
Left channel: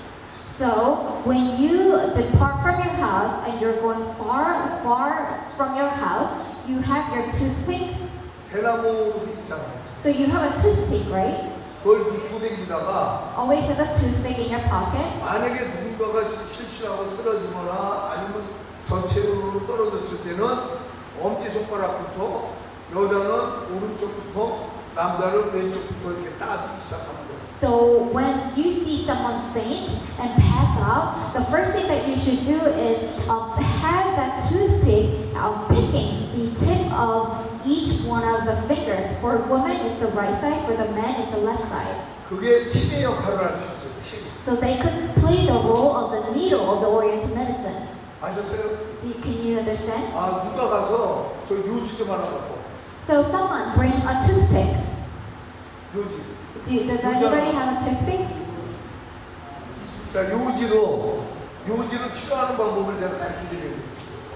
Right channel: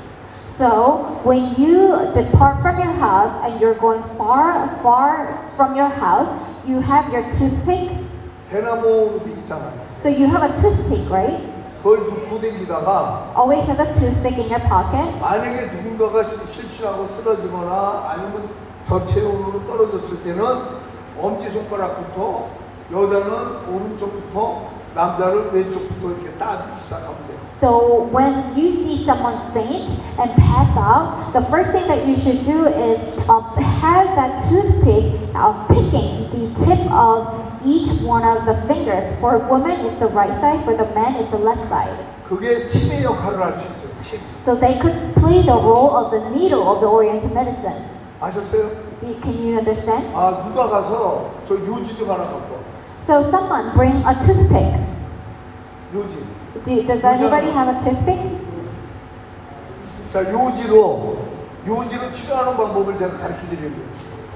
So when you depart from your house and you're going far from your house, you have your toothpick. 대나무도 있잖아요. So you have a toothpick, right? 그걸 놓고 다니다가 Always have a toothpick in your pocket. 만약에 누군가가 실수하고 쓰러지거나 아니면 저체온으로 떨어졌을 때는 엄지손가락부터 여자는 오른쪽부터 남자는 왼쪽부터 이렇게 따주기 시작하면 돼요. So when you see someone faint and pass out, the first thing that you should do is have that toothpick picking the tip of each one of the fingers. For women, it's the right side. For the men, it's the left side. 그게 침의 역할을 할 수 있어요. 침. So they could play the role of the needle of the Oriental medicine. 아셨어요? Can you understand? 아 누가 가서 저 요지 좀 하나 갖고 와. So someone bring a toothpick. 요지. Does anybody have a toothpick? 자 요지로 치료하는 방법을 제가 가르쳐 드릴게요.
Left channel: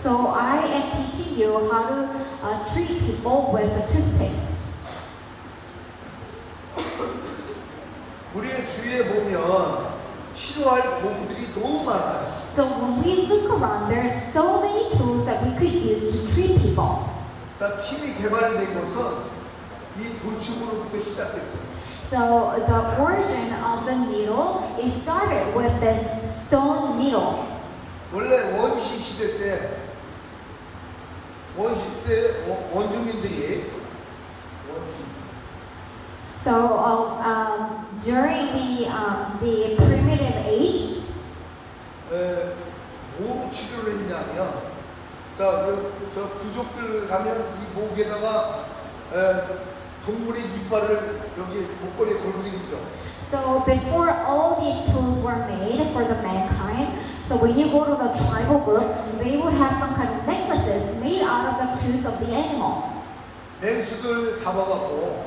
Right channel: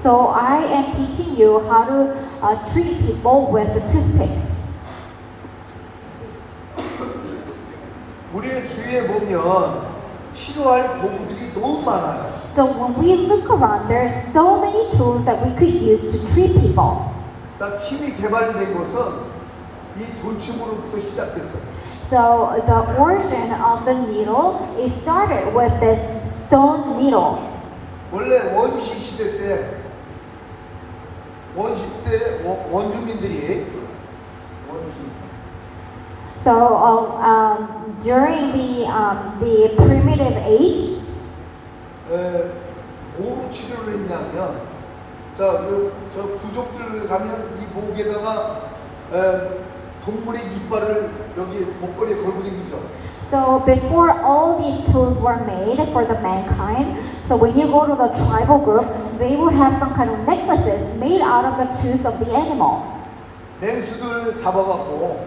So I am teaching you how to treat people with a toothpick. 우리의 주위에 보면 치료할 도구들이 너무 많아요. So when we look around, there are so many tools that we could use to treat people. 자, 침이 개발된 것은 이 돌침으로부터 시작됐어요. So the origin of the needle is started with this stone needle. 원래 원시 시대 때 원주민들이 So during the primitive age, 뭐로 치료를 했냐면 저 부족들 가면 이 목에다가 동물의 이빨을 여기 목걸이에 걸고 다니죠. so before all these tools were made for the mankind, so when you go to the tribal group, they would have some kind of necklaces made out of the tooth of the animal. 맹수들 잡아갖고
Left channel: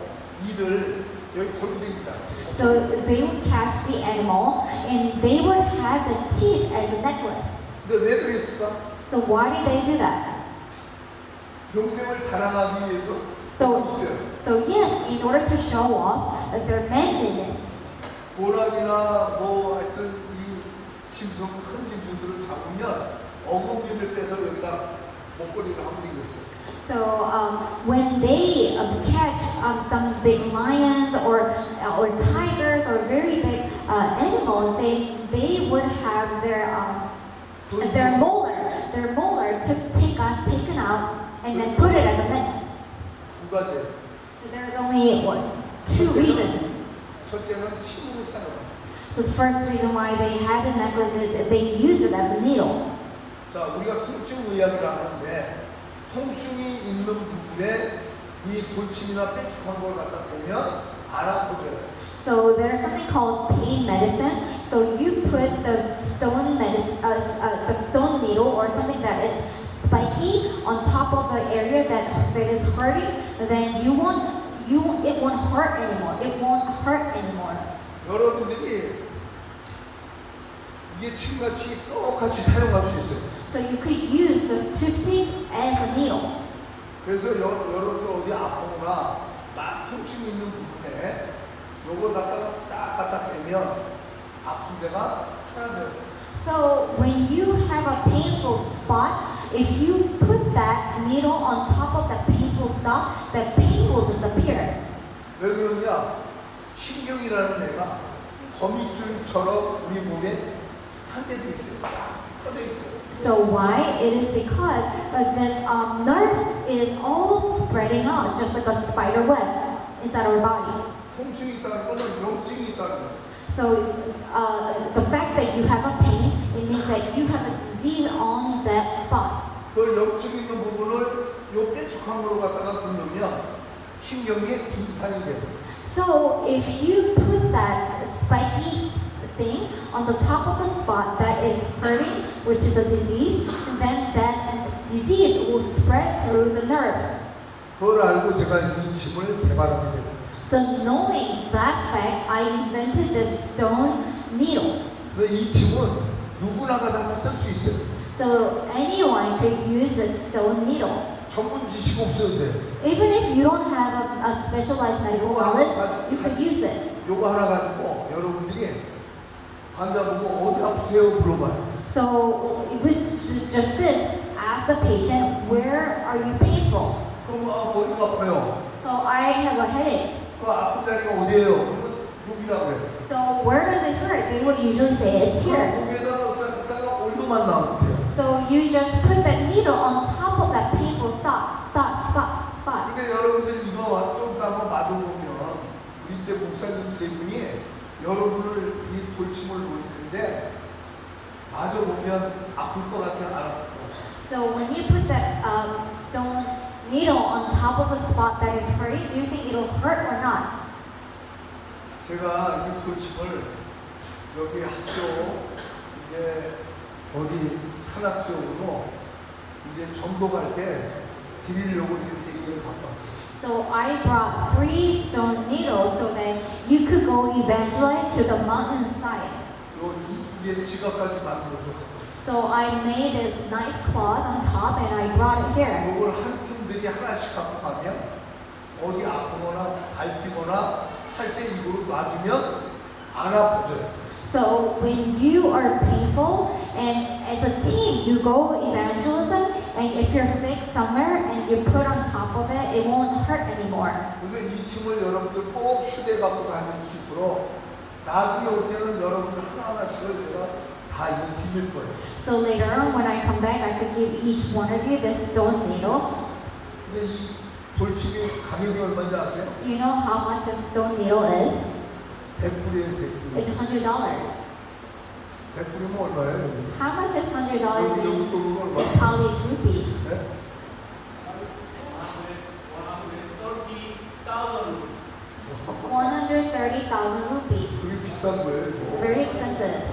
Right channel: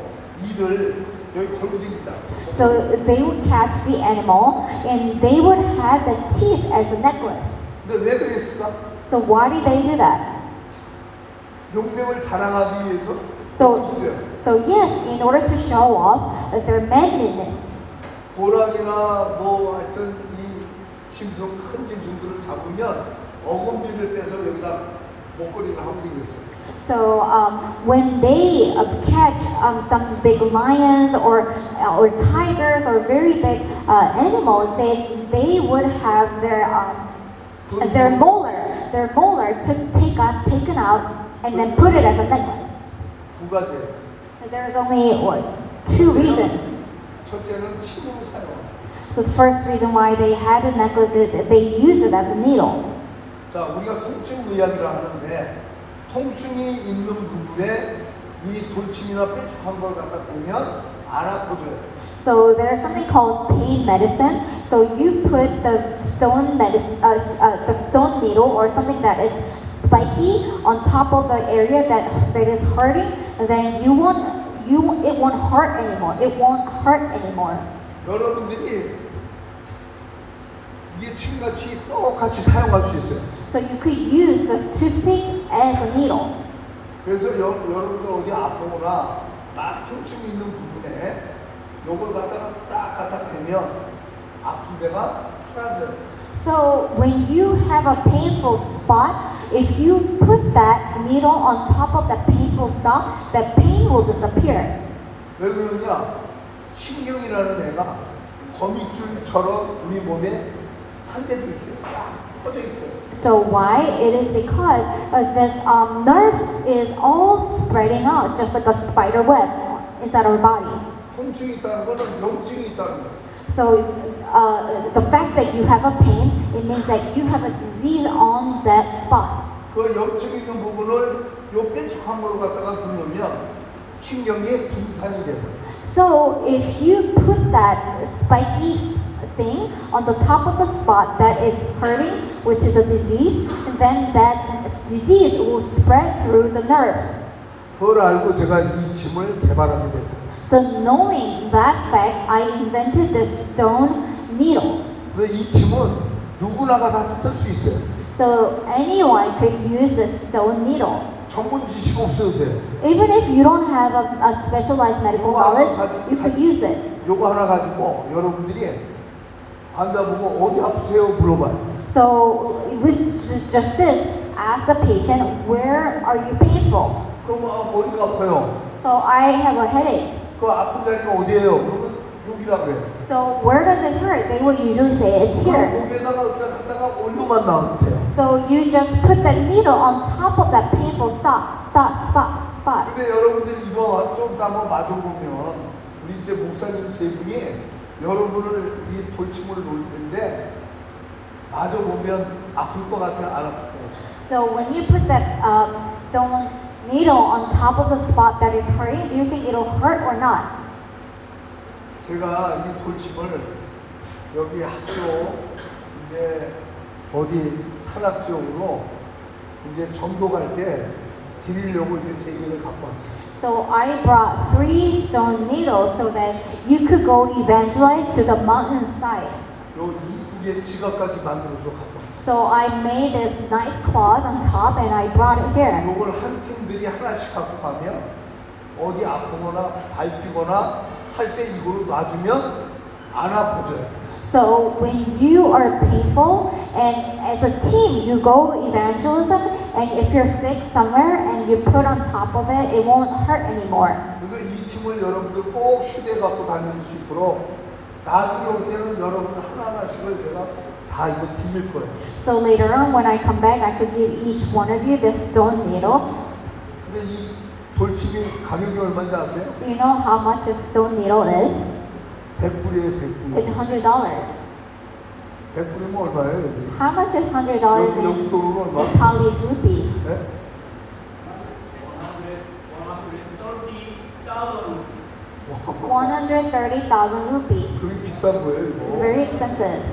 이를 여기 걸고 다닙니다. So they would catch the animal and they would have the teeth as a necklace. 근데 왜 그랬을까? So why did they do that? 용맹을 자랑하기 위해서 So, 있어요. so yes, in order to show off their manliness. 고랑이나 뭐 하여튼 이 짐승 큰 짐승들을 잡으면 어금니를 빼서 여기다 목걸이를 하고 다녔어요. So when they catch some big lions or tigers or very big animals, they would have their molar taken out and then put it as a necklace. 두 가지. There is only two reasons. 첫째는 침으로 사용합니다. So the first reason why they had a necklace is they used it as a needle. 자, 우리가 통증의학이라 하는데 통증이 있는 부분에 이 돌침이나 뾰족한 걸 갖다 대면 안 아파져요. So there's something called pain medicine. So you put the stone needle or something that is spiky on top of the area that is hurting, and then it won't hurt anymore. It won't hurt anymore. 여러분들이 이게 침같이 똑같이 사용할 수 있어요. So you could use the toothpick as a needle. 그래서 여러분들 어디 아프거나 막 통증이 있는 부분에 요걸 갖다가 딱 갖다 대면 아픈 데가 사라져요. So when you have a painful spot, if you put that needle on top of that painful spot, the pain will disappear. 왜 그러냐? 신경이라는 애가 거미줄처럼 우리 몸에 산재도 있어요. 쫙 퍼져 있어요. So why? It is because this nerve is all spreading out, just like a spider web inside our body. 통증이 있다는 거는 염증이 있다는 거예요. So the fact that you have a pain, it means that you have a disease on that spot. 그 염증 있는 부분을 요 뾰족한 걸로 갖다가 누르면 신경에 분산이 돼요. So if you put that spiky thing on the top of the spot that is hurting, which is a disease, then that disease will spread through the nerves. 그걸 알고 제가 이 짐을 개발하게 돼요. So knowing that fact, I invented the stone needle. 그래서 이 짐은 누구나가 다 쓸 수 있어요. So anyone could use the stone needle. 전문 지식 없어도 돼. Even if you don't have a specialized medical knowledge, you could use it. 요거 하나 가지고 여러분들이 환자 보고 어디 아프세요 물어봐요. So with just this, ask the patient, where are you painful? 그럼 어디가 아파요? So I have a headache. 그 아픈 자리가 어디예요? 그러면 여기라고 해요. So where does it hurt? They would usually say it's here. 목에다가 갖다가 올려만 나오면 돼요. So you just put the needle on top of that painful spot. 근데 여러분들 이거 좀 한번 맞아보면 우리 이제 목사님 세 분이 여러분을 이 돌침을 놓을 텐데 맞아보면 아플 것 같아 안 아플 것 같아. So when you put that stone needle on top of the spot that is hurting, do you think it'll hurt or not? 제가 이 돌침을 여기 학교 이제 어디 산악 지역으로 이제 전도 갈 때 드리려고 이렇게 세 개를 갖고 왔어요. So I brought 3 stone needles so that you could go evangelize to the mountainside. 요 이쁘게 지갑까지 만들어서 갖고 왔어요. So I made this nice cloth on top and I brought it here. 요걸 한 팀들이 하나씩 갖고 가면 어디 아프거나 밟히거나 할 때 이걸 놔주면 안 아파져요. So when you are painful and as a team you go evangelism and if you're sick somewhere and you put on top of it, it won't hurt anymore. 그래서 이 침을 여러분들 꼭 휴대 갖고 다닐 수 있도록 나중에 올 때는 여러분 하나하나씩을 제가 다 이거 빌릴 거예요. So later on when I come back, I could give each one of you this stone needle. 근데 이 돌침이 가격이 얼마인지 아세요? You know how much a stone needle is? 100불이에요, 100불. It's $100. 100불이면 얼마예요, 여기? How much is $100 여기 in 돈으로 얼마? Nepalese rupee? 네? 130,000 rupees. 그게 비싼 거예요, It's 이거. very expensive.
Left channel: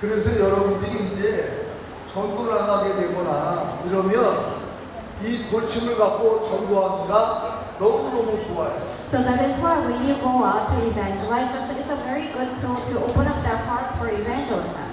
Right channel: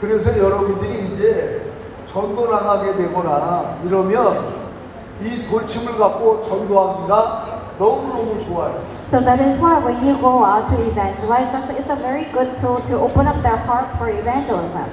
그래서 여러분들이 이제 전도 나가게 되거나 이러면 이 돌침을 갖고 전도하기가 너무너무 좋아요. So that is why when you go out to evangelize, it's a very good tool to open up their hearts for evangelism.